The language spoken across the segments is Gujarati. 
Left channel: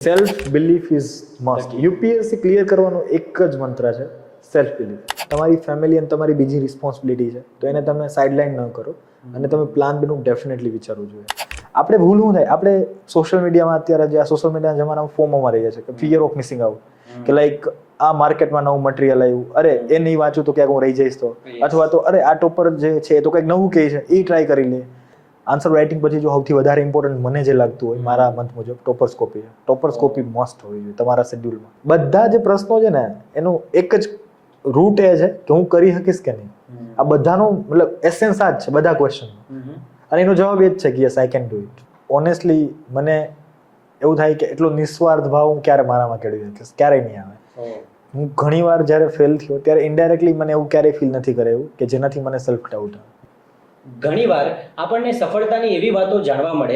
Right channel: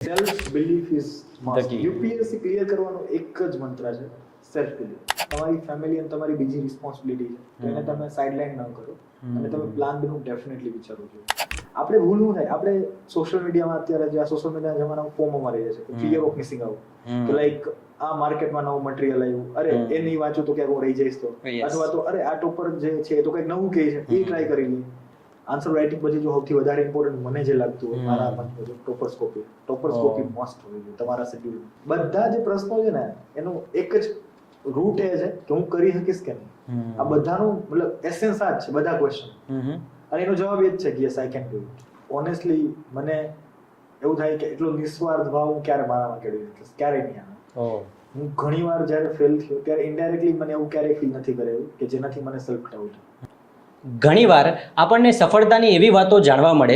Self belief is must. UPSC clear કરવાનો એક જ મંત્ર છે, સેલ્ફ બિલીફ. તમારી ફેમિલી અને તમારી બીજી રિસ્પોન્સિબિલિટી છે, તો એને તમે સાઇડલાઇન ન કરો અને તમે પ્લાન બીનું ડેફિનેટલી વિચારવું જોઈએ. આપણે ભૂલ શું થાય, આપણે સોશિયલ મીડિયામાં અત્યારે જે આ સોશિયલ મીડિયાના જમાનામાં ફોર્મમાં રહી છે કે ફિયર ઓફ મિસિંગ આઉટ, કે લાઈક આ માર્કેટમાં નવું મટીરિયલ આવ્યું, અરે એ નહીં વાંચું તો ક્યાંક હું રહી જઈશ, તો અથવા તો અરે આ ટોપર જે છે તો કંઈક નવું કહે છે એ ટ્રાય કરી લે. આન્સર રાઇટિંગ પછી જો સૌથી વધારે ઇમ્પોર્ટન્ટ મને જે લાગતું હોય મારા મત મુજબ ટોપરસ્કોપી. ટોપરસ્કોપી મસ્ટ હોવી જોઈએ તમારા શેડ્યુલમાં. બધા જે પ્રશ્નો છે ને એનું એક જ રૂટ એ છે કે હું કરી શકીશ કે નહીં. આ બધાનો મતલબ એસેન્સ આ જ છે બધા ક્વેશ્ચન, અને એનો જવાબ એ જ છે કે yes I can do it. Honestly મને એવું થાય કે એટલો નિસ્વાર્થ ભાવ હું ક્યારે મારામાં કેળવી શકીશ, ક્યારેય નહીં આવે. હું ઘણી વાર જ્યારે ફેલ થયો ત્યારે ઇનડાયરેક્ટલી મને એવું ક્યારેય ફીલ નથી કરાયું કે જેનાથી મને સેલ્ફ ડાઉટ આવે. ઘણીવાર આપણને સફળતાની એવી વાતો જાણવા મળે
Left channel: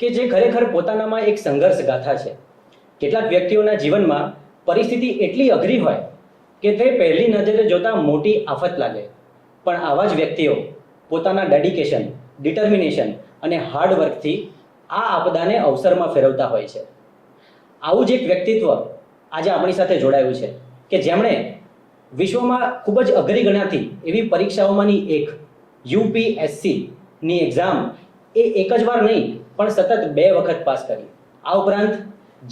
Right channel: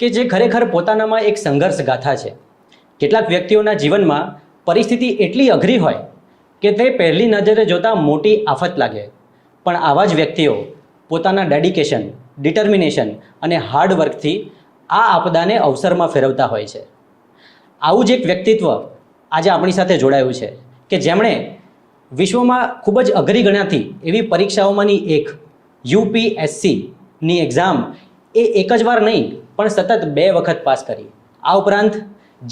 કે જે ખરેખર પોતાનામાં એક સંઘર્ષ ગાથા છે. કેટલાક વ્યક્તિઓના જીવનમાં પરિસ્થિતિ એટલી અઘરી હોય કે તે પહેલી નજરે જોતા મોટી આફત લાગે, પણ આવા જ વ્યક્તિઓ પોતાના ડેડિકેશન, ડિટર્મિનેશન અને હાર્ડવર્કથી આ આપદાને અવસરમાં ફેરવતા હોય છે. આવું જ એક વ્યક્તિત્વ આજે આપણી સાથે જોડાયું છે કે જેમણે વિશ્વમાં ખૂબ જ અઘરી ગણાતી એવી પરીક્ષાઓમાંની એક યુપીએસસીની એક્ઝામ એ એક જ વાર નહીં પણ સતત 2 વખત પાસ કરી. આ ઉપરાંત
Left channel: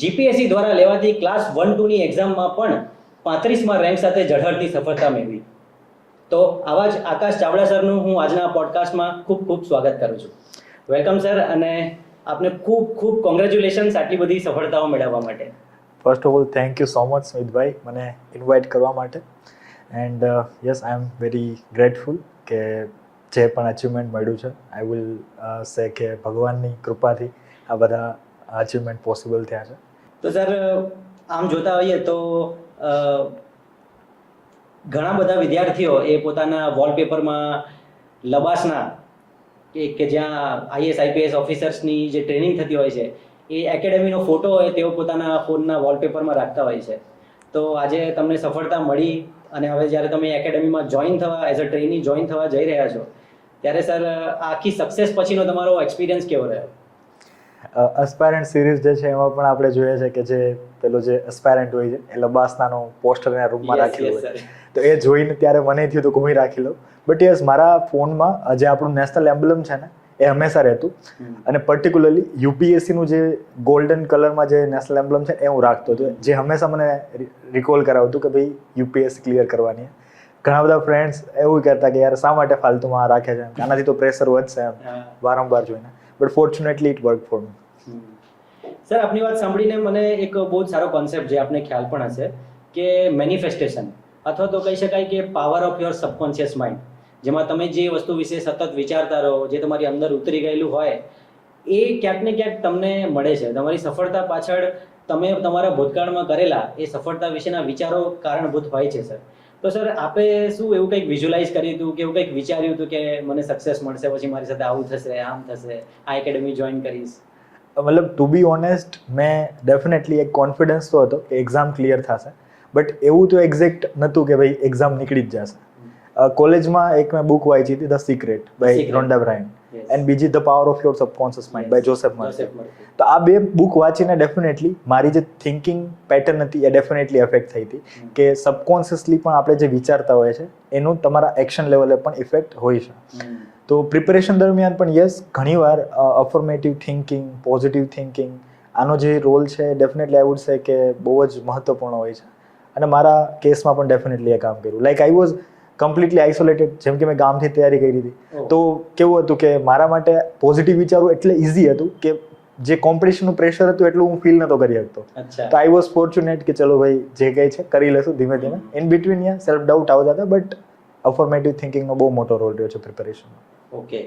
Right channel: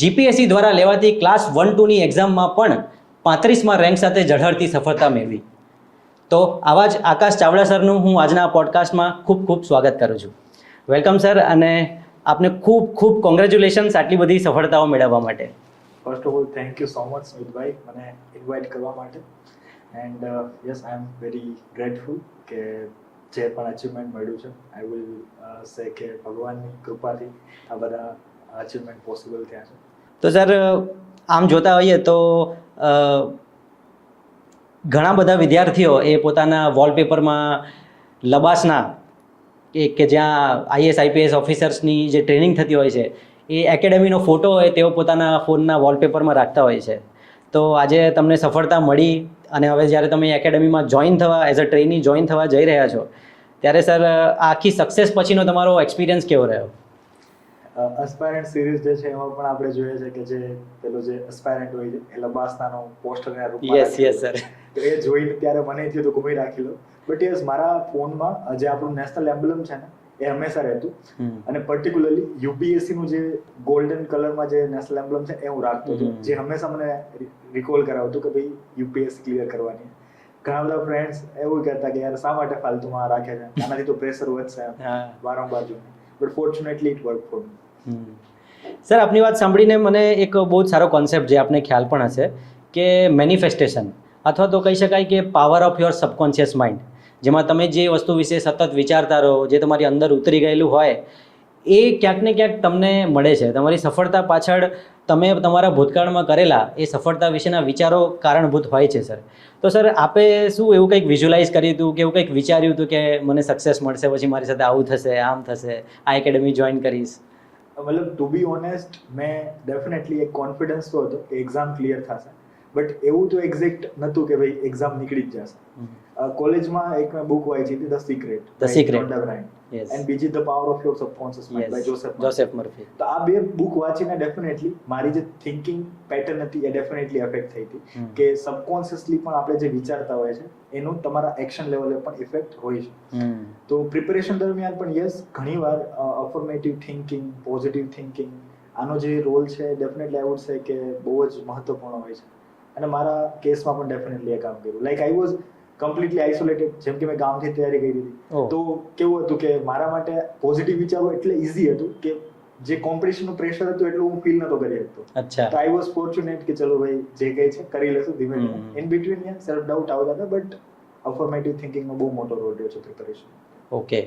જીપીએસસી દ્વારા લેવાતી ક્લાસ 1-2ની એક્ઝામમાં પણ 35માં રેન્ક સાથે ઝળહળતી સફળતા મેળવી. તો આવા જ આકાશ ચાવડા સરનું હું આજના પોડકાસ્ટમાં ખૂબ ખૂબ સ્વાગત કરું છું. વેલકમ સર, અને આપને ખૂબ ખૂબ કોંગ્રેચ્યુલેશન્સ આટલી બધી સફળતાઓ મેળવવા માટે. First of all thank you so much સ્મિતભાઈ મને ઇન્વાઇટ કરવા માટે. And yes I am very grateful કે જે પણ અચીવમેન્ટ મળ્યું છે, આઈ વિલ સે કે ભગવાનની કૃપાથી આ બધા અચીવમેન્ટ પોસિબલ થયા છે. તો સર, આમ જોતા હોઈએ તો ઘણા બધા વિદ્યાર્થીઓ એ પોતાના વોલપેપરમાં લબાસના કે જ્યાં આઈએસ આઈપીએસ ઓફિસર્સની જે ટ્રેનિંગ થતી હોય છે એ એકેડેમીનો ફોટો હોય તેઓ પોતાના ફોનના વોલપેપરમાં રાખતા હોય છે. તો આજે તમને સફળતા મળી અને હવે જ્યારે તમે એકેડેમીમાં જોઈન થવા, એઝ અ ટ્રેની જોઈન થવા જઈ રહ્યા છો, ત્યારે સર આખી સક્સેસ પછીનો તમારો એક્સપિરિયન્સ કેવો રહ્યો? એસ્પાયરન્ટ સિરીઝ જે છે એમાં પણ આપણે જોઈએ છે કે જે પેલો જે એસ્પાયરન્ટ હોય છે એ લબાસનાનો પોસ્ટરના રૂપમાં રાખેલો હોય, તો એ જોઈને ત્યારે મને થયું તો હું રાખી લઉં. બટ યસ, મારા ફોનમાં જે આપણું નેશનલ એમ્બ્લેમ છે ને એ હંમેશા રહેતું, અને પર્ટિક્યુલરલી યુપીએસસીનું જે ગોલ્ડન કલરમાં જે નેશનલ એમ્બ્લેમ છે એ હું રાખતો હતો, જે હંમેશા મને રિકોલ કરાવતું કે ભાઈ યુપીએસસી ક્લિયર કરવાની. ઘણા બધા ફ્રેન્ડ્સ એવું કહેતા કે યાર શા માટે ફાલતુમાં રાખે છે, આનાથી તો પ્રેશર વધશે વારંવાર જોઈને. But fortunately it work for me. Sir, આપની વાત સાંભળીને મને એક બહુ જ સારો કોન્સેપ્ટ જે આપને ખ્યાલ પણ હશે કે મેનિફેસ્ટેશન, અથવા તો કહી શકાય કે power of your subconscious mind, જેમાં તમે જે વસ્તુ વિશે સતત વિચારતા રહો, જે તમારી અંદર ઉતરી ગયેલું હોય એ ક્યાંક ને ક્યાંક તમને મળે છે. તમારી સફળતા પાછળ તમે તમારા ભૂતકાળમાં કરેલા એ સફળતા વિશેના વિચારો કારણભૂત હોય છે સર. તો સર, આપે શું એવું કંઈક વિઝ્યુલાઇઝ કર્યું હતું કે એવું કંઈક વિચાર્યું હતું કે મને સક્સેસ મળશે, પછી મારી સાથે આવું થશે, આમ થશે, આ એકેડેમી જોઈન કરીશ? મતલબ ટુ બી ઓનેસ્ટ, મેં ડેફિનેટલી એક કોન્ફિડન્સ તો હતો કે એક્ઝામ ક્લિયર થશે, બટ એવું તો એક્ઝેક્ટ નહોતું કે ભાઈ એક્ઝામ નીકળી જ જશે. કોલેજમાં એક મેં બુક વાંચી હતી, the secret by Rhonda Byrne, and બીજી the power of your subconscious mind by Joseph Murphy. તો આ 2 બુક વાંચીને ડેફિનેટલી મારી જે થિંકિંગ પેટર્ન હતી એ ડેફિનેટલી અફેક્ટ થઈ હતી કે સબકોન્શિયસલી પણ આપણે જે વિચારતા હોય છે એનું તમારા એક્શન લેવલે પણ ઇફેક્ટ હોય છે. તો પ્રિપેરેશન દરમિયાન પણ યસ, ઘણીવાર અફર્મેટિવ થિંકિંગ, પોઝિટિવ થિંકિંગ, આનો જે રોલ છે ડેફિનેટલી આઈ વુડ સે કે બહુ જ મહત્વપૂર્ણ હોય છે, અને મારા કેસમાં પણ ડેફિનેટલી એ કામ કર્યું. Like I was completely isolated, જેમ કે મેં ગામથી તૈયારી કરી હતી, તો કેવું હતું કે મારા માટે પોઝિટિવ વિચારવું એટલે ઇઝી હતું કે જે કોમ્પિટિશનનું પ્રેશર હતું એટલું હું ફીલ નતો કરી શકતો. તો આઈ વોઝ ફોર્ચ્યુનેટ કે ચલો ભાઈ જે કંઈ છે કરી લેશું ધીમે ધીમે. In between yeah self doubt આવતા હતા, બટ અફર્મેટિવ થિંકિંગનો બહુ મોટો રોલ રહ્યો છે પ્રિપેરેશન. ઓકે.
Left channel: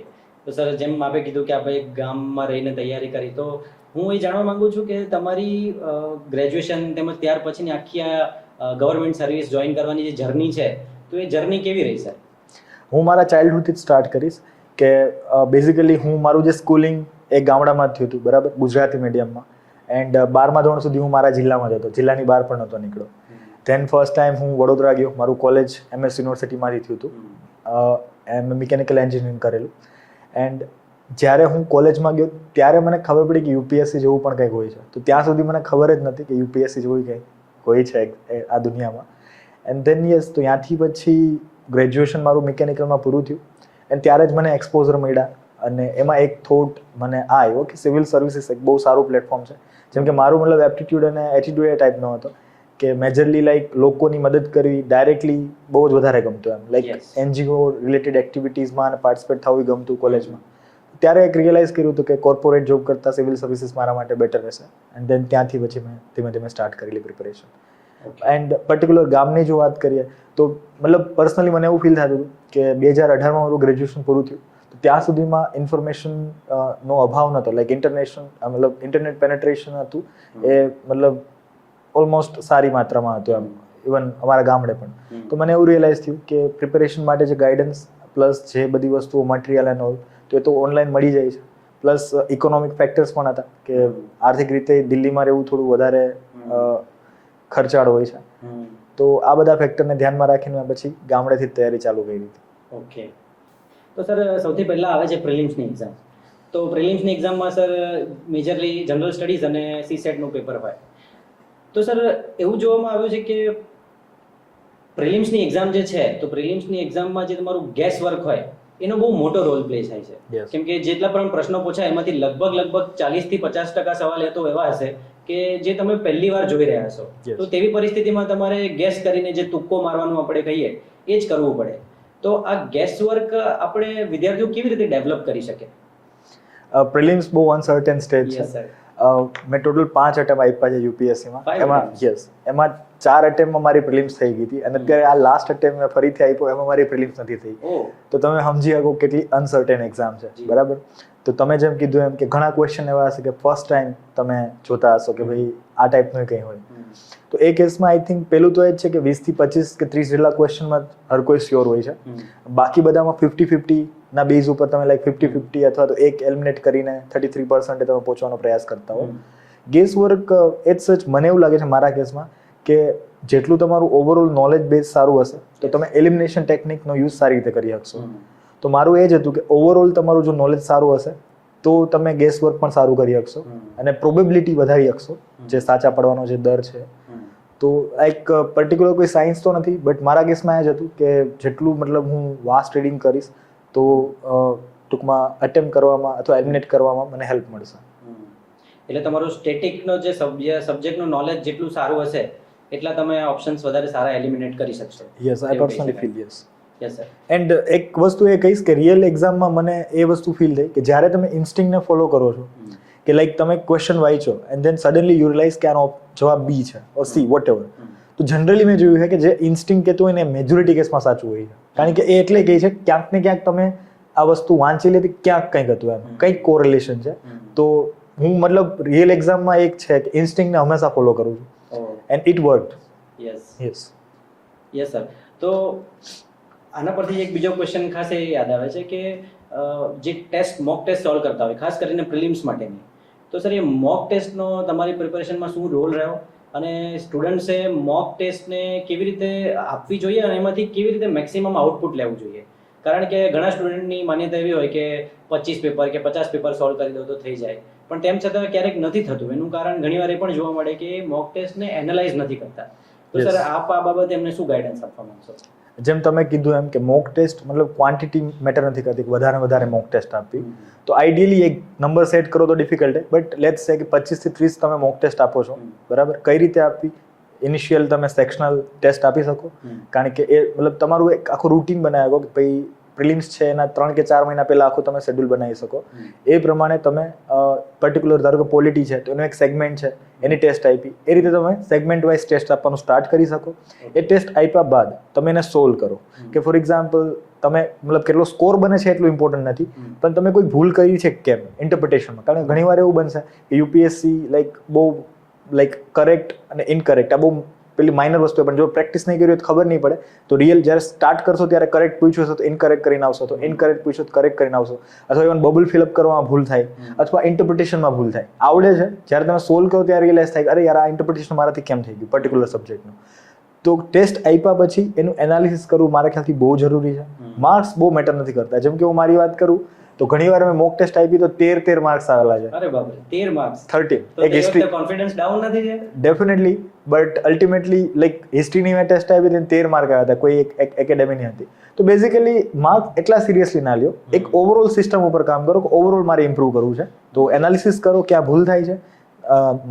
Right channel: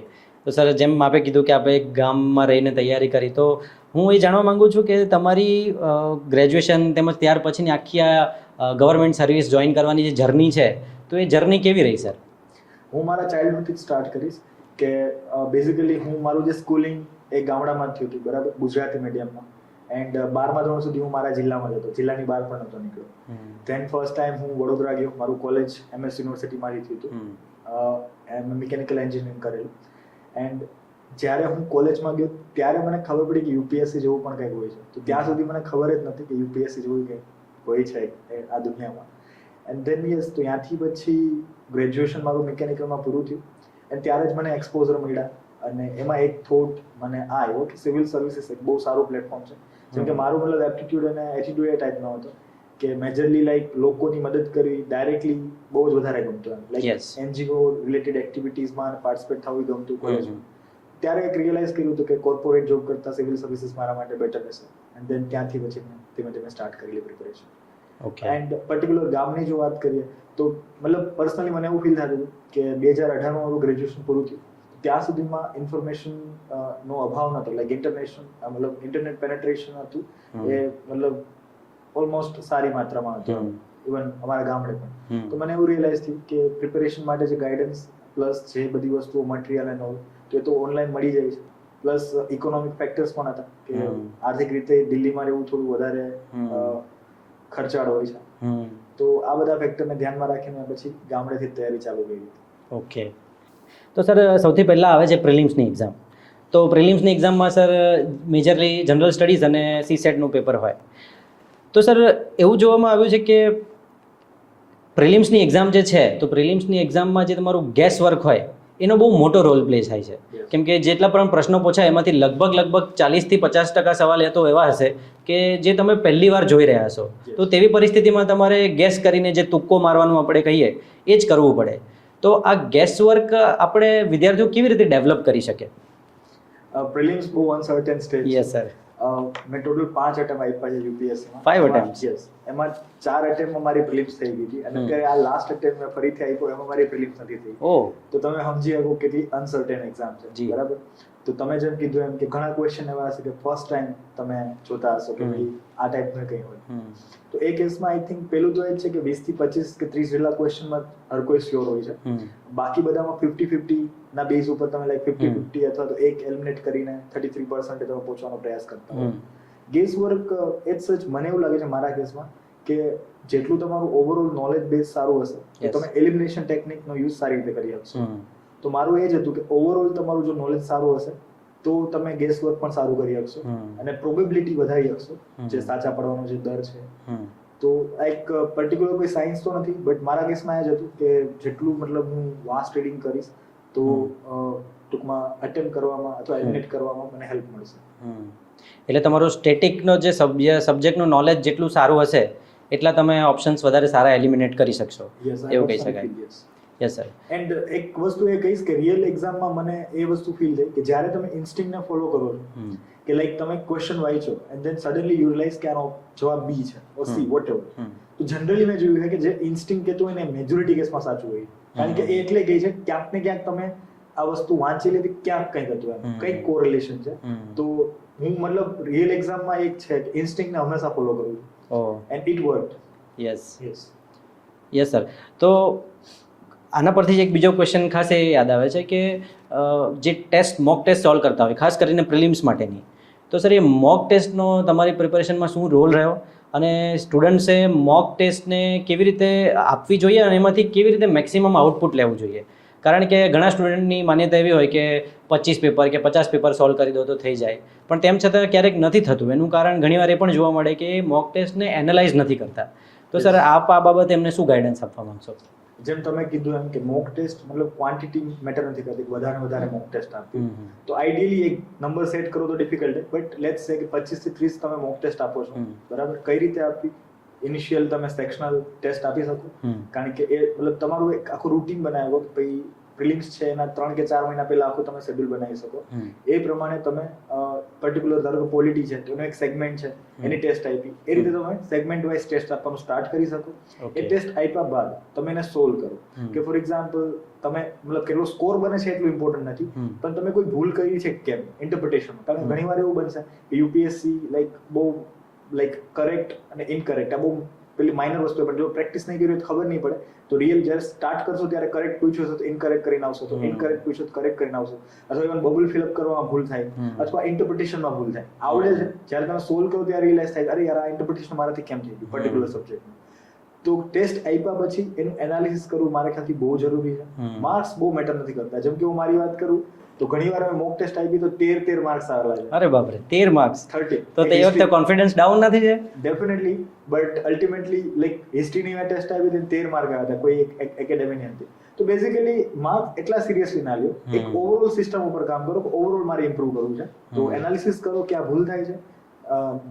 તો સર, જેમ આપે કીધું કે આપણે ગામમાં રહીને તૈયારી કરી, તો હું એ જાણવા માંગુ છું કે તમારી ગ્રેજ્યુએશન તેમજ ત્યાર પછીની આખી આ ગવર્મેન્ટ સર્વિસ જોઈન કરવાની જે જર્ની છે, તો એ જર્ની કેવી રહી સર? હું મારા ચાઇલ્ડહુડથી જ સ્ટાર્ટ કરીશ કે બેઝિકલી હું મારું જે સ્કૂલિંગ એ ગામડામાં જ થયું હતું, બરાબર, ગુજરાતી મીડિયમમાં. એન્ડ 12મા ધોરણ સુધી હું મારા જિલ્લામાં જ હતો, જિલ્લાની બહાર પણ નહોતો નીકળ્યો. ધેન ફર્સ્ટ ટાઈમ હું વડોદરા ગયો, મારું કોલેજ MS યુનિવર્સિટીમાંથી થયું હતું, મેં મિકેનિકલ એન્જિનિયરિંગ કરેલું. એન્ડ જ્યારે હું કોલેજમાં ગયો ત્યારે મને ખબર પડી કે યુપીએસસી જેવું પણ કંઈક હોય છે. તો ત્યાં સુધી મને ખબર જ નથી કે યુપીએસસી જેવું કંઈક હોય છે આ દુનિયામાં. એન્ડ ધેન યસ, તો ત્યાંથી પછી ગ્રેજ્યુએશન મારું મિકેનિકલમાં પૂરું થયું. એન્ડ ત્યારે જ મને એક્સપોઝર મળ્યા અને એમાં એક થોટ મને આ આવ્યો કે સિવિલ સર્વિસીસ એક બહુ સારું પ્લેટફોર્મ છે. જેમ કે મારું મતલબ એપ્ટિટ્યૂડ અને એટીટ્યૂડ એ ટાઈપનો હતો કે મેજરલી લાઈક લોકોની મદદ કરવી ડાયરેક્ટલી બહુ જ વધારે ગમતું એમ, લાઈક એનજીઓ રિલેટેડ એક્ટિવિટીઝમાં પાર્ટિસિપેટ થવું ગમતું કોલેજમાં. ત્યારે એક રિયલાઇઝ કર્યું હતું કે કોર્પોરેટ જોબ કરતાં સિવિલ સર્વિસીસ મારા માટે બેટર રહેશે. એન્ડ દેન ત્યાંથી પછી મેં ધીમે ધીમે સ્ટાર્ટ કરેલી પ્રિપેરેશન. એન્ડ પર્ટિક્યુલર ગામની જો વાત કરીએ તો મતલબ પર્સનલી મને એવું ફીલ થતું હતું કે 2018માં મારું ગ્રેજ્યુએશન પૂરું થયું તો ત્યાં સુધીમાં ઇન્ફોર્મેશન નો અભાવ નહોતો. લાઈક મતલબ ઇન્ટરનેટ પેનેટ્રેશન હતું એ મતલબ ઓલમોસ્ટ સારી માત્રામાં હતું એમ, ઇવન અમારા ગામડે પણ. તો મને એવું રિયલાઇઝ થયું કે પ્રિપેરેશન માટે જે ગાઈડન્સ પ્લસ જે બધી વસ્તુઓ મટીરિયલ એન્ડ ઓલ તો એ તો ઓનલાઈન મળી જાય છે. પ્લસ ઇકોનોમિક ફેક્ટર્સ પણ હતા કે આર્થિક રીતે દિલ્હીમાં રહેવું થોડું વધારે ખર્ચાળ હોય છે. તો આ બધા ફેક્ટરને ધ્યાનમાં રાખીને મેં પછી ગામડેથી જ તૈયારી ચાલુ કરી હતી. ઓકે, તો સર સૌથી પહેલાં આવે છે પ્રિલિમ્સની એક્ઝામ. તો પ્રિલિમ્સની એક્ઝામમાં સર મેજરલી જનરલ સ્ટડીઝ અને સીસેટનું પેપર હોય. તો સર એવું જોવામાં આવ્યું છે કે પ્રિલિમ્સની એક્ઝામ જે છે તો પ્રિલિમ્સની એક્ઝામમાં જે તમારું ગેસ વર્ક હોય એનો બહુ મોટો રોલ પ્લે થાય છે. કેમ કે જેટલા પણ પ્રશ્નો પૂછાય એમાંથી લગભગ 40% થી 50% સવાલ એ તો એવા હશે કે જે તમે પહેલી વાર જોઈ રહ્યા છો. તો તેવી પરિસ્થિતિમાં તમારે ગેસ કરીને જે તુક્કો મારવાનું આપણે કહીએ એ જ કરવું પડે. તો આ ગેસ વર્ક આપણે વિદ્યાર્થીઓ કેવી રીતે ડેવલપ કરી શકે? પ્રિલિમ્સ બહુ અનસર્ટેન સ્ટેજ છે. Yes sir. મેં ટોટલ 5 અટેમ્પ આપ્યા છે યુપીએસસીમાં. 5 attempts? યસ, એમાં 4 અટેમ્પમાં મારી પ્રિલિમ્સ થઈ ગઈ હતી અને અત્યારે આ લાસ્ટ અટેમ્પ મેં ફરીથી આપ્યો એમાં મારી પ્રિલિમ્સ નથી થઈ. તો તમે સમજી શકો કેટલી અનસર્ટેન એક્ઝામ છે, બરાબર? તો તમે જેમ કીધું એમ કે ઘણા ક્વેશ્ચન એવા હશે કે ફર્સ્ટ ટાઈમ તમે જોતા હશો કે ભાઈ આ ટાઈપનું કંઈ હોય. તો એ કેસમાં આઈ થિંક પેલું તો એ જ છે કે 20 થી 25 કે 30 જેટલા ક્વેશ્ચનમાં હર કોઈ શ્યોર હોય છે. બાકી બધામાં 50-50 ના બેઝ ઉપર તમે લાઈક 50-50 અથવા તો એક એલિમિનેટ કરીને 33% તમે પહોંચવાનો પ્રયાસ કરતા હો. ગેસ વર્ક એ જ સચ મને એવું લાગે છે મારા કેસમાં કે જેટલું તમારું ઓવરઓલ નોલેજ બેઝ સારું હશે તો તમે એલિમિનેશન ટેકનિકનો યુઝ સારી રીતે કરી શકશો. તો મારું એ જ હતું કે ઓવરઓલ તમારું જો નોલેજ સારું હશે તો તમે ગેસ વર્ક પણ સારું કરી શકશો અને પ્રોબેબિલિટી વધારી શકશો જે સાચા પડવાનો જે દર છે. તો એક પર્ટિક્યુલર કોઈ સાયન્સ તો નથી, બટ મારા કેસમાં એ જ હતું કે જેટલું મતલબ હું વાસ્ટ રીડિંગ કરીશ તો ટૂંકમાં અટેમ્પ્ટ કરવામાં અથવા એલિમિનેટ કરવામાં મને હેલ્પ મળશે. એટલે તમારું સ્ટેટિકનો જે સબ્જેક્ટનું નોલેજ જેટલું સારું હશે એટલા તમે ઓપ્શન્સ વધારે સારા એલિમિનેટ કરી શકશો. Yes, I personally feel yes. Yes sir. And એક વસ્તુ એ કહીશ કે રિયલ એક્ઝામમાં મને એ વસ્તુ ફીલ થઈ કે જ્યારે તમે ઇન્સ્ટિંક્ટને ફોલો કરો છો કે લાઈક તમે ક્વેશ્ચન વાંચો and then suddenly you realize કે આનો જવાબ બી છે ઓર સી વોટ એવર. તો જનરલી મેં જોયું છે કે જે ઇન્સ્ટિંક્ટ કહેતું હોય ને મેજોરિટી કેસમાં સાચું હોય છે. કારણ કે એ એટલે કહે છે ક્યાંક ને ક્યાંક તમે આ વસ્તુ વાંચી લેતી ક્યાંક કંઈક હતું એમ, કંઈક કોરિલેશન છે. તો હું મતલબ રિયલ એક્ઝામમાં એક છે કે ઇન્સ્ટિંક્ટને હંમેશા ફોલો કરું છું and it worked. Yes sir. તો આના પરથી જ એક બીજો ક્વેશ્ચન ખાસ એ યાદ આવે છે કે જે મોક ટેસ્ટ સોલ્વ કરતા હોય ખાસ કરીને પ્રિલિમ્સ માટેની, તો સર એ મોક ટેસ્ટનો તમારી પ્રિપેરેશનમાં શું રોલ રહ્યો અને સ્ટુડન્ટ્સે મોક ટેસ્ટને કેવી રીતે આપવી જોઈએ અને એમાંથી કેવી રીતે મેક્સિમમ આઉટપુટ લેવું જોઈએ? કારણ કે ઘણા સ્ટુડન્ટની માન્યતા એવી હોય કે 25 પેપર કે 50 પેપર સોલ્વ કરી દો તો થઈ જાય, પણ તેમ છતાં ક્યારેક નથી થતું. એનું કારણ ઘણીવાર એ પણ જોવા મળે કે એ મોક ટેસ્ટને એનાલાઇઝ નથી કરતા. તો સર આપ આ બાબતે એમને શું ગાઈડન્સ આપવા માંગશો? જેમ તમે કીધું એમ કે મોક ટેસ્ટ મતલબ ક્વોન્ટિટી મેટર નથી કરતી, વધારે મોક ટેસ્ટ આપવી. તો આઈડિયલી એક નંબર સેટ કરો તો ડિફિકલ્ટ છે, બટ લેટ્સ સે કે 25 થી 30 તમે મોક ટેસ્ટ આપો છો, બરાબર? કઈ રીતે આપવી? ઇનિશિયલ તમે સેક્શનલ ટેસ્ટ આપી શકો, કારણ કે એ મતલબ તમારું એક આખું રૂટીન બનાવી શકો કે ભાઈ પ્રિલિમ્સ છે એના 3 કે 4 મહિના પહેલા આખું તમે શેડ્યુલ બનાવી શકો. એ પ્રમાણે તમે પર્ટિક્યુલર ધારો કે પોલિટી છે તો એનો એક સેગમેન્ટ છે એની ટેસ્ટ આપી, એ રીતે તમે સેગમેન્ટ વાઇઝ ટેસ્ટ આપવાનું સ્ટાર્ટ કરી શકો. એ ટેસ્ટ આપ્યા બાદ તમે એને સોલ્વ કરો કે ફોર એક્ઝામ્પલ તમે મતલબ કેટલો સ્કોર બને છે એટલું ઇમ્પોર્ટન્ટ નથી, પણ તમે કોઈ ભૂલ કરી છે કેમ ઇન્ટરપ્રિટેશનમાં. કારણ કે ઘણીવાર એવું બનશે કે યુપીએસસી બહુ કરેક્ટ અને ઇનકરેક્ટ આ બહુ પેલી માઇનર વસ્તુ, પણ જો પ્રેક્ટિસ નહીં કરી હોય તો ખબર નહીં પડે. તો રિયલ જ્યારે સ્ટાર્ટ કરશો ત્યારે કરેક્ટ પૂછ્યું હશે તો ઇનકરેક્ટ કરીને આવશો, તો ઇનકરેક્ટ પૂછ્યું તો કરેક્ટ કરીને આવશો, અથવા ઇવન બબલ ફિલઅપ કરવામાં ભૂલ થાય અથવા ઇન્ટરપ્રિટેશનમાં ભૂલ થાય. આવડે છે, જ્યારે તમે સોલ્વ કરો ત્યારે રિયલાઇઝ થાય કે અરે યાર આ ઇન્ટરપ્રિટેશન મારાથી કેમ થઈ ગયું પર્ટિક્યુલર સબ્જેક્ટનું. તો ટેસ્ટ આપ્યા પછી એનું એનાલિસિસ કરવું મારા ખ્યાલથી બહુ જરૂરી છે. માર્ક્સ બહુ મેટર નથી કરતા. જેમ કે હું મારી વાત કરું તો ઘણીવાર મેં મોક ટેસ્ટ આપી તો 13 માર્ક્સ આવેલા છે. અરે બાપરે 13 માર્ક્સ 13 તો તે વખતે કોન્ફિડન્સ ડાઉન નથી છે? ડેફિનેટલી, બટ અલ્ટિમેટલી લાઈક હિસ્ટ્રીની મેં ટેસ્ટ આપી હતી 13 માર્ક આવ્યા હતા, કોઈ એક એકેડેમીની હતી. તો બેઝિકલી માર્ક એટલા સિરિયસલી ના લ્યો, એક ઓવરઓલ સિસ્ટમ ઉપર કામ કરો કે ઓવરઓલ મારે ઇમ્પ્રૂવ કરવું છે, તો એનાલિસિસ કરો ક્યાં ભૂલ થાય છે,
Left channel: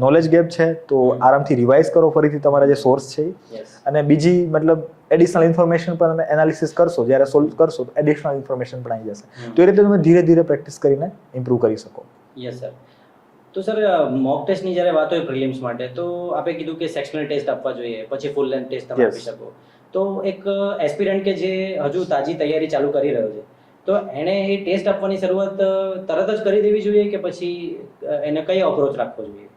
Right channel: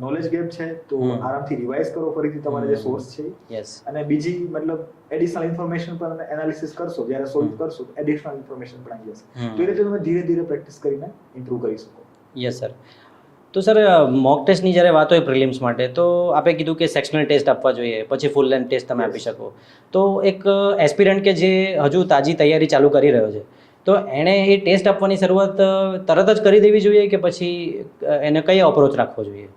નોલેજ ગેપ છે તો આરામથી રિવાઇઝ કરો ફરીથી તમારા જે સોર્સ છે યસ. અને બીજી મતલબ એડિશનલ ઇન્ફોર્મેશન પણ તમે એનાલિસિસ કરશો, જ્યારે સોલ્વ કરશો તો એડિશનલ ઇન્ફોર્મેશન પણ આવી જશે. તો એ રીતે તમે ધીરે ધીરે પ્રેક્ટિસ કરીને ઇમ્પ્રૂવ કરી શકો. Yes sir. તો સર મોક ટેસ્ટની જ્યારે વાત હોય પ્રિલિમ્સ માટે, તો આપે કીધું કે સેક્શનલ ટેસ્ટ આપવા જોઈએ, પછી ફૂલ લેન્થ ટેસ્ટ તમે આપી શકો. તો એક એસ્પિરન્ટ કે જે હજુ તાજી તૈયારી ચાલુ કરી રહ્યો છે, તો એણે એ ટેસ્ટ આપવાની શરૂઆત તરત જ કરી દેવી જોઈએ કે પછી એને કઈ અપ્રોચ રાખવો જોઈએ?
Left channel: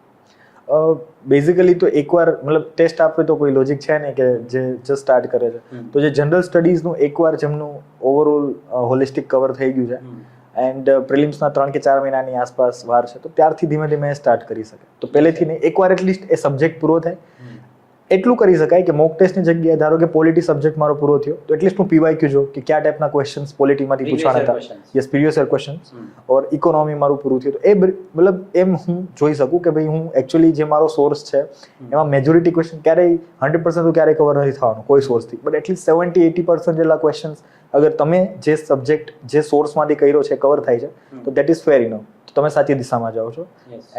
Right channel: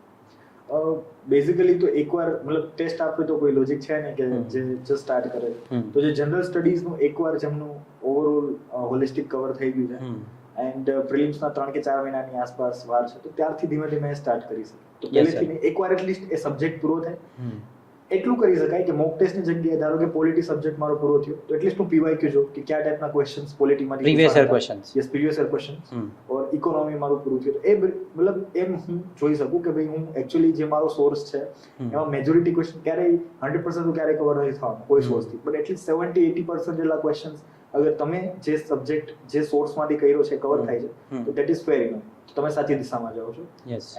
બેઝિકલી તો એકવાર મતલબ ટેસ્ટ આપે તો કોઈ લોજિક છે ને કે જે જસ્ટ સ્ટાર્ટ કરે છે. તો જે જનરલ સ્ટડીઝનું એકવાર જેમનું ઓવરઓલ હોલિસ્ટિક કવર થઈ ગયું છે એન્ડ પ્રિલિમ્સના 3 કે 4 મહિનાની આસપાસ વાર છે, તો ત્યારથી ધીમે ધીમે સ્ટાર્ટ કરી શકે. તો પહેલેથી નહીં, એકવાર એટલીસ્ટ એ સબ્જેક્ટ પૂરો થાય એટલું કરી શકાય કે મોક ટેસ્ટની જગ્યાએ ધારો કે પોલિટી સબ્જેક્ટ મારો પૂરો થયો તો એટલીસ્ટ હું પીવાયક્યુ જો કે કયા ટાઈપના ક્વેશ્ચન્સ પોલિટીમાંથી પૂછાણા હતા, યસ પ્રીવિયસ યર ક્વેશ્ચન્સ, ઓર ઇકોનોમી મારું પૂરું થયું તો એ મતલબ એમ હું જોઈ શકું કે ભાઈ હું એકચ્યુઅલી જે મારો સોર્સ છે એમાં મેજોરિટી ક્વેશ્ચન ક્યારેય 100% તો ક્યારેય કવર નથી થવાનું કોઈ સોર્સથી, બટ એટલીસ્ટ 70-80% જેટલા ક્વેશ્ચન્સ અગર તમે જે સબ્જેક્ટ જે સોર્સમાંથી કર્યો છે કવર થાય છે તો દેટ ઇઝ ફેર ઇનફ, તો તમે સાચી દિશામાં જાઓ છો.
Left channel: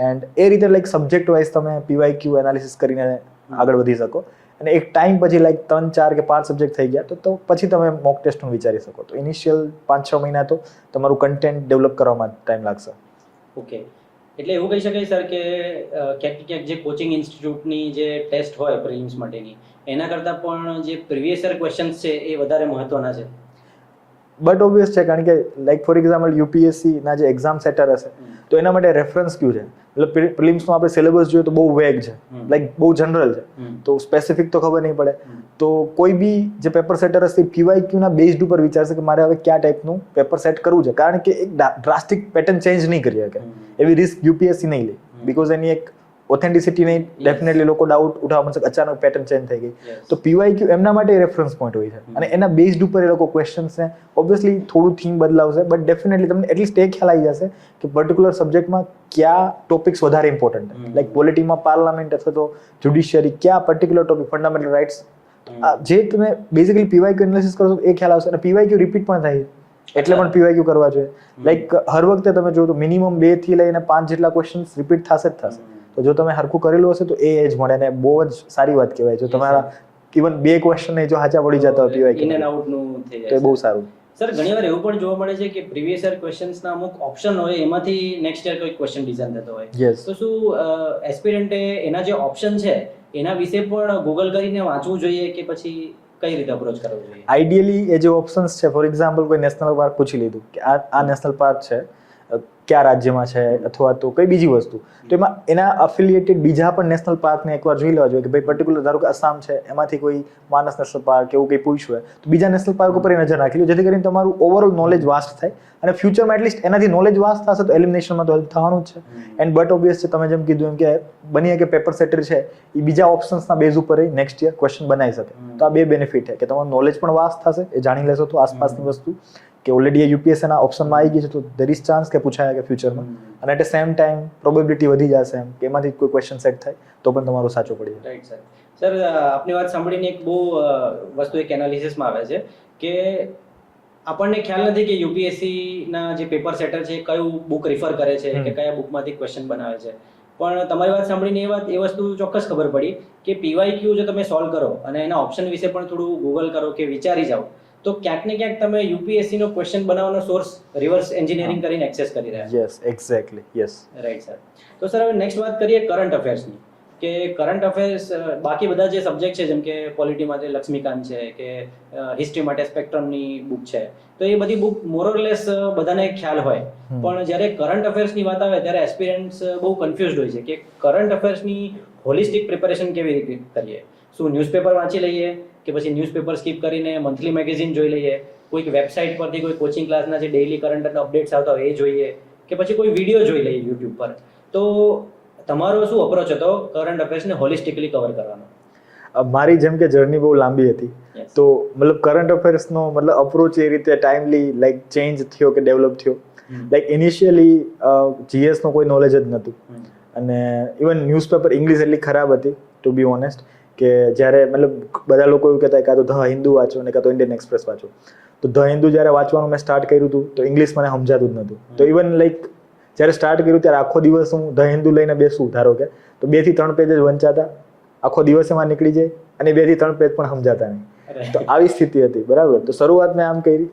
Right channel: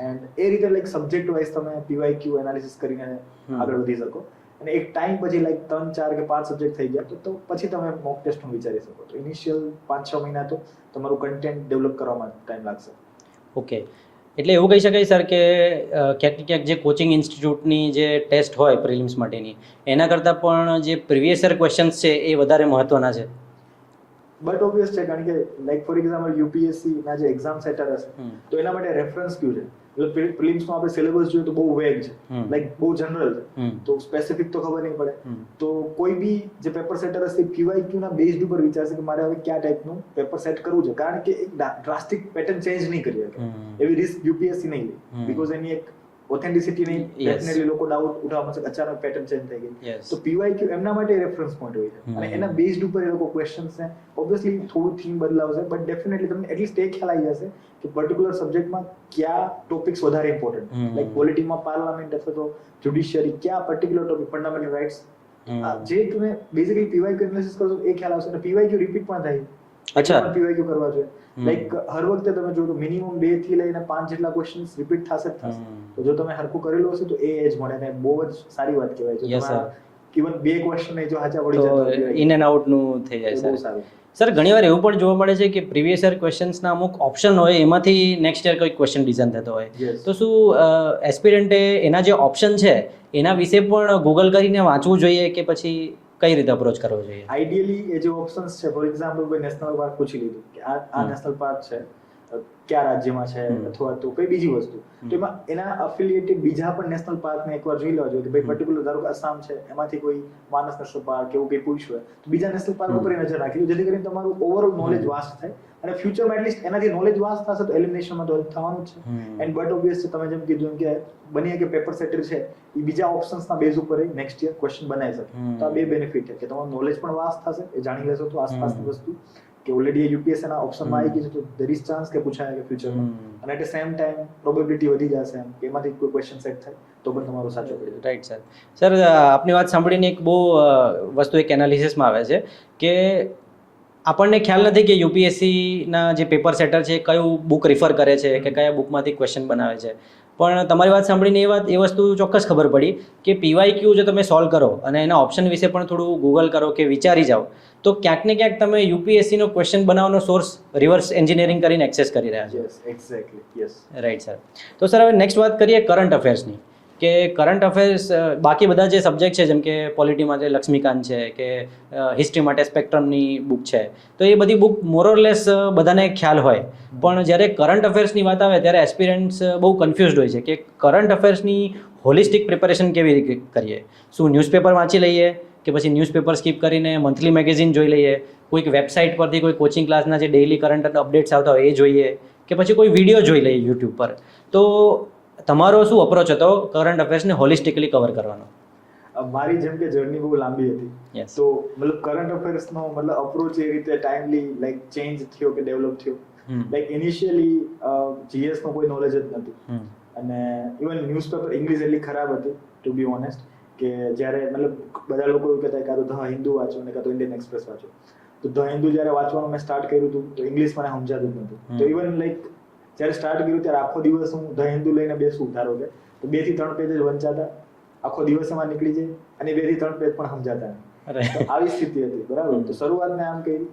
એન્ડ એ રીતે લાઈક સબ્જેક્ટ વાઇઝ તમે પીવાયક્યુ એનાલિસિસ કરીને આગળ વધી શકો. અને એક ટાઈમ પછી લાઈક 3, 4 કે 5 સબ્જેક્ટ થઈ ગયા તો પછી તમે મોક ટેસ્ટનું વિચારી શકો. તો ઇનિશિયલ 5-6 મહિના તો તમારું કન્ટેન્ટ ડેવલપ કરવામાં ટાઈમ લાગશે. ઓકે, એટલે એવું કહી શકાય સર કે ક્યાંક ને ક્યાંક જે કોચિંગ ઇન્સ્ટિટ્યૂટની જે ટેસ્ટ હોય પ્રિલિમ્સ માટેની, એના કરતાં પણ જે પ્રીવિયસ યર ક્વેશ્ચન્સ છે એ વધારે મહત્વના છે. બટ ઓબ્વિયસ છે, કારણ કે લાઈક ફોર એક્ઝામ્પલ યુપીએસસી ના જે એક્ઝામ સેટર હશે તો એના માટે રેફરન્સ ક્યુ છે, એટલે પ્રિલિમ્સનો આપણે સિલેબસ જોઈએ તો બહુ વેગ છે, લાઈક બહુ જનરલ છે, તો સ્પેસિફિક તો ખબર નહીં પડે. તો કોઈ બી જે પેપર સેટર હશે પીવાયક્યુ ના બેઝડ ઉપર વિચારશે કે મારે હવે કયા ટાઈપનું પેપર સેટ કરવું છે, કારણ કે એક ડ્રાસ્ટિક પેટર્ન ચેન્જ નહીં કરી શકે એવી રિસ્ક યુપીએસસી નહીં લે, બીકોઝ એની એક ઓથેન્ટિસિટી નહીં, ડેફિનેટલી લોકો ડાઉટ ઉઠાવવા મળશે અચાનક પેટર્ન ચેન્જ થઈ ગઈ. તો પીવાયક્યુ એમના માટે રેફરન્સ પોઈન્ટ હોય છે અને એના બેઝડ ઉપર એ લોકો ક્વેશ્ચન્સને ઓબ્વિયસલી થોડું થીમ બદલાવશે, બટ ડેફિનેટલી તમને એટલીસ્ટ એ ખ્યાલ આવી જશે કે પર્ટિક્યુલર સબ્જેક્ટમાં કયા ટોપિક્સ વધારે ઇમ્પોર્ટન્ટ છે, લાઈક પોલિટીમાં પાર્લામેન્ટ અથવા તો જ્યુડિશિયરી કયા પર્ટિક્યુલર ટોપિક, ફંડામેન્ટલ રાઇટ્સ, જે તમે બેઝિકલી પીવાયક્યુ એનાલિસિસ કરશો એ ખ્યાલ આવશે. અને પીવાયક્યુ રિપીટ પણ થાય એટલે પણ પીવાયક્યુ કરવા જોઈએ. લાઈક હર વખતે તમે જો તો મિનિમમ 2 થી લઈને 5 જેટલા ક્વેશ્ચન્સ રિપીટ થશે જ થશે. તો જો તમે હરખું કરેલું હશે તો એ એજ મળે ને બહુ જ સારી વાત કહેવાય. જો તમારા ઇવન 2 ક્વેશ્ચન જો હાચા પડી જતા હોય ઇન એન્ડ આઉટ નું થઈ જાય તો બહુ સારું. સર ઘણીવાર એવું પણ જોવા મળે છે કે પ્રીવિયસ યર ક્વેશ્ચન્સના અમુક ઓપ્શન હોય એમાંથી નેક્સ્ટ યર કોઈ ક્વેશ્ચન ડિઝાઇન થતો હોય, તો શું એસ્પિરન્ટે એના જે ઓપ્શન છે એના વિશે પણ ગૂગલ કરીને વાંચવું જોઈએ કે પછી કઈ રીતે અપ્રોચ કરવો જોઈએ? આઈડિયલી એ જે ઓપ્શન્સ છે, ફોર એક્ઝામ્પલ કોઈ નેશનલ પાર્ક પૂછી લીધું કે આ નેશનલ પાર્ક છે કયા રાજ્યમાં છે અથવા તો કઈ બીજી વસ્તુ, તો એમાં એના અફિલિએટેડ બીજા પણ નેશનલ પાર્કને એકવાર જોઈ લેવા જોઈએ કે ભાઈ પર્ટિક્યુલર ધારો કે આસામ છે એમાંથી કોઈ માનસ નેશનલ પાર્ક એવું કંઈ પૂછ્યું હોય તો બીજા નેશનલ પાર્ક ઉપર નજર રાખી લો, જેથી કરીને તમારું ઓવરઓલ નોલેજ વાસ્ટ થાય અને ફ્યુચરમાં એટલીસ્ટ એનાથી નોલેજ વાસ્ટ થશે તો એલિમિનેશનમાં તો હેલ્પ થવાનું જ છે. એન્ડ બટ ઓબ્વિયસ છે, તમે જેમ કીધું એમ કે બનીએ કે પેપર સેટર છે એ બીજા ઓપ્શન્સના બેઝ ઉપર નેક્સ્ટ યર ક્વેશ્ચન બનાવી શકે. તો આ બે બેનિફિટ છે કે તમારું નોલેજ પણ વાસ્ટ થશે, એ જાણી લેશો તો આસપાસની વસ્તુ કે ઓલરેડી એ યુપીએસસીના ઓપ્શનમાં આવી ગઈ છે તો દેર ઇઝ ચાન્સ કે પૂછાય કે ફ્યુચરમાં, અને એટ સેમ ટાઈમ પ્રોબેબિલિટી વધી જશે એમ કે એમાંથી કોઈ ક્વેશ્ચન સેટ થાય તો પણ તમારું સાચું પડી જાય. Right sir. સર આપની વાત સાંભળીને એક બહુ વસ્તુ એક એનાલિસિસમાં આવે છે કે આપણને ખ્યાલ નથી કે યુપીએસસીના જે પેપર સેટર છે કયું બુક રિફર કરે છે કે કયા બુકમાંથી ક્વેશ્ચન બનાવે છે, પણ તમારી વાત સાંભળીને એ વસ્તુ ચોક્કસ ખબર પડી કે પીવાયક્યુ જો તમે સોલ્વ કરો અને એના ઓપ્શન વિશે પણ થોડું ગૂગલ કરો કે વિચારી જાઓ તો ક્યાંક ને ક્યાંક તમે યુપીએસસીનો ક્વેશ્ચન બનાવવાનો સોર્સ રિવર્સ એન્જિનિયરિંગ કરીને એક્સેસ કરી રહ્યા છો. Yes, exactly, yes. Right sir. તો સર હવે નેક્સ્ટ વાત કરીએ કરંટ અફેર્સની, કે કરંટ અફેર્સ બાકી બધા જે સબ્જેક્ટ છે જેમ કે પોલિટી માટે લક્ષ્મીકાંત છે કે હિસ્ટ્રી માટે સ્પેક્ટ્રમની બુક છે, તો એ બધી બુક મોરલેસ બધાને ખ્યાલ હોય, પણ જ્યારે કરંટ અફેર્સની વાત આવે ત્યારે એસ્પિરન્ટ્સ બહુ કન્ફ્યુઝડ હોય છે કે કરંટ અફેર્સની હોલિસ્ટિક પ્રિપેરેશન કેવી રીતે કરીએ. શું ન્યૂઝપેપર વાંચી લઈએ કે પછી ન્યૂઝપેપર સ્કીપ કરીને મંથલી મેગેઝિન જોઈ લઈએ, કોઈક વેબસાઇટ પરથી કોઈ કોચિંગ ક્લાસના જે ડેઇલી કરંટ અપડેટ્સ આવતા હોય એ જોઈએ કે પછી કોઈ વિડીયો જોઈ લઈએ યુટ્યુબ પર, તો તમારો શું અપ્રોચ હતો કરંટ અફેર્સને હોલિસ્ટિકલી કવર કરવાનો? મારી જેમ કે જર્ની બહુ લાંબી હતી, તો મતલબ કરંટ અફેર્સનો મતલબ અપ્રોચ એ રીતે ટાઈમલી લાઈક ચેન્જ થયો કે ડેવલપ થયો લાઈક ઇનિશિયલી GS નો કોઈ નોલેજ જ નહોતું અને ઇવન ન્યૂઝપેપર ઇંગ્લિશ એટલી ખરાબ હતી ટુ બી ઓનેસ્ટ કે જ્યારે મતલબ બધા લોકો એવું કહેતા કાં તો ધ હિન્દુ વાંચો અને કાં તો ઇન્ડિયન એક્સપ્રેસ વાંચો. તો ધ હિન્દુ જ્યારે વાંચવાનું મેં સ્ટાર્ટ કર્યું હતું તો ઇંગ્લિશ મને સમજાતું જ નહોતું. તો ઇવન લાઈક જ્યારે સ્ટાર્ટ કર્યું ત્યારે આખો દિવસ હું ધ હિન્દુ લઈને બેસું ધારો કે તો 2 થી 3 પેજ જ વંચાતા, આખો દિવસ એમાં નીકળી જાય અને 2 થી 3 પેજ પણ સમજાતા નહીં. તો આવી સ્થિતિ હતી બરાબર. તો શરૂઆત મેં આમ કરી.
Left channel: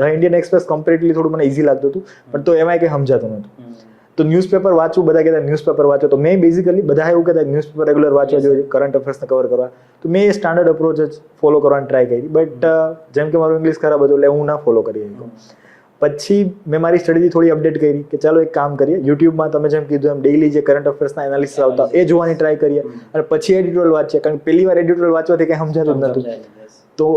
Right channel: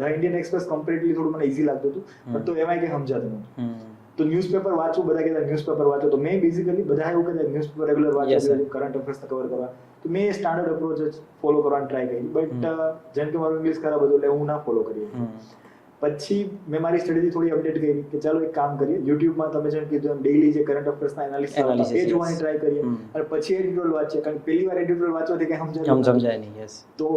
ધ ઇન્ડિયન એક્સપ્રેસ કમ્પ્લીટલી થોડું મને ઇઝી લાગતું હતું પણ તો એમાં કંઈ સમજાતું નહોતું. તો ન્યૂઝપેપર વાંચું, બધા કહેતા ન્યૂઝપેપર વાંચો, તો મેં બેઝિકલી બધા એવું કહેતા ન્યૂઝપેપર રેગ્યુલર વાંચવા જોઈએ કરંટ અફેર્સને કવર કરવા. તો મેં એ સ્ટાન્ડર્ડ અપ્રોચ જ ફોલો કરવાની ટ્રાય કરી. બટ જેમ કે મારું ઇંગ્લિશ ખરાબ હતું એટલે હું ના ફોલો કરી શકું. પછી મેં મારી સ્ટડીથી થોડી અપડેટ કરી કે ચાલો એક કામ કરીએ, યુટ્યુબમાં તમે જેમ કીધું એમ ડેઈલી જે કરંટ અફેર્સના એનાલિસિસ આવતા એ જોવાની ટ્રાય કરીએ અને પછી એડિટોરિયલ વાંચીએ. કારણ કે પહેલી વાર એડિટોરિયલ વાંચવાથી કંઈ સમજાતું નથી. તો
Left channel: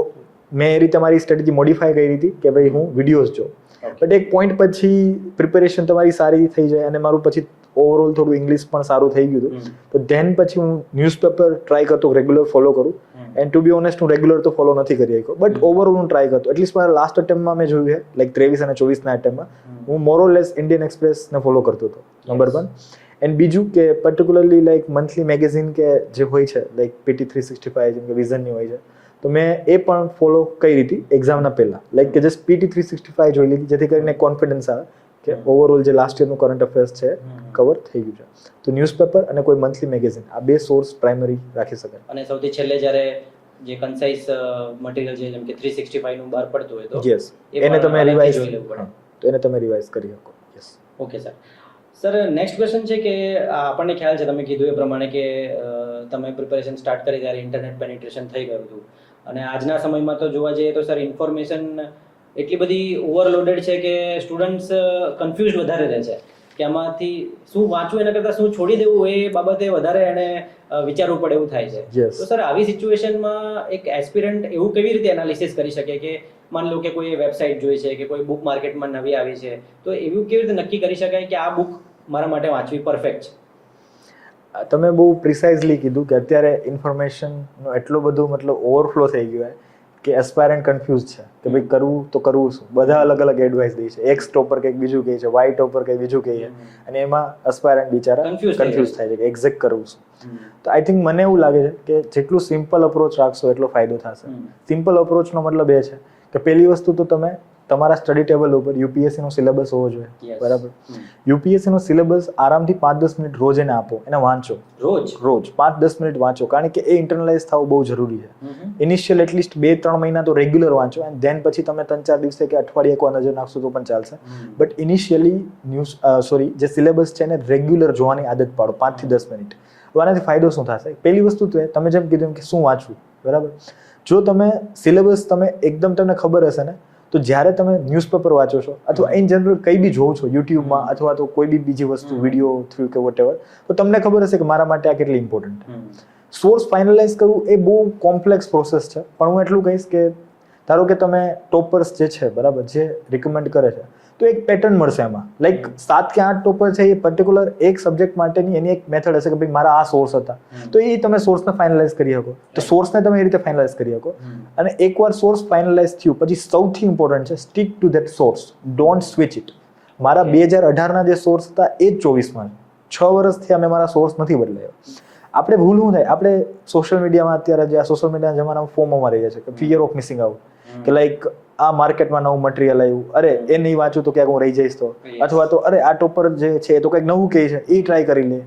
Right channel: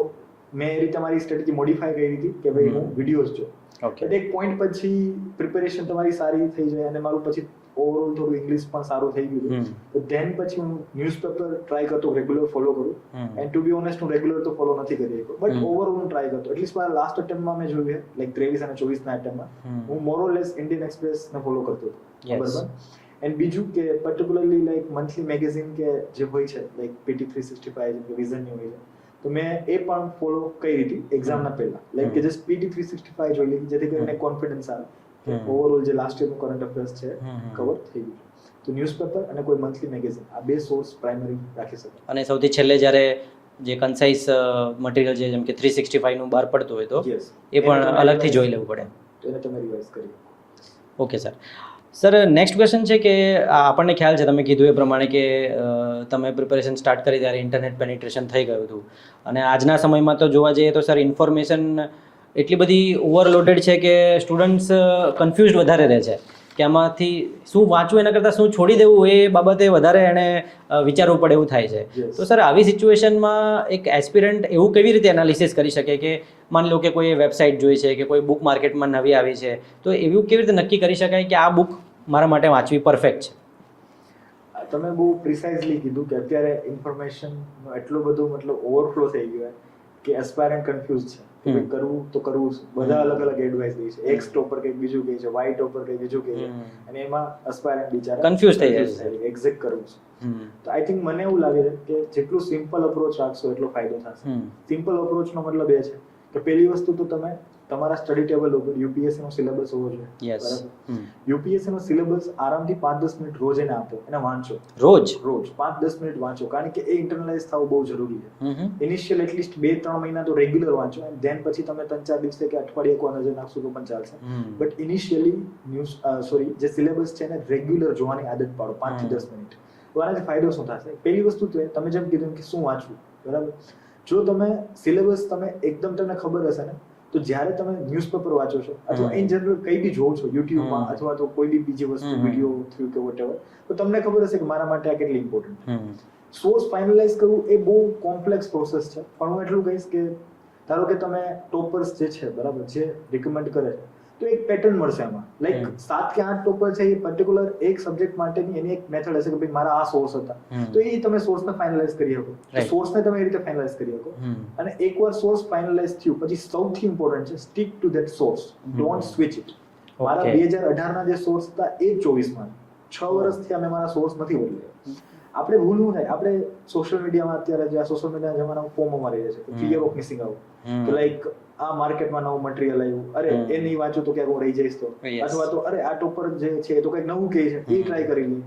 મેં એ રીતે મારી સ્ટ્રેટેજી મોડિફાઈ કરી હતી કે ભાઈ હું વિડીયોઝ જોઉં. બટ એક પોઈન્ટ પછી પ્રિપેરેશન તમારી સારી થઈ જાય અને મારું પછી ઓવરઓલ થોડું ઇંગ્લિશ પણ સારું થઈ ગયું હતું. તો ધેન પછી હું ન્યૂઝપેપર ટ્રાય કરતો રેગ્યુલર ફોલો કરું. એન્ડ ટુ બી ઓનેસ્ટ હું રેગ્યુલર તો ફોલો નથી કરી શક્યો બટ ઓવરઓલ હું ટ્રાય કરતો. એટલીસ્ટ મારા લાસ્ટ અટેમ્પમાં મેં જોયું છે લાઈક 23 અને 24ના અટેમ્પમાં હું મોરઓલેસ ઇન્ડિયન એક્સપ્રેસને ફોલો કરતો હતો. નંબર 1. એન્ડ બીજું કે પર્ટિક્યુલરલી લાઈક મંથલી મેગેઝિન કે જે હોય છે લાઈક PT 365 જેમ કે વિઝનની હોય છે તો મેં એ પણ ફોલો કરી હતી એક્ઝામના પહેલા. લાઈક કે જસ્ટ PT 365 જોઈ લીધી જેથી કરીને કોન્ફિડન્સ આવે કે ઓવરઓલ જે લાસ્ટ યરનું કરંટ અફેર્સ છે કવર થઈ ગયું છે. તો ન્યૂઝપેપર અને કોઈ મંથલી મેગેઝિન આ 2 સોર્સ પ્રાઇમરી રાખી શકાય. અને સૌથી છેલ્લે જ્યારે જે કન્સાઇઝ મટીરિયલ છે જેમ કે 365 નું બહાર પડતું હોય તો યસ એ પણ અલગથી જોઈ લેવું પડે. તો એને તમે રિવાઇઝ કરી શકો. Yes. Okay sir. Sir next question છે કે આપણને ખ્યાલ છે તમે કીધું એ પ્રમાણે કે તમે પ્રિપેરેશન સ્ટાર્ટ કરી ત્યારે ઇન્ટરનેટ પેનિટ્રેશન થઈ ગયું હતું અને આજના સમયમાં તો જોવા જઈએ તો સર ઇન્ફોર્મેશન એટલી બધી ઓવરલોડેડ છે કે સ્ટુડન્ટ્સ કન્ફ્યુઝ વધારે રહે છે કે આમાંથી શું વાંચવું એના કરતાં શું છોડી દેવું એ બાબતે વધારે એને વિચારવું પડે એવું થાય છે. તો સર આવી સિચ્યુએશનમાં એક એસ્પિરન્ટ એવું કેવી રીતે એનાલિસિસ કરી શકે કે માની લો કે કોઈ વેબસાઇટ જોઈ છે કે કોઈ બુક માર્કેટમાં નવી આવી છે તો એવું કેવી રીતે નક્કી કરી શકાય કે આ બુક મારા માટે વાંચવી પરફેક્ટ છે? તમે બહુ પ્રિસાઇઝલી કીધું કે અત્યારે ઇન્ફોર્મેશનનો એટલો બધો મતલબ ઓવરફ્લો થઈ ગયો કે એસ્પાયરન્ટ કન્ફ્યુઝ છે કે ભાઈ કરવું તો કરવું શું. બધા અલગ અલગ એડવાઇસ દે છે. એક્સ ટોપર કંઈક બીજું કહે છે, વાય ટોપર કંઈક બીજું કહે છે અને એમાં એસ્પાયરન્ટ બિચારા કન્ફ્યુઝ થાય છે કે એક્ઝેક્ટ કરવું શું. તો આઈ થિંક મને એવું લાગે છે કે જેટલું સિમ્પલ અપ્રોચ રાખશો એટલો ફાયદો થશે. સિમ્પલ અપ્રોચનો મતલબ એ છે કે પહેલી વસ્તુ તો તમે તમારા સ્ટડી ટેબલ ઉપર યુપીએસસી નો સિલેબસ હોવો જોઈએ. બરાબર. યુપીએસસી નો સિલેબસ આરામથી 5-10 મિનિટ રોજ એને આપો, એને વાંચો. રોજ 5-10 મિનિટ વાંચો કારણ કે એ ઇન્ટરનલાઇઝ થવું બહુ જરૂરી છે. ઇનિશિયલ એટલીસ્ટ 2-3 મહિના તો રેગ્યુલર વાંચો એન્ડ ધેન પછી તમે 3-4 દિવસે કે અઠવાડિયે એકવાર નજર નાખશો તો પણ ચાલશે. બટ ઇનિશિયલી જે સિલેબસ છે એને રેગ્યુલર જોવાની આદત પાડો 5 થી 10 મિનિટ. આનાથી ફાયદો શું થશે? પહેલી વસ્તુ તો તમે જેમ કીધું કે શું વાંચવું. બરાબર. જો તમે સિલેબસ તમે એકદમ તમને ખબર હશે ને તો જ્યારે તમે ન્યૂઝપેપર વાંચો છો અથવા ઇન જનરલ કંઈ બી જોવો છો યુટ્યુબમાં અથવા તો કોઈ બી બીજી વસ્તુ વિડીયો થ્રુ કે વોટેવર તો તમને ખબર હશે કે મારા માટે આ કેટલી ઇમ્પોર્ટન્ટ. સોર્સ ફાઇનલાઇઝ કરવું એ બહુ કોમ્પ્લેક્સ પ્રોસેસ છે પણ હું એટલું કહીશ કે ધારો કે તમે ટોપર્સ જે છે બરાબર જે રિકમેન્ડ કરે છે તો એક પેટર્ન મળશે એમાં. લાઈક 7 કે 8 ટોપર છે એ પર્ટિક્યુલર એક સબ્જેક્ટ માટેની એની એક મેથડ હશે કે ભાઈ મારા આ સોર્સ હતા તો એ તમે સોર્સને ફાઇનલાઇઝ કરી શકો. તો સોર્સને તમે એ રીતે ફાઇનલાઇઝ કરી શકો અને એકવાર સોર્સ ફાઇનલાઇઝ થયું પછી સૌથી ઇમ્પોર્ટન્ટ છે stick to that source. Don't switch it. મારા 2018ના જે સોર્સ હતા એ જ 24માં 6 વર્ષથી અમે મારા સોર્સ નથી બદલાયો. આપણે ભૂલ શું થાય આપણે સોશિયલ મીડિયામાં અત્યારે જે આ સોશિયલ મીડિયાના જમાનામાં ફોમોમાં રહીએ છીએ કે ફિયર ઓફ મિસિંગ આઉટ કે લાઈક આ માર્કેટમાં નવું મટીરિયલ આવ્યું અરે એ નહીં વાંચું તો ક્યાંક હું રહી જઈશ તો અથવા તો અરે આ ટોપર જે છે તો કંઈક નવું કહે છે એ ટ્રાય કરી લે.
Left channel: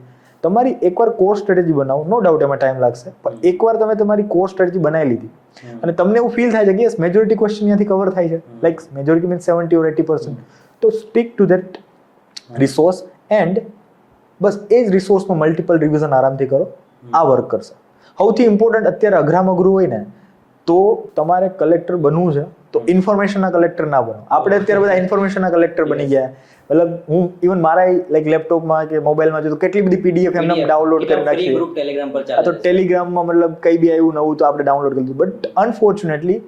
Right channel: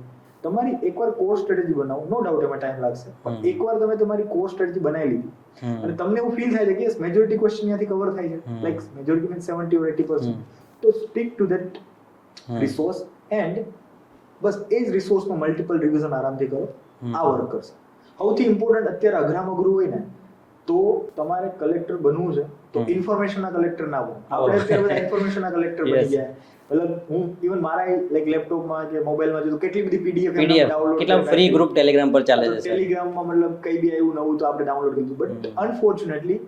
તમારી એકવાર કોર સ્ટ્રેટેજી બનાવો. નો ડાઉટ એમાં ટાઈમ લાગશે પણ એકવાર તમે તમારી કોર સ્ટ્રેટેજી બનાવી લીધી અને તમને એવું ફીલ થાય છે કે યસ મેજોરિટી ક્વેશ્ચન ત્યાંથી કવર થાય છે લાઈક મેજોરિટી મીન્સ 70 or 80%. તો stick to that resource and બસ એ જ રિસોર્સમાં મલ્ટિપલ રિવિઝન આરામથી કરો. આ વર્ક કરશે. સૌથી ઇમ્પોર્ટન્ટ અત્યારે અઘરામ અઘરું હોય ને તો તમારે કલેક્ટર બનવું છે તો ઇન્ફોર્મેશનના કલેક્ટર ના બનો. આપણે અત્યારે બધા ઇન્ફોર્મેશનના કલેક્ટર બની ગયા. મતલબ હું ઇવન મારા લાઈક લેપટોપમાં કે મોબાઈલમાં જો કેટલી બધી પીડીએફ એમને ડાઉનલોડ કરી ફ્રી ગ્રુપ ટેલિગ્રામ પર ચાલે તો ટેલિગ્રામમાં મતલબ કઈ બી આવ્યું નવું તો આપણે ડાઉનલોડ કરી દીધું. બટ અનફોર્ચ્યુનેટલી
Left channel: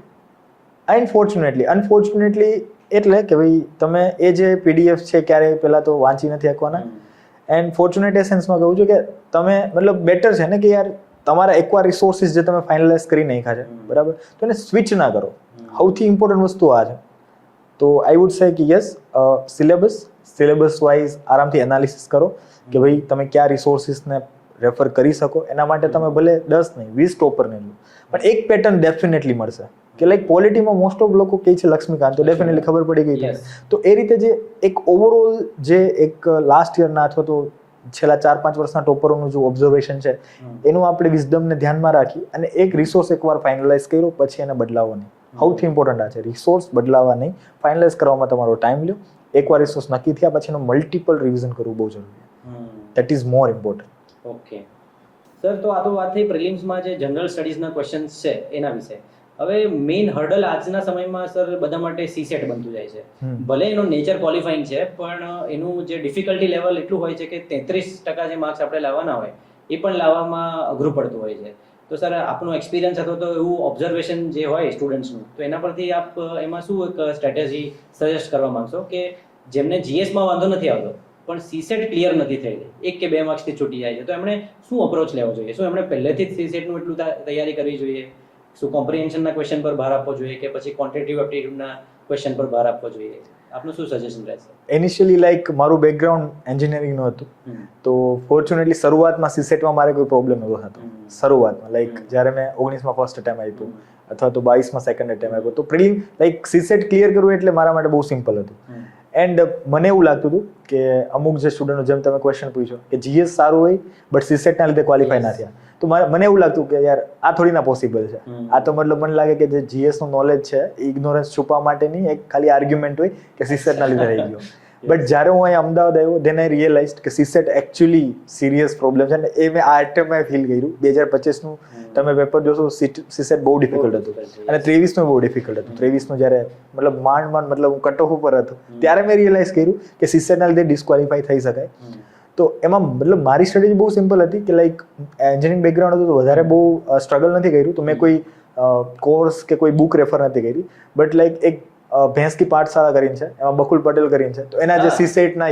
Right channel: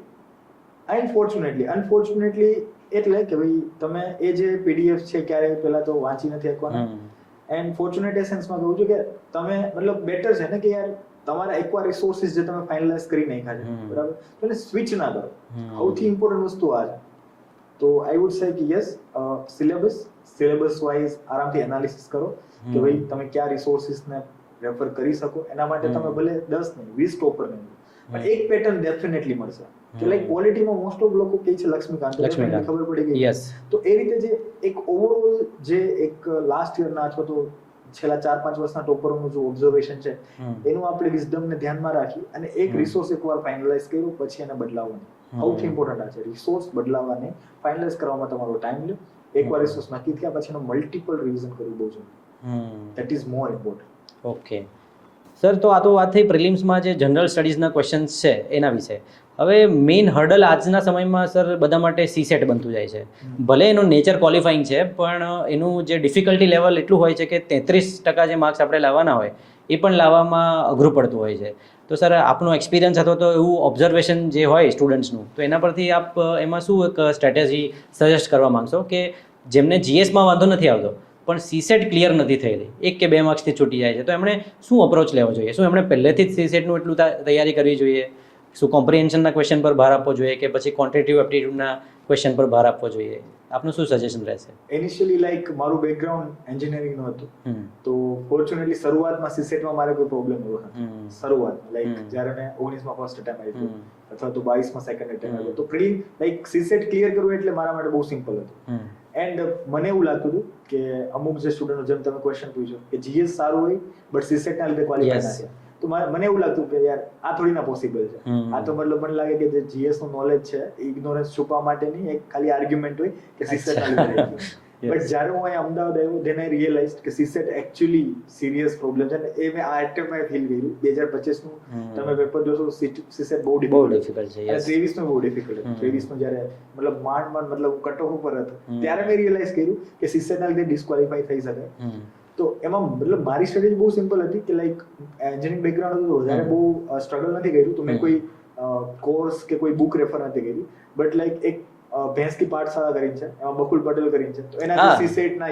એટલે કે ભાઈ તમે એ જે પીડીએફ છે ક્યારેય પહેલા તો વાંચી નથી શકવાના એન્ડ ફોર્ચ્યુનેટ એસેન્સમાં કહું છું કે તમે મતલબ બેટર છે ને કે યાર તમારા એકવાર રિસોર્સિસ જે તમે ફાઇનલાઇઝ કરી નાખ્યા છે બરાબર તો એને સ્વિચ ના કરો. સૌથી ઇમ્પોર્ટન્ટ વસ્તુ આ છે. તો આઈ વુડ સે કે યસ, સિલેબસ વાઇઝ આરામથી એનાલિસિસ કરો કે ભાઈ તમે કયા રિસોર્સિસને રેફર કરી શકો. એના માટે તમે ભલે 10 નહીં 20 ટોપરને લો, પણ એક પેટર્ન ડેફિનેટલી મળશે. કે લાઈક પોલિટીમાં મોસ્ટ ઓફ લોકો કહે છે લક્ષ્મીકાંત, તો ડેફિનેટલી ખબર પડી ગઈ. Yes. તો એ રીતે જે એક ઓવરઓલ જે એક લાસ્ટ યરના અથવા તો છેલ્લા 4-5 વર્ષના ટોપરોનું જે ઓબ્ઝર્વેશન છે એનું આપણે વિઝડમને ધ્યાનમાં રાખી અને એક રિસોર્સ એકવાર ફાઇનલાઇઝ કર્યો પછી એને બદલાવો નહીં. સૌથી ઇમ્પોર્ટન્ટ આ છે, રિસોર્સ બદલાવા નહીં, ફાઇનલાઇઝ કરવામાં તમારો ટાઈમ લ્યો. એકવાર રિસોર્સ નક્કી થયા પછી એનું મલ્ટિપલ રિવિઝન કરવું બહુ જરૂરી છે. That is more important. Okay sir, તો આ તો વાત થઈ પ્રિલિમ્સમાં જે જનરલ સ્ટડીઝના ક્વેશ્ચન્સ છે એના વિશે. હવે મેઇન હર્ડલ આજના સમયમાં સર બધા માટે સીસેટ બનતું જાય છે. ભલે એનું નેચર ક્વોલિફાઈંગ છે, પણ એનું જે ડિફિકલ્ટી લેવલ એટલું હોય છે કે 33% જે માર્ક્સ આપણે લાવવાના હોય એ પણ લાવવામાં અઘરું પડતું હોય છે. તો સર આપનો એક્સપિરિયન્સ હતો તો એવું ઓબ્ઝર્વેશન જે હોય સ્ટુડન્ટ્સનું, તો એના પરથી આપ એમાં શું એક સ્ટ્રેટેજી સજેસ્ટ કરવા માંગશો કે જેમને જીએસમાં વાંધો નથી આવતો પણ સીસેટ ક્લિયર નથી થયેલી, 1 કે 2 માર્ક્સથી છૂટી જાય છે, તો એમણે શું અપ્રોચ લેવો જોઈએ? શું એમણે પહેલેથી જ સીસેટનું એટલું તૈયારી કરવી જોઈએ? શું કોમ્પ્રિહેન્શનના ક્વેશ્ચન પર ભાર આપવો જોઈએ કે પછી ક્વોન્ટિટેટિવ એપ્ટિટ્યૂડના ક્વેશ્ચન પર ભાર આપવો જોઈએ? આપનું શું સજેશન રહેશે? ઇનિશિયલી લાઈક મારું બેકગ્રાઉન્ડ એન્જિનિયરિંગનું હતું, તો ફોર્ચ્યુનેટલી શરૂઆતમાં સીસેટમાં મારે કોઈ પ્રોબ્લેમ નહોતો થતો. શરૂઆતમાં લાઈક જ્યારે મેં 19માં ફર્સ્ટ અટેમ્પ આપ્યું અથવા તો 22માં સેકન્ડ અટેમ્પ આપ્યો, તો પ્રિલિમ લાઈક સીસેટ ક્લિયર કરવું એટલે મારા માટે બહુ સિમ્પલ હતું. એન્ડ મને એવું લાગતું હતું કે અમુક જે સ્ટુડન્ટો, જેમ તમે ક્વેશ્ચન પૂછ્યો કે જીએસ સારું હોય બટ સીસેટના લીધે ક્વોલિફાય ના થયા, તો મને એવું લાગતું કે યાર આ થોડી ના પોસિબલ છે. આ તો મતલબ મને લાગે કે જે જીએસ નું નોલેજ છે ઇગ્નોરન્સ છુપા માટેની એક ખાલી આર્ગ્યુમેન્ટ હોય કે સીસેટ ના લીધે રહી ગયો. બટ જ્યારે હું અહીંયા અમદાવાદ આવ્યો, ધેન આઈ રિયલાઇઝડ કે સીસેટ એકચ્યુઅલી સિરિયસ પ્રોબ્લેમ છે. અને એ મેં આ ટાઈમે ફીલ કર્યું. 2025 નું તમે પેપર જોશો, સીસેટ બહુ ડિફિકલ્ટ હતું અને 23 નું બહુ ડિફિકલ્ટ હતું. 23 નું જ્યારે મતલબ માંડ મતલબ હું કટ ઓફ ઉપર હતો, ત્યારે મેં રિયલાઇઝ કર્યું કે સીસેટ ના લીધે ડિસ્ક્વોલિફાય થઈ શકાય. તો એમાં મતલબ મારી સ્ટ્રેટેજી બહુ સિમ્પલ હતી કે લાઈક એન્જિનિયરિંગ બેકગ્રાઉન્ડ હતું તો વધારે બહુ સ્ટ્રગલ નથી કર્યું. તો મેં કોઈ કોર્સ કે કોઈ બુક રેફર નથી કરી. બટ લાઈક એક ભેંસ કી પાઠશાળા કરીને છે, એમાં બકુલ પટેલ કરીને છે, તો એના જે સીસેટના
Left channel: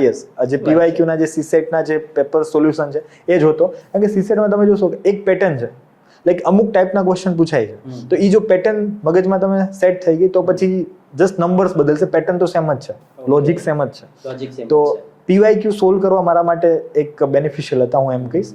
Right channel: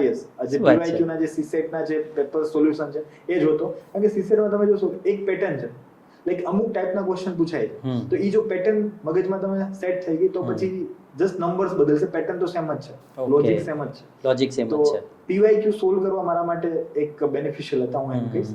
જે પીવાયક્યુના જે સીસેટના જે પેપર સોલ્યુશન છે એ જ હતો. કારણ કે સીસેટમાં તમે જોશો કે એક પેટર્ન છે, લાઈક અમુક ટાઈપના ક્વેશ્ચન પૂછાય છે, તો એ જો પેટર્ન મગજમાં તમે સેટ થઈ ગઈ તો પછી જસ્ટ નંબર્સ બદલશે, પેટર્ન તો સેમ જ છે, લોજિક સેમ જ છે. તો પીવાયક્યુ સોલ્વ કરવા મારા માટે એક બેનિફિશિયલ હતા, હું એમ કહીશ.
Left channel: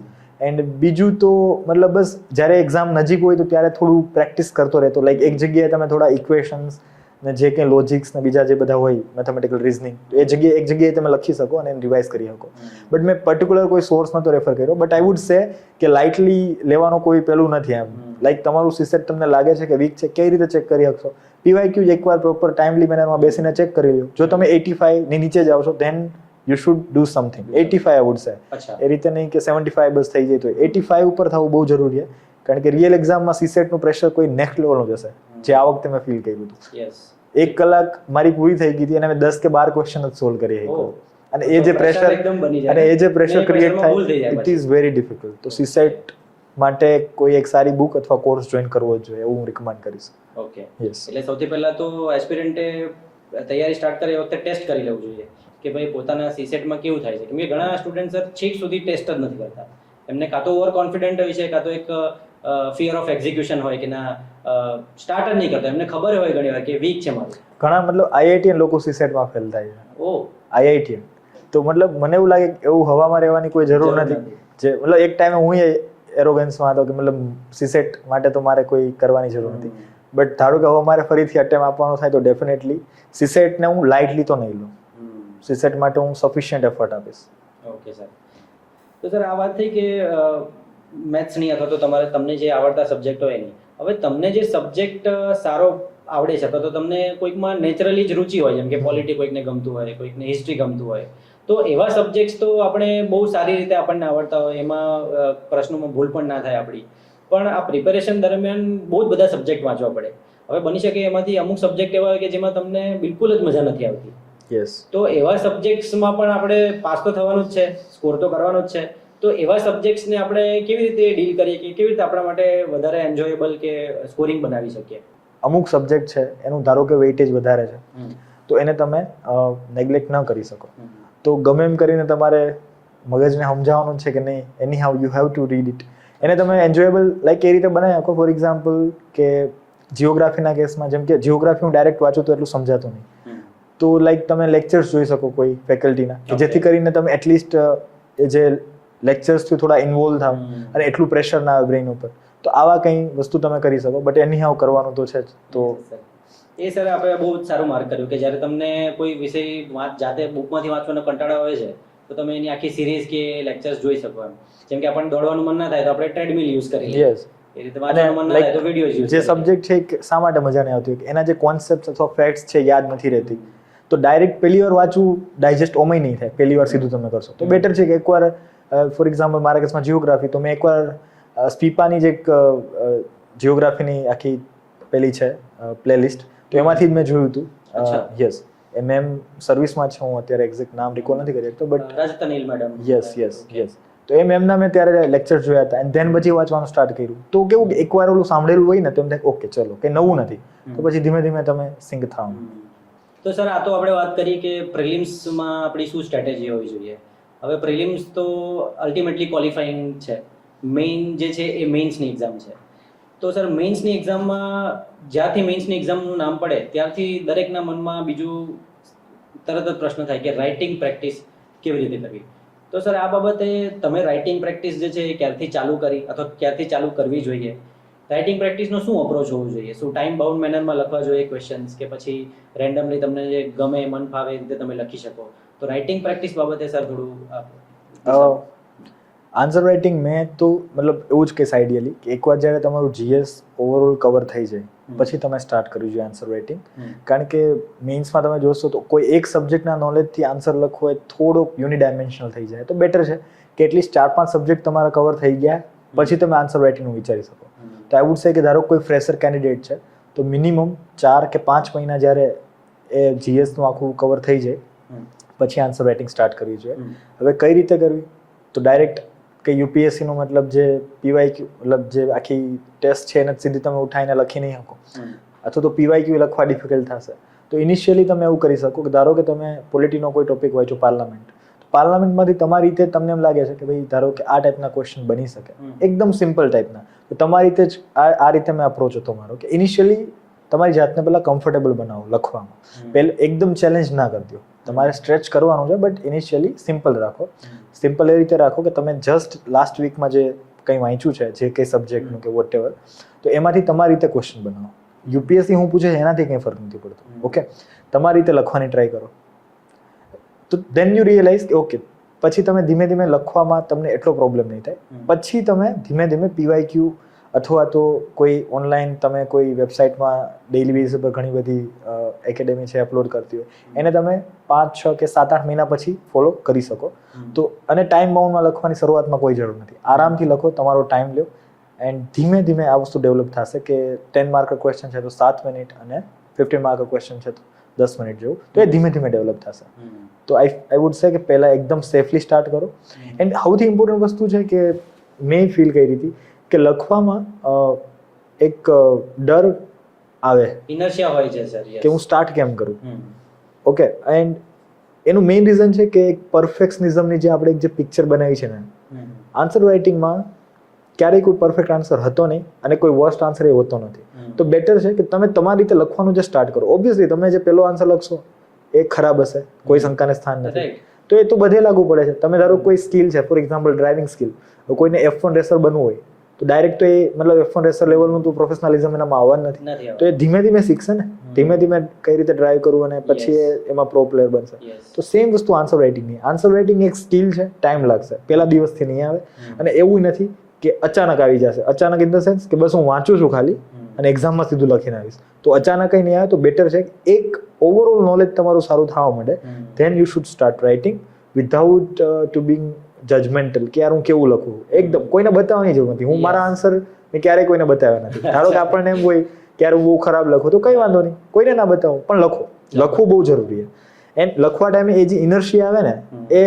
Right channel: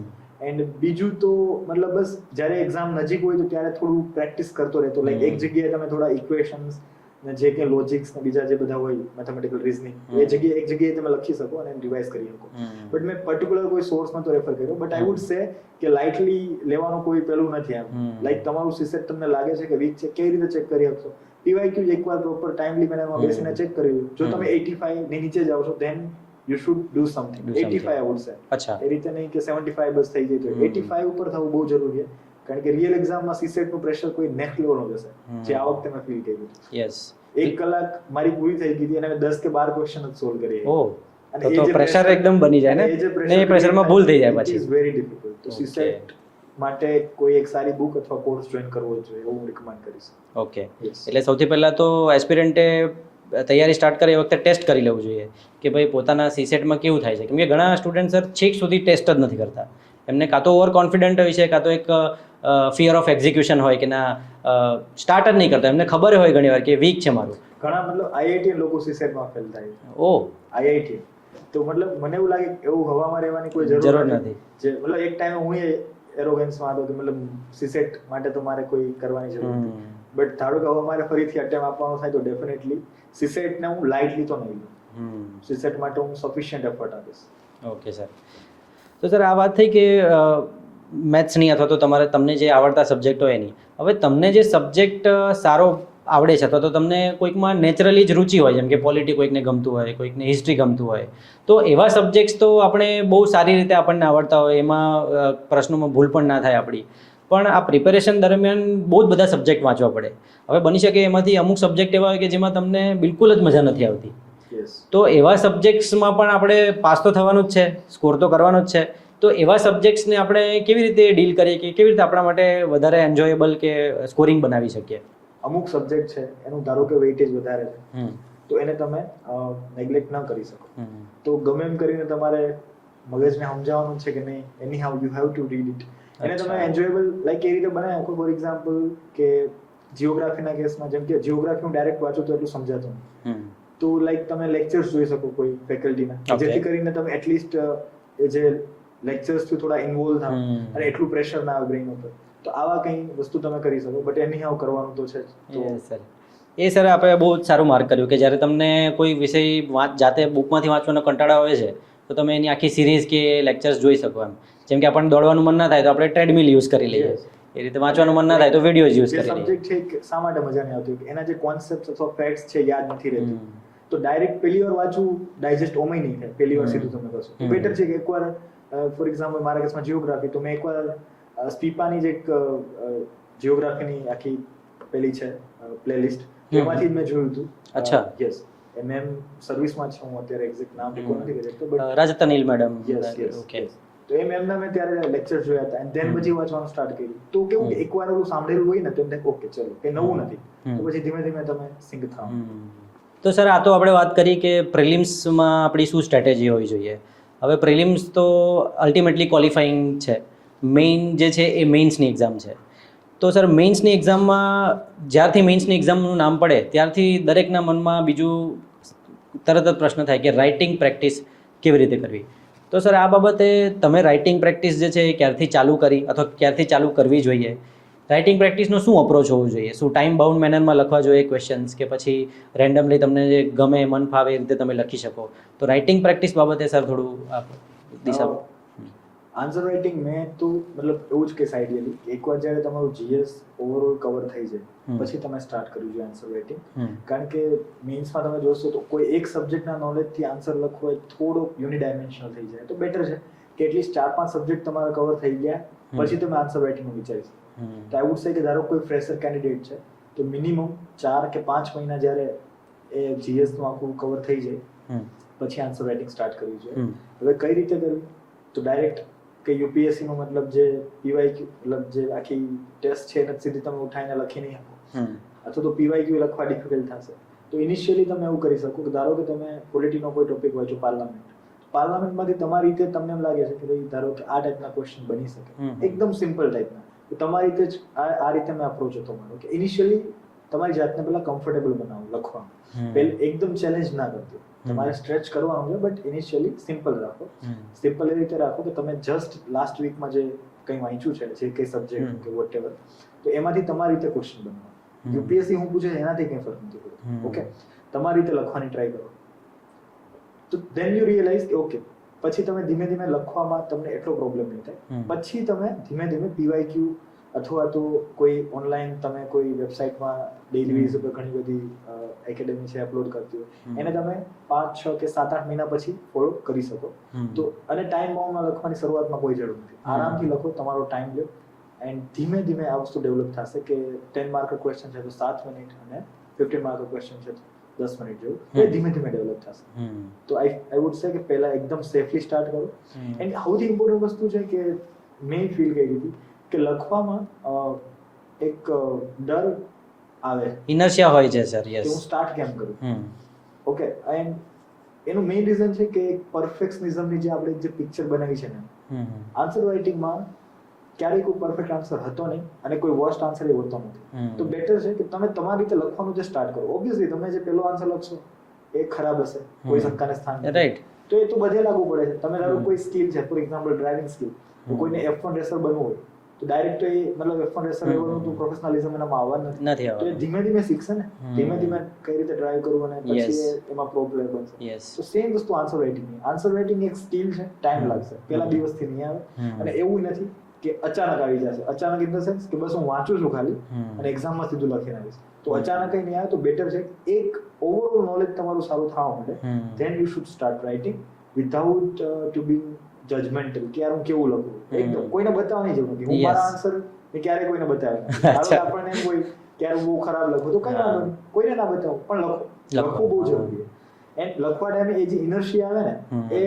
એન્ડ બીજું તો મતલબ બસ જ્યારે એક્ઝામ નજીક હોય તો ત્યારે થોડું પ્રેક્ટિસ કરતો રહેતો. લાઈક એક જગ્યાએ તમે થોડા ઇક્વેશન્સ ને જે કંઈ લોજિક્સ ને બીજા જે બધા હોય મેથેમેટિકલ રિઝનિંગ, એ જગ્યાએ એક જગ્યાએ તમે લખી શકો અને એને રિવાઇઝ કરી શકો. બટ મેં પર્ટિક્યુલર કોઈ સોર્સ નતો રેફર કર્યો. બટ આઈ વુડ સે કે લાઇટલી લેવાનો કોઈ પેલું નથી એમ. લાઈક તમારું સીસેટ તમને લાગે છે કે વીક છે, કેવી રીતે ચેક કરી શકશો? પીવાયક્યુ એકવાર પ્રોપર ટાઈમલી મેનરમાં બેસીને ચેક કરી લો. જો તમે 85 ની નીચે જાઓ છો then you should do something. 85 I would say. એ રીતે નહીં કે 75 બસ થઈ જાય. તો 85 ઉપર થવું બહુ જરૂરી છે, કારણ કે રિયલ એક્ઝામમાં સીસેટનું પ્રેશર કોઈ નેક્સ્ટ લેવલનું જશે, જે આ વખતે મેં ફીલ કર્યું હતું. યસ, 1 કલાક મારી પૂરી થઈ ગઈ હતી અને મેં 10 કે 12 ક્વેશ્ચન જ સોલ્વ કરી. અને એ જે પ્રેશર એકદમ બની જાય, અને એ જે પ્રેશર પ્રેશરમાં ભૂલ થઈ જાય, ઇટ ઇઝ વેરી ડિફિકલ્ટ. તો સીસેટ માટે કોઈ એક સારી બુક અથવા કોર્સ જોઈન કરવો જોઈએ એવું હું રિકમેન્ડ કરીશ. ઓકે, એટલે સૌથી પહેલા તો એસ્પિરન્ટે તૈયારી સ્ટાર્ટ કરે એ વખતે ટેસ્ટ કરી લેવું જોઈએ કે ભાઈ પોતાના સીસેટમાં કેવું થાય છે. કેમ કે ઘણા સ્ટુડન્ટ સર છેક સુધી ટેસ્ટ જ નથી કરતા. એમને કાં તો ઓવર કોન્ફિડન્ટ હોય છે, કાં તો એક ફિયર ઓફ એક્ઝિક્યુશન હોય કે ના સ્ટાર્ટ જ નહીં કરતા. એમને ખબર હોય ઘણીવાર કે વીક છે મારું. ઘણા મતલબ આઈઆઈટીએન લોકો સીસેટમાં ફેલ થાય છે. ઓ આઈઆઈટીએન તો મતલબ મને એવું લાગે કે એવું હવામાં રહેવાની કોઈ જરૂર નથી. જે મતલબ એક ટાઈમે હું એરોગન્સમાં હતો કે મતલબ સીસેટ માટે તો મારે કોઈ કરવાની જરૂર નથી. બટ ધારો કે હવે મારે ફરીથી અટેમ્પ આપવાનો થાય તો ડેફિનેટલી સીસેટને હું લાઇટલી તો નહીં લઉં. સીસેટ માટે હું સફિશિયન્ટ એફર્ટ આપીશ. Okay sir. તો સર આ વાત થઈ કે મેથ્સની અથવા તો તમને જે આવડતા સબ્જેક્ટ હોય એની, હવે તમને જે સબ્જેક્ટ સારો આવડે છે તો તમને કોઈકમાં નેચરલી જ રુચિ હોય, જેમ કે પોલિટી કોઈકને ગમતું હોય, કોઈકને હિસ્ટ્રી ગમતું હોય, તો એવા સબ્જેક્ટ્સ તો આપણે બહુ સારી રીતે આપણને આવડતા હોય, એમાં પ્રશ્નોમાં ભૂલ પણ ના થાય આપણી. પણ આ પ્રિપેરેશન દરમિયાન બહુ જ બધા સબ્જેક્ટ વાંચવા પડે. હવે બની શકે એમાંથી અમુક સબ્જેક્ટ એવા હોય કે જેમાં તમને બિલકુલ જ મજા નથી આવતી. તો એવા સબ્જેક્ટ્સમાં પણ આપણે પાસ તો થવાનું જ છે, સ્કોર તો કરવાનો જ છે. તો એવા સબ્જેક્ટ્સને આપણે કેવી રીતે ડીલ કરીએ કે કેવી રીતે આપણા માટે વધારે એન્જોયેબલ કે સ્કોરિંગ બનાવી શકીએ? અમુક સબ્જેક્ટ છે એનું ધારો કે વેઇટેજ વધારે છે તો એને તમે નેગ્લેક્ટ ન કરી શકો. તો ગમે એમ કરીને તમારે મગજને સમજાવવાનું છે કે નહીં, એની how you have to read it. એને તમે એન્જોયેબલ લાઈક એ રીતે બનાવી શકો. ફોર એક્ઝામ્પલ કે જીઓગ્રાફીના કેસમાં, જેમ કે જીઓગ્રાફી હું ડાયરેક્ટ વાંચું તો એટલું સમજાતું નહીં, તો લાઈક તમે લેક્ચર્સ જોઈ શકો કોઈ ફેકલ્ટીના, જેથી કરીને તમે એટલીસ્ટ એ જે લેક્ચર્સથી થોડા ઇન્વોલ્વ થાવ અને એટલું પ્રેશર ના આવે બ્રેઇન ઉપર. તો આવા કંઈ વસ્તુ તમે કરી શકો, બટ એની હાવ કરવાનું તો છે જ. તો એ સર આપણે બહુ જ સારું માર્ક કર્યું કે જ્યારે તમને કોઈ વિષય જાતે બુકમાંથી વાંચવાનો કંટાળો આવે છે તો તમે એની આખી સિરીઝ કે લેક્ચર્સ જોઈ શકો એમ. જેમ કે આપણને દોડવાનું મન ના થાય તો આપણે ટ્રેડમિલ યુઝ કરી લઈએ, એ રીતે વાંચવાનું મન ના થાય તો વિડીયોઝ યુઝ જે સબ્જેક્ટ છે શા માટે મજા નહીં આવતી, એના જે કોન્સેપ્ટ અથવા ફેક્ટ્સ છે યાદ નથી રહેતી, તો ડાયરેક્ટ પહેલી વાર વાંચવું ડાયજેસ્ટ ઓમય નહીં થાય પહેલી વાર સીધું તમે કરશો. તો બેટર છે કે એકવાર ફોર એક્ઝામ્પલ મારા કેસમાં જીઓગ્રાફી, તો મેં એકવાર સ્પીપાની જે એક જીઓગ્રાફીની આખી પેલી છે પ્લેલિસ્ટ, તો એમાંથી જ મેં જોયું હતું. અચ્છા, યસ, એ મેમ સર્વિસમાં છે, હું અત્યારે એક્ઝેક્ટ નામ રિકોલ નથી કરી શકતો, બટ રાજતનીલ મેડમ. Yes yes yes. તો એ મેમના મેં ત્યારે લેક્ચર જોયા હતા એન્ડ ધેન પછી વાંચવાનું સ્ટાર્ટ કર્યું. તો કેવું કે એકવાર ઓલું સાંભળેલું હોય ને તો એમ થાય ઓકે ચલો કંઈ નવું નથી, તો પછી ધીમે ધીમે તમે સિંક થાવ. તો સર આ તો આપણે વાત કરી કે પ્રિલિમ્સમાં આપણી શું સ્ટ્રેટેજી હોવી જોઈએ. હવે પ્રિલિમ્સ તો અલ્ટિમેટલી ક્વોલિફાઈંગ છે, મેઇન જે છે એ મેઇન્સની એક્ઝામ છે. તો સર મેઇન્સની એક્ઝામમાં જ્યારથી મેઇન્સની એક્ઝામનું નામ પડે ત્યારથી દરેકના મનમાં બીજું તરત જ પ્રશ્ન થાય કે રાઇટિંગ પ્રેક્ટિસ કેવી રીતે કરવી. તો સર આ બાબતે તમે રાઇટિંગ પ્રેક્ટિસ જે છે એ ક્યારથી ચાલુ કરી અથવા ક્યારથી ચાલુ કરવી જોઈએ? રાઇટિંગ પ્રેક્ટિસનો શું અપ્રોચ હોવો જોઈએ? શું ટાઈમ બાઉન્ડ મેનરમાં લખવા જોઈએ ક્વેશ્ચન્સ, કે પછી રેન્ડમલી તમને જે ગમે મન ફાવે એ રીતે તમે લખી શકો? તો રાઇટિંગ પ્રેક્ટિસ બાબતે સર થોડું આન્સર રાઇટિંગ મેં તો મતલબ એવું જ કહીશ આઈડિયલી કે એકવાર જ્યારે તમારું જીએસ ઓવરઓલ કવર થઈ જાય પછી તમે સ્ટાર્ટ કરવું જોઈએ આન્સર રાઇટિંગ. કારણ કે મેઇન્સમાં તમે જોશો તો કોઈ એક સબ્જેક્ટના નોલેજથી આન્સર લખવો એ થોડોક યુનિડાયમેન્શનલ થઈ જાય. તો બેટર છે કે એટલીસ્ટ 4-5 સબ્જેક્ટ તમારા કવર થઈ ગયા પછી તમે આન્સર રાઇટિંગનું વિચારી શકો. તો આઈ વુડ સે કે ધારો કોઈ ફ્રેશર કેન્ડિડેટ છે તો મિનિમમ 4 કે 5 મહિના જ્યારે એ જીએસનું આખું કવર થઈ જાય પછી આન્સર રાઇટિંગ સ્ટાર્ટ કરવી જોઈએ. હવે કઈ રીતે કરવી? તો ડાયરેક્ટ કે યુપીએસસીનો મતલબ જે પીવાયક્યુ મતલબ જે આખી ટેસ્ટ છે એને સીધી તમે ઉઠાઈને લખી નહીં શકો, અથવા તો પીવાયક્યુ લખવા ડિફિકલ્ટ થશે. તો ઇનિશિયલી તમે એવું કરી શકો કે ધારો કે તમે પોલિટીનો કોઈ ટોપિક વાંચો પાર્લામેન્ટ, પાર્લામેન્ટમાંથી તમારી રીતે તમને એમ લાગે છે કે ભાઈ ધારો કે આ ટાઈપના ક્વેશ્ચન બની શકે, એકદમ સિમ્પલ ટાઈપના, તો તમારી રીતે જ આ રીતે મેં અપ્રોચ હતો મારો કે ઇનિશિયલી તમારી જાતને પહેલાં કમ્ફર્ટેબલ બનાવો લખવામાં. પહેલાં એકદમ ચેલેન્જ ના કરી દો, તમારે સ્ટ્રેચ કરવાનું છે બટ ઇનિશિયલી સિમ્પલ રાખો. સિમ્પલ એ રીતે રાખો કે તમે જસ્ટ લાસ્ટ વીકમાં જે કંઈ વાંચ્યું છે જે કંઈ સબ્જેક્ટનું કે વોટ એવર, તો એમાંથી તમારી રીતે ક્વેશ્ચન બનાવો. યુપીએસસી હું પૂછે એનાથી કંઈ ફરક નથી પડતો. ઓકે, તમારી રીતે લખવાની ટ્રાય કરો. તો દેન યુ રિયલાઇઝ કે ઓકે પછી તમે ધીમે ધીમે લખવામાં તમને એટલો પ્રોબ્લેમ નહીં થાય. પછી તમે ધીમે ધીમે પીવાયક્યુ અથવા તો કોઈ ઓનલાઈન તમે કોઈ વેબસાઇટમાં ડેઇલી બેઝ પર ઘણી બધી એકેડેમી છે અપલોડ કરતી હોય, એને તમે 5, 6 કે 7, 8 મહિના પછી ફોલો કરી શકો. તો અને ટાઈમ બાઉન્ડમાં લખવાની શરૂઆતમાં કોઈ જરૂર નથી, આરામથી લખો, તમારો ટાઈમ લો એન્ડ ધીમે ધીમે આ વસ્તુ ડેવલપ થશે કે 10 માર્ક ક્વેશ્ચન છે તો 7 મિનિટ અને 15 માર્ક ક્વેશ્ચન છે તો 10 મિનિટ જેવું, તો એ ધીમે ધીમે ડેવલપ થશે. તો આઈ વુડ સે કે પહેલાં એકદમ સેફલી સ્ટાર્ટ કરો. એન્ડ સૌથી ઇમ્પોર્ટન્ટ વસ્તુ છે કે મેં ફીલ કરી હતી કે લખવામાં એક ડર આવે, ઇનર્શિયા હોય છે સર, કે હું સ્ટાર્ટ કેમ કરું. ઓકે, એન્ડ એનું મેઇન રીઝન છે કે એક પરફેક્શનિઝમની જે આપણે જે પિક્ચર બનાવી છે ને, આન્સર રાઇટિંગમાં ક્યારેય કોઈ પરફેક્ટ આન્સર હતો નહીં અને કોઈ વર્સ્ટ આન્સર એ હોતો નથી. તો બેટર છે કે તમે તમારી રીતે લખવાનું જે સ્ટાર્ટ કરો. ઓબ્વિયસલી તમે જે પહેલો આન્સર લખશો એ ખરાબ હશે, કોઈ શંકાને સ્થાન નથી, તો એ તો બધે લાગુ પડે છે. તમે ધારો કોઈ સ્કિલ છે, ફોર એક્ઝામ્પલ ડ્રાઇવિંગ સ્કિલ, તો કોઈને F1 રેસર બનવું હોય તો ડાયરેક્ટ તો એ મતલબ F1 રેસર લેવલનું તો પ્રોફેશનલિઝમ એનામાં આવવાનું નથી. તો એ ધીમે ધીમે શીખશે ને, ધીમે ધીમે કઈ રીતે ડ્રાઈવ કરવું અને પછી એમાં પ્રો પ્લેયર બનશે. તો સેમ વસ્તુ આન્સર રાઇટિંગની. આન્સર રાઇટિંગ એક સ્કિલ છે, ટાઈમ લાગશે, પહેલા દિવસથી નહીં આવે. અને એવું નથી કે અચાનક આવી જશે. અચાનક ઇન ધ સેન્સ કે બસ હું વાંચું છું ખાલી અને એક્ઝામમાં સીધું લખીને આવીશ, તો અચાનક કંઈ નહીં આવે. તો બેટર છે એક ઓવરઓલ નોલેજ તમારું સારું થવા માંડે, then you should start writing without to being judgemental કે યાર હું કેવું લખું. એકદમ કોઈને બતાવવાની જરૂર નથી. હું મારા આન્સર મેં ક્યારેય કોઈને બતાવ્યા નથી. ધારો કે આપણને એમ હોય કે યાર હું બહુ ખરાબ લખું, તો કંઈ વાંધો નહીં, કોઈને ના બતાવો, પણ લખો. લખવું બહુ જરૂરી છે. એન્ડ લખવા ટાઈમે એ જે ઇનર્શિયા આવે ને એ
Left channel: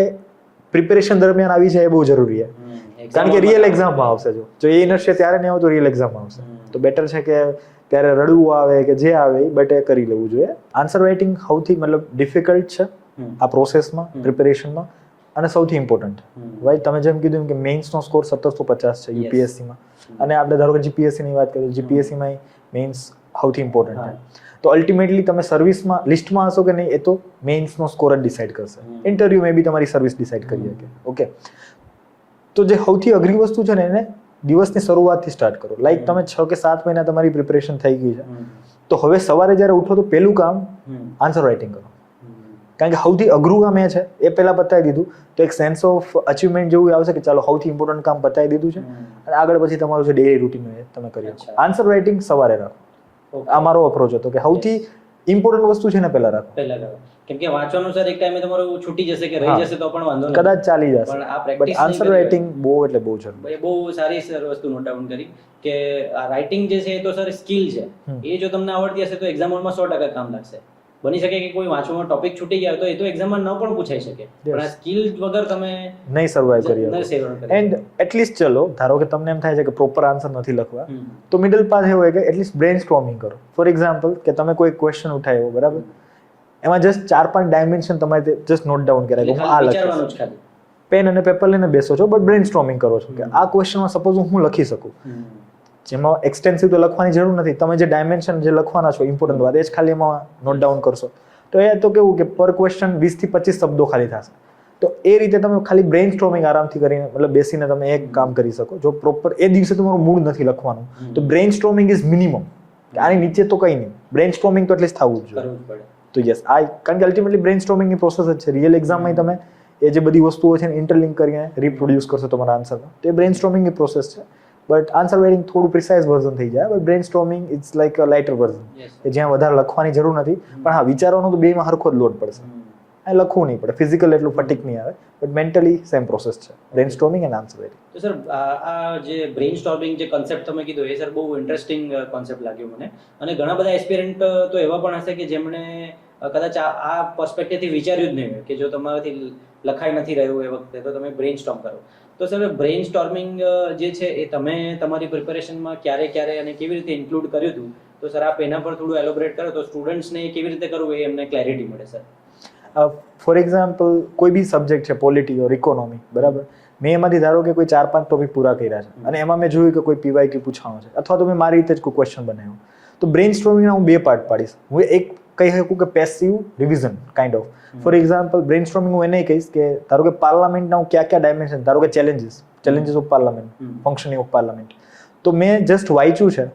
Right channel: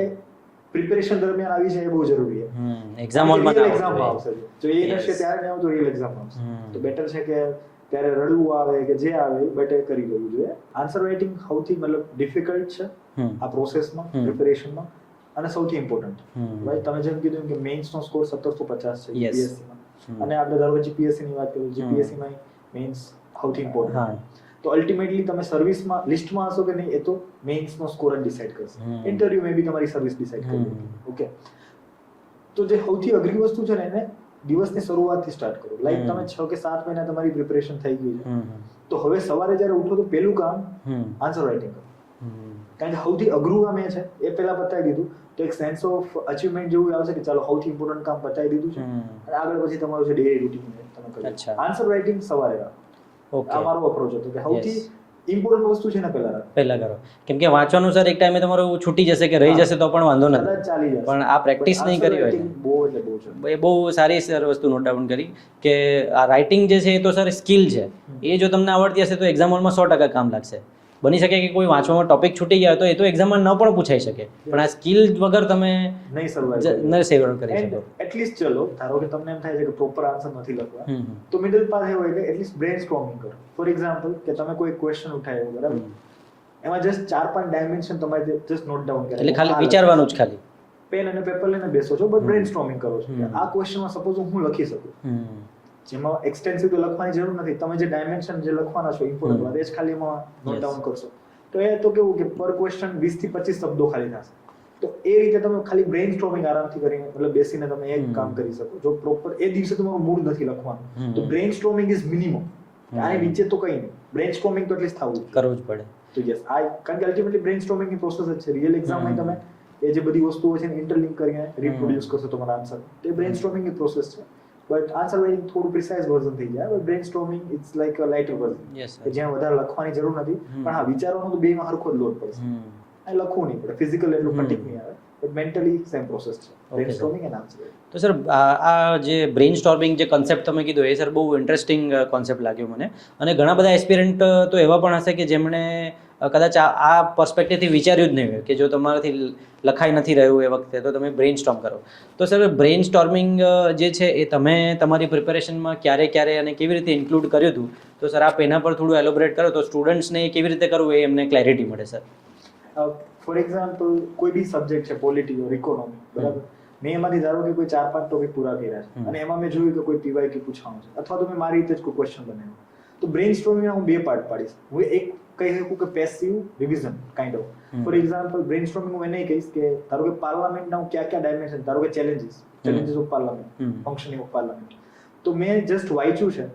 પ્રિપેરેશન દરમિયાન આવી છે, એ બહુ જરૂરી છે. કારણ કે રિયલ એક્ઝામમાં આવશે. જો એ ઇનર્શિયા ત્યારે નહીં આવતો, રિયલ એક્ઝામમાં આવશે. તો બેટર છે કે ત્યારે રડવું આવે કે જે આવે એ બટ એ કરી લેવું જોઈએ. આન્સર રાઇટિંગ સૌથી મતલબ ડિફિકલ્ટ છે આ પ્રોસેસમાં, પ્રિપેરેશનમાં, અને સૌથી ઇમ્પોર્ટન્ટ. ભાઈ તમે જેમ કીધું કે મેઇન્સનો સ્કોર 1750 છે યુપીએસસીમાં, અને આપણે ધારો કે જીપીએસસીની વાત કરીએ, જીપીએસસીમાં મેઇન્સ સૌથી ઇમ્પોર્ટન્ટ હા. છે. તો અલ્ટિમેટલી તમે સર્વિસમાં લિસ્ટમાં હશો કે નહીં એ તો મેઇન્સનો સ્કોર જ ડિસાઇડ કરશે. ઇન્ટરવ્યુ મે બી તમારી સર્વિસ ડિસાઇડ કરી શકે. ઓકે, તો જે સૌથી અઘરી વસ્તુ છે ને એને દિવસની શરૂઆતથી સ્ટાર્ટ કરો. લાઈક તમે 6 કે 7 મહિના તમારી પ્રિપરેશન થઈ ગઈ છે, તો હવે સવારે જ્યારે ઉઠો તો પહેલું કામ આન્સર રાઇટિંગ કરો. કારણ કે સૌથી અઘરું કામ એ છે, એ પહેલા પતાવી દીધું તો એક સેન્સ ઓફ અચીવમેન્ટ જેવું આવશે કે ચાલો સૌથી ઇમ્પોર્ટન્ટ કામ પતાવી દીધું છે અને આગળ પછી તમારું જે ડેલી રૂટીન તમે કરી. આન્સર રાઇટિંગ સવારે રાખો. આ મારો અપ્રોચ હતો કે સૌથી ઇમ્પોર્ટન્ટ વસ્તુ છે ને પહેલા રાખો. પહેલા કરો, કેમ કે વાંચવાનું સર એક ટાઈમે તમારું છૂટી જશે કે રહી જશે તો પણ વાંધો નથી, કદાચ ચાલી જશે, પણ આ પ્રેક્ટિસ નહીં આન્સર કરી રાઇટિંગ બહુ એટલે બહુ છે. એ બહુ સારી સર વસ્તુ નોટ ડાઉન કરી કે આ રાઇટિંગ જે છે એ તો સર સ્કિલ છે, એ જો તમને આવડતી હશે તો એક્ઝામ હોલમાં 100% કામ લાગશે. બની શકે કે કોઈ વાંચવામાં ટોપિક છૂટી ગયા તો એ તો એક્ઝામમાં ન પણ પૂછાઈ શકે, પણ આ સ્કિલ વગર તમે નહીં સર્વાઈવ કરી ન સેવર કરી એન્ડ એટલીસ્ટ ચલો ધારો કે તમને એમ થાય છે કે પ્રોપર આન્સર નથી લખવા, તો મિડલ પાથ એવો હોય કે એટલીસ્ટ બ્રેન સ્ટોર્મિંગ કરો. ફોર એક્ઝામ્પલ કે તમે કોઈ ક્વેશ્ચન ઉઠાવ્યો, બરાબર, એમાં જસ્ટ 4-5 ડાયમેન્શન તમારે જસ્ટ નોટ ડાઉન એટલે કર્યા, ખાલી વિચારવાનું જ, ખાલી પેન અને પેપર લઈને બેસો છો, બટ બ્રેન સ્ટોર્મિંગ કરો છો કે આ ક્વેશ્ચનમાં સપોઝ હું લખી શકું, જેમાં એક્સટેન્સિવ તો લખવાની જરૂર નથી, તમે જે ડાયમેન્શન જે લખવાના છો ઇમ્પોર્ટન્ટ વાત એ જ ખાલી એમાં નોટ ડાઉન કરશો, તો એ તો કેવું કે પર ક્વેશ્ચન 20 થી 25 શબ્દો ખાલી થશે. તો એ રીતે તમે ખાલી બ્રેન સ્ટોર્મિંગ આરામથી કરીને મતલબ બેસીને તમે એક કામ કરી શકો. જો પ્રોપર એ દિવસે તમારું મૂડ નથી લખવાનું તો બ્રેન સ્ટોર્મિંગ ઇઝ મિનિમમ, આની નીચે તો કંઈ નહીં, બ્રેન સ્ટોર્મિંગ તો એટલીસ્ટ થવું જ કરવું જ પડે. તો યસ, આ કારણ કે અલ્ટિમેટલી બ્રેન સ્ટોર્મિંગની પ્રોસેસ જ છે. રિયલ એક્ઝામમાં તમે એ જે બધી વસ્તુઓ છે ને ઇન્ટરલિંક કરીને રિપ્રોડ્યુસ કરશો તમારા આન્સરમાં, તો એ બ્રેન સ્ટોર્મિંગની પ્રોસેસ છે. બટ આન્સર રાઇટિંગ થોડું પ્રિસાઇઝ વર્ઝન થઈ જાય, but brain storming it's like a lighter version, કે જ્યાં વધારે લખવાની જરૂર નથી, પણ હા વિચારવાનો તો બેમાં હરખો જ લોડ પડશે. આ લખવું નહીં પડે, ફિઝિકલ એટલું ફટીક નહીં આવે, બટ મેન્ટલી સેમ પ્રોસેસ છે, brain storming and answer writing. તો સર આ જે બ્રેન સ્ટોર્મિંગ જે કોન્સેપ્ટ તમે કીધો એ સર બહુ ઇન્ટરેસ્ટિંગ કોન્સેપ્ટ લાગ્યો મને, અને ઘણા બધા એસ્પિરન્ટ તો એવા પણ હશે કે જેમણે કદાચ આ પર્સપેક્ટિવથી વિચાર્યું જ નહીં હોય કે જો તમારાથી લખાઈ નથી રહ્યું એ વખતે તો તમે બ્રેન સ્ટોર્મ કરો. તો સર બ્રેન સ્ટોર્મિંગ જે છે એ તમે તમારી પ્રિપેરેશનમાં ક્યારે અને કેવી રીતે ઇન્ક્લુડ કર્યું હતું, તો સર આપ એના પર થોડું એલોબરેટ કરો તો સ્ટુડન્ટ્સને કેવી રીતે કરવું એ એમને ક્લેરિટી મળે સર. ફોર એક્ઝામ્પલ કોઈ બી સબ્જેક્ટ છે, પોલિટી ઓર ઇકોનોમી, બરાબર, મેં એમાંથી ધારો કે કોઈ 4-5 ટોપિક પૂરા કર્યા છે અને એમાં મેં જોયું કે કોઈ PYQ પૂછવાનું છે અથવા તો મેં મારી રીતે જ કોઈ ક્વેશ્ચન બનાવ્યો, તો બ્રેન સ્ટોર્મિંગના હું 2 પાર્ટ પાડીશ. હું એક કહી શકું કે passive revision kind of. For example brain storming હું એને કહીશ કે ધારો કે પાર્લામેન્ટના હું કયા ડાયમેન્શન, ધારો કે challenges of parliament, functioning of parliament, તો મેં જસ્ટ વાંચ્યું છે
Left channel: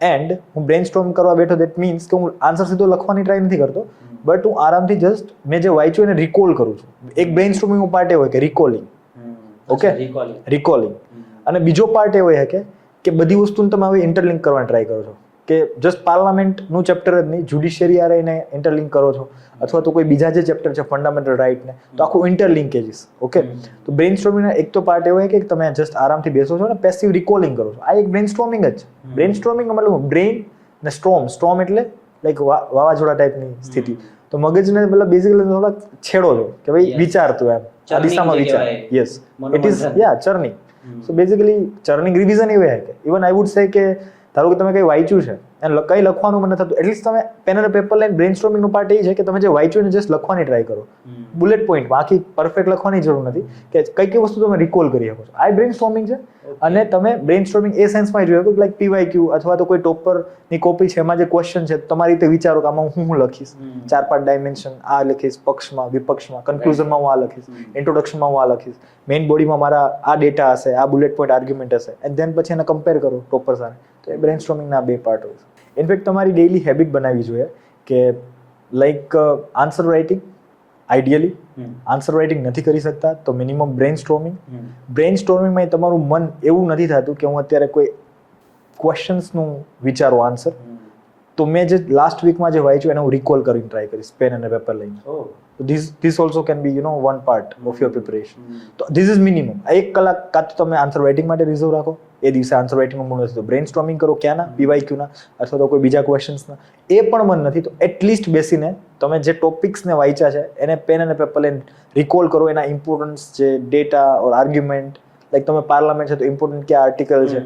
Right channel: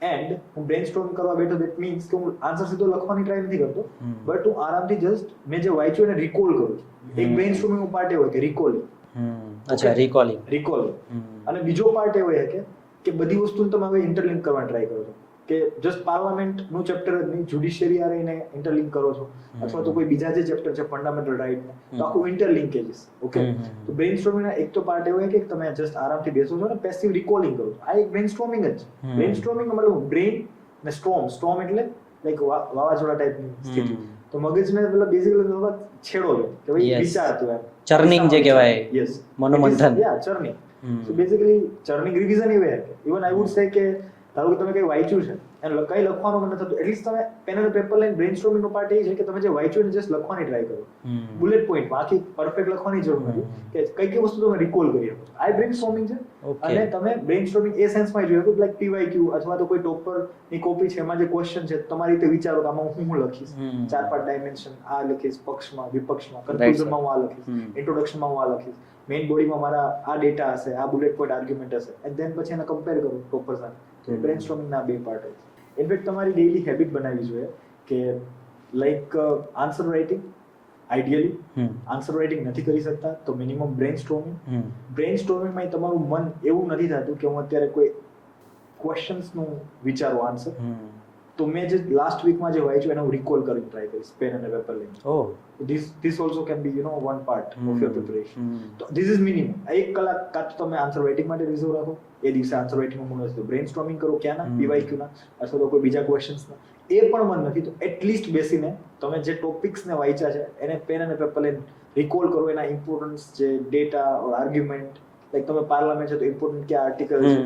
એન્ડ હું બ્રેન સ્ટોર્મ કરવા બેઠો, દેટ મીન્સ કે હું આન્સર સીધો લખવાની ટ્રાય નથી કરતો, બટ હું આરામથી જસ્ટ મેં જે વાંચ્યું એને રિકોલ કરું છું. એક બ્રેન સ્ટોર્મિંગનો પાર્ટ એ હોય કે રિકોલિંગ, ઓકે, રિકોલિંગ, અને બીજો પાર્ટ એ હોય કે બધી વસ્તુને તમે હવે ઇન્ટરલિંક કરવાની ટ્રાય કરો છો, કે જસ્ટ પાર્લામેન્ટનું ચેપ્ટર જ નહીં, જ્યુડિશિયરી આરને ઇન્ટરલિંક કરો છો, અથવા તો કોઈ બીજા જે ચેપ્ટર છે ફંડામેન્ટલ રાઇટને, તો આખું ઇન્ટરલિંકેજીસ. ઓકે, તો બ્રેન સ્ટોર્મિંગના એક તો પાર્ટ એવો હોય કે તમે જસ્ટ આરામથી બેસો છો અને પેસિવ રિકોલિંગ કરો છો. આ એક બ્રેન સ્ટોર્મિંગ જ છે. બ્રેન સ્ટોર્મિંગ મતલબ બ્રેન ને સ્ટોર્મ એટલે લાઈક વાવાઝોડા ટાઈપની સ્થિતિ. તો મગજને મતલબ બેઝિકલી થોડા છેડો છો કે ભાઈ વિચારતું એમ, ચર્નિંગ જે કહેવાય. Yes, it is churning. So basically churning revision એવું હોય કે ઇવન આઈ વુડ સે કે ધારો કે તમે કંઈ વાંચ્યું છે અને કંઈ લખવાનું મને થતું, એટલીસ્ટ તમે પેન અને પેપર લઈને બ્રેન સ્ટોર્મિંગનો પાર્ટ એ છે કે તમે જે વાંચ્યું ને જસ્ટ લખવાની ટ્રાય કરો, બુલેટ પોઈન્ટ, બાકી પરફેક્ટ લખવાની જરૂર નથી, કે કઈ કઈ વસ્તુ તમે રિકોલ કરી શકો છો. આ બ્રેન સ્ટોર્મિંગ છે. અને તમે બ્રેન સ્ટોર્મિંગ એ સેન્સમાં જોયું કે લાઈક PYQ અથવા તો કોઈ ટોપરની કોપી છે, એમાં જે ક્વેશ્ચન છે તમારી રીતે વિચારો કે આમાં હું લખીશ, 4-5 ડાયમેન્શન આ લખીશ, પક્ષમાં વિપક્ષમાં, કન્ક્લુઝનમાં હું આ લખીશ, ઇન્ટ્રોડક્શનમાં હું આ લખીશ, મેઇન બોડીમાં મારા આ ડેટા હશે, આ બુલેટ પોઈન્ટ આર્ગ્યુમેન્ટ હશે, એન્ડ ધેન પછી એને કમ્પેર કરો ટોપર સાથે. તો એ બ્રેન સ્ટોર્મિંગના 2 પાર્ટ હોય. ઇનફેક્ટ તમારી ડેઇલી હેબિટ બનાવવી જોઈએ કે like answer writing, ideally answer writing નથી કરી શકતા તો મિનિમમ બ્રેન સ્ટોર્મિંગ. બ્રેન સ્ટોર્મિંગમાં તમારું મન એવું નથી થતું કે હું અત્યારે કોઈ ક્વેશ્ચન્સનું વિચારો આન્સર, તો મેં જે લાસ્ટ વીકમાં જે વાંચ્યું એને હું રિકોલ કરીને ટ્રાય કરીશ પેન અને પેપર લઈને. This also can be one part of your preparation. તો ધીસ ઇઝ મિનિમમ. 1 કલાક કાં તો તમે આન્સર રાઇટિંગ માટે રિઝર્વ રાખો, એ દિવસે આન્સર રાઇટિંગનું મૂડ નથી તો બ્રેન સ્ટોર્મિંગ કરો, ક્યાંના PYQના અથવા તો કોઈ બીજા ક્વેશ્ચન્સના. એ પણ મન નથી તો એટલીસ્ટ બેસીને તમે જે ટોપિક્સને વાંચ્યા છે એને પેન અને પેપર લઈને રિકોલ કરો, એના ઇમ્પોર્ટન્સ જે ડેટા ઓર આર્ગ્યુમેન્ટ, લાઈક તમે પાર્લામેન્ટ છે તો ઇમ્પોર્ટન્ટ કયા આર્ટિકલ છે,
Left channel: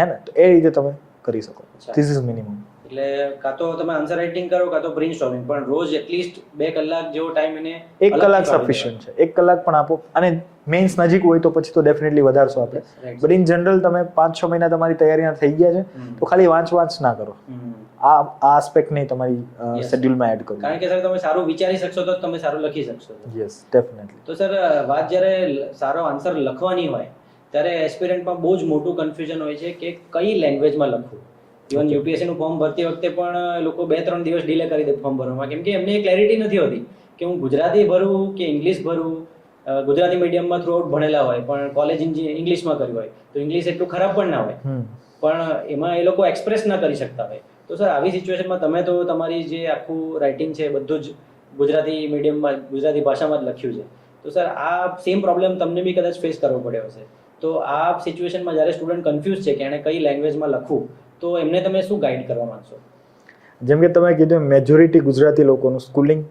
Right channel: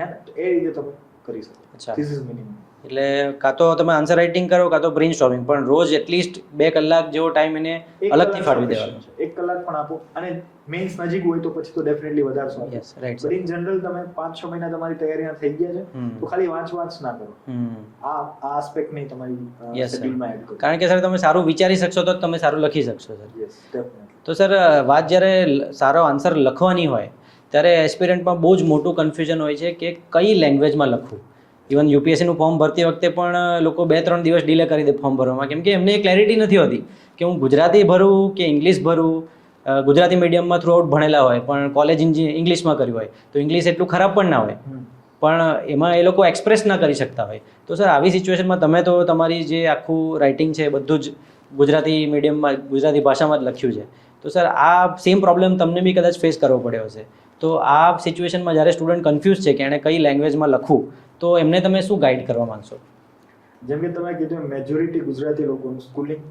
હે ને, તો એ રીતે તમે કરી શકો. This is minimum. એટલે કાં તો તમે આન્સર રાઇટિંગ કરો કાં તો બ્રેન સ્ટોર્મિંગ, પણ રોજ એટલીસ્ટ 2 કલાક જેવો ટાઈમ એને 1 કલાક સફિશિયન્ટ છે. 1 કલાક પણ આપો. અને મેઇન્સ નજીક હોય તો પછી તો ડેફિનેટલી વધારશો આપણે. Yes, right, but in general તમે 5-6 મહિના તમારી તૈયારીના થઈ ગયા છે તો ખાલી વાંચ ના કરો. આ આસ્પેક્ટ નહીં તમારી Yes, sir. શેડ્યુલમાં એડ કરો. કારણ કે સર તમે સારું વિચારી શકશો તો જ તમે સારું લખી શકશો સર. Yes definitely. તો સર વાત જ્યારે સારો આન્સર લખવાની હોય ત્યારે એસ્પિરન્ટમાં બહુ જ મોટું કન્ફ્યુઝન હોય છે કે કઈ લેંગ્વેજમાં લખવું. ઇવન યુપીએસસીનું ફોર્મ ભરતી વખતે પણ લોકો 2-3 દિવસ ડિલે કરી દે ફોર્મ ભરવામાં, કેમ કે એમને ક્લેરિટી નથી હોતી કે હું ગુજરાતી ભરું કે ઇંગ્લિશ ભરું. ગુજરાતી મીડિયમમાં થ્રુઆઉટ ભણેલા હોય પણ કોલેજ ઇંગ્લિશમાં કર્યું હોય તો ઇંગ્લિશ એટલું ખરાબ પણ ના હોય, પણ એમાં એ લોકો એક્સપ્રેસ ના કરી શકતા હોય. તો સર આવી સિચ્યુએશનમાં તમે તો તમારી જે આખું રાઇટિંગ છે બધું જ ગુજરાતી મીડિયમમાં ગુજરાતી ભાષામાં જ લખ્યું છે. તો સર આ સેમ પ્રોબ્લેમ તમને બી કદાચ ફેસ કરવો પડ્યો હશે. તો આ સિચ્યુએશનમાં જ્યારે સ્ટુડન્ટ કન્ફ્યુઝ છે કે એણે કઈ લેંગ્વેજમાં લખવું તો એમને તમે શું ગાઈડ કરવા માંગશો? જેમ કે તમે કીધું મેજોરિટી ગુજરાતી લોકોનું સ્કૂલિંગ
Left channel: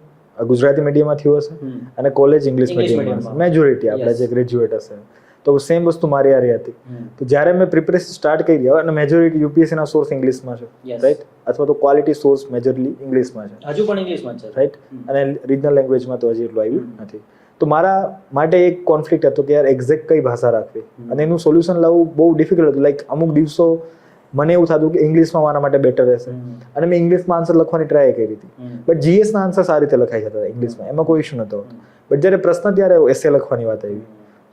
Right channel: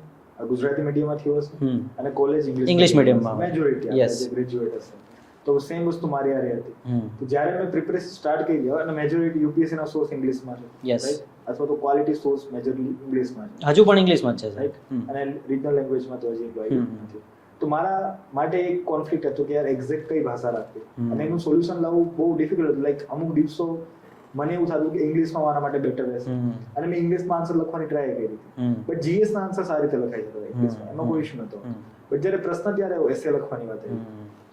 ગુજરાતી મીડિયમમાં થયું હશે અને કોલેજ ઇંગ્લિશ મીડિયમમાં મેજોરિટી આપણે જે ગ્રેજ્યુએટ હશે. તો સેમ વસ્તુ મારી હારે હતી. તો જ્યારે મેં પ્રિપરેશન સ્ટાર્ટ કરી અને મેજોરિટી યુપીએસસી ના સોર્સ ઇંગ્લિશમાં છે, રાઈટ, અથવા તો ક્વોલિટી સોર્સ મેજરલી ઇંગ્લિશમાં છે, હજુ પણ ઇંગ્લિશમાં જ છે, રાઈટ, અને રિજનલ લેંગ્વેજમાં તો હજી એટલું આવ્યું નથી. તો મારા માટે એક કોન્ફ્લિક્ટ હતો કે યાર એક્ઝેક્ટ કઈ ભાષા રાખવી અને એનું સોલ્યુશન લાવવું બહુ ડિફિકલ્ટ હતું. લાઈક અમુક દિવસો મને એવું થતું કે ઇંગ્લિશમાં મારા માટે બેટર રહેશે અને મેં ઇંગ્લિશમાં આન્સર લખવાની ટ્રાય કરી હતી, બટ જીએસ ના આન્સર સારી રીતે લખાઈ જતા હતા ઇંગ્લિશમાં, એમાં કોઈ ઇશ્યુ નતો. બટ જ્યારે પ્રશ્ન ત્યારે એસે લખવાની વાત આવી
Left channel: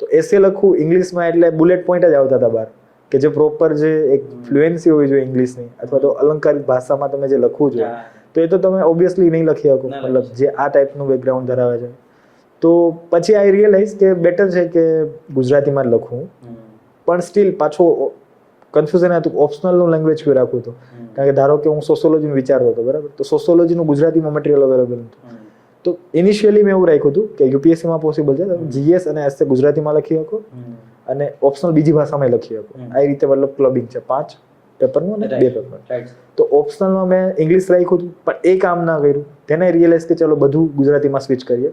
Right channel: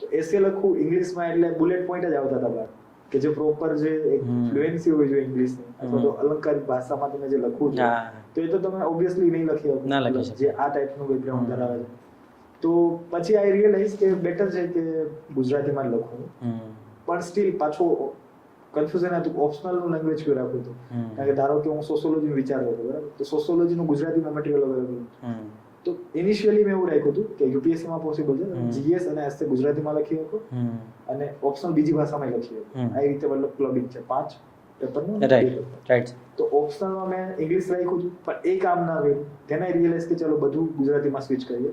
તો એસે લખવું ઇંગ્લિશમાં એટલે બુલેટ પોઈન્ટ જ આવતા હતા બહાર કે જે પ્રોપર જે એક ફ્લુએન્સી હોવી જોઈએ ઇંગ્લિશની અથવા તો અલંકારિક ભાષામાં તમે જે લખવું છે તો એ તો તમે ઓબ્વિયસલી નહીં લખી શકો, મતલબ જે આ ટાઈપનું બેકગ્રાઉન્ડ ધરાવે છે. તો પછી આઈ રિયલાઇઝ કે બેટર છે કે ગુજરાતીમાં જ લખવું, પણ સ્ટીલ પાછો કન્ફ્યુઝન હતું ઓપ્શનલનું લેંગ્વેજ કયું રાખવું હતું. કારણ કે ધારો કે હું સોશિયોલોજીનું વિચારતો હતો, બરાબર, તો સોશિયોલોજીનું ગુજરાતીમાં મટીરિયલ અવેલેબલ હતું. તો ઇનિશિયલી મેં એવું રાખ્યું હતું કે યુપીએસસીમાં પોસિબલ છે જીએસ અને એસએ ગુજરાતીમાં લખી શકો અને ઓપ્શનલ બીજી ભાષામાં લખી શકો. આ રીતે મતલબ ક્લબિંગ છે 5 પેપરનું અને 2 પેપર. તો ઓપ્શનલમાં મેં ઇંગ્લિશ રાખ્યું હતું પણ એ કામ ના કર્યું. તેને રિયલાઇઝ કે ચલો બધું ગુજરાતીમાં સ્વિચ કરીએ.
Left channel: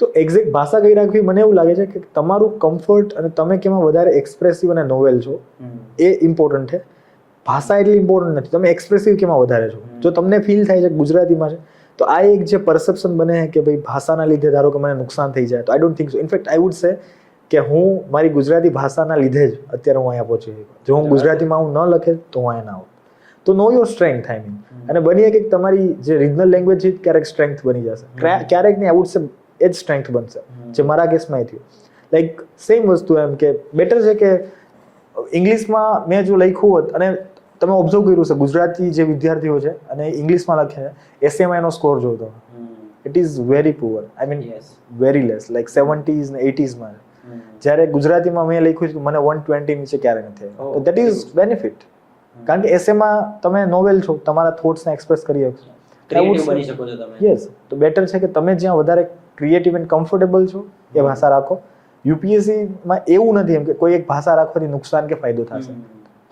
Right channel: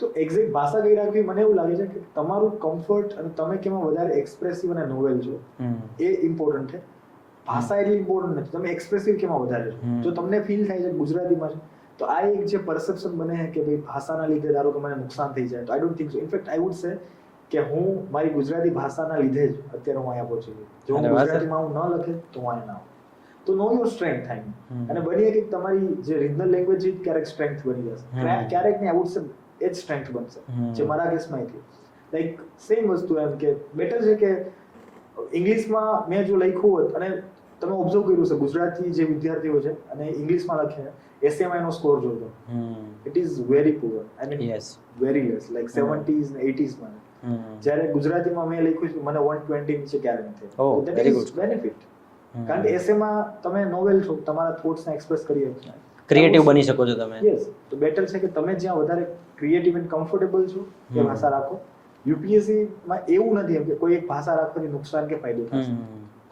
તો એક્ઝેક્ટ ભાષા કઈ રાખવી મને એવું લાગે છે કે તમારું કમ્ફર્ટ અને તમે કેમાં વધારે એક્સપ્રેસિવ અને નોવેલ છો એ ઇમ્પોર્ટન્ટ છે. ભાષા એટલી ઇમ્પોર્ટન્ટ નથી, તમે એક્સપ્રેસિવ કેમાં વધારે છો. જો તમને ફીલ થાય છે ગુજરાતીમાં છે તો આ એક જે પરસેપ્શન બને કે ભાઈ ભાષાના લીધે ધારો કે મને નુકસાન થઈ જાય, તો I don't think so. In fact I would સે કે હું મારી ગુજરાતી ભાષાના લીધે જ અત્યારે હું અહીંયા પહોંચી ગયો. જો હું ગુજરાતીમાં હું ન લખે તો હું અહીંયા ના આવું. તો નો યોર સ્ટ્રેન્થ થાય અને બની કે તમારી જે રિજનલ લેંગ્વેજ છે ક્યારેક સ્ટ્રેન્થ બની જશે, ક્યારેક નહીં, આઈ વુડ સે એ જ સ્ટ્રેન્થ બનશે, જે મારા કેસમાં થયું. લાઈક સેમ વસ્તુ એમ કે બેટર છે કે ઇંગ્લિશમાં મેં જો લખ્યું હોત અને તમે ઓબ્ઝર્વ કર્યું છે ગુજરાતી જે વિદ્યાર્થીઓ છે અને ઇંગ્લિશમાં લખે એસએમાં એનો સ્કોર જોતો it is very poor, I mean very less, like 70s ને 80sમાં. જ્યારે ગુજરાતીમાં મેં લખ્યું છે મને 120 નીચે ક્યારે નથી. દેટ ઇઝ બેનિફિટ, કારણ કે એસએમાં તમે નોવેલ છો, તમારા થોટ્સને એક્સપ્રેસ કરી શકશો, ક્રિએટિવ બની શકો છો તમે. યસ, તો બેટર છે કે તમે જ્યાં વધારે ક્રિએટિવ એન્ડ કમ્ફર્ટેબલ છો એ ભાષા રાખો. યુપીએસસીમાં એવું નથી એમ કે કોઈ એક ભાષા રાખવાથી નુકસાન કે ફાયદો થશે.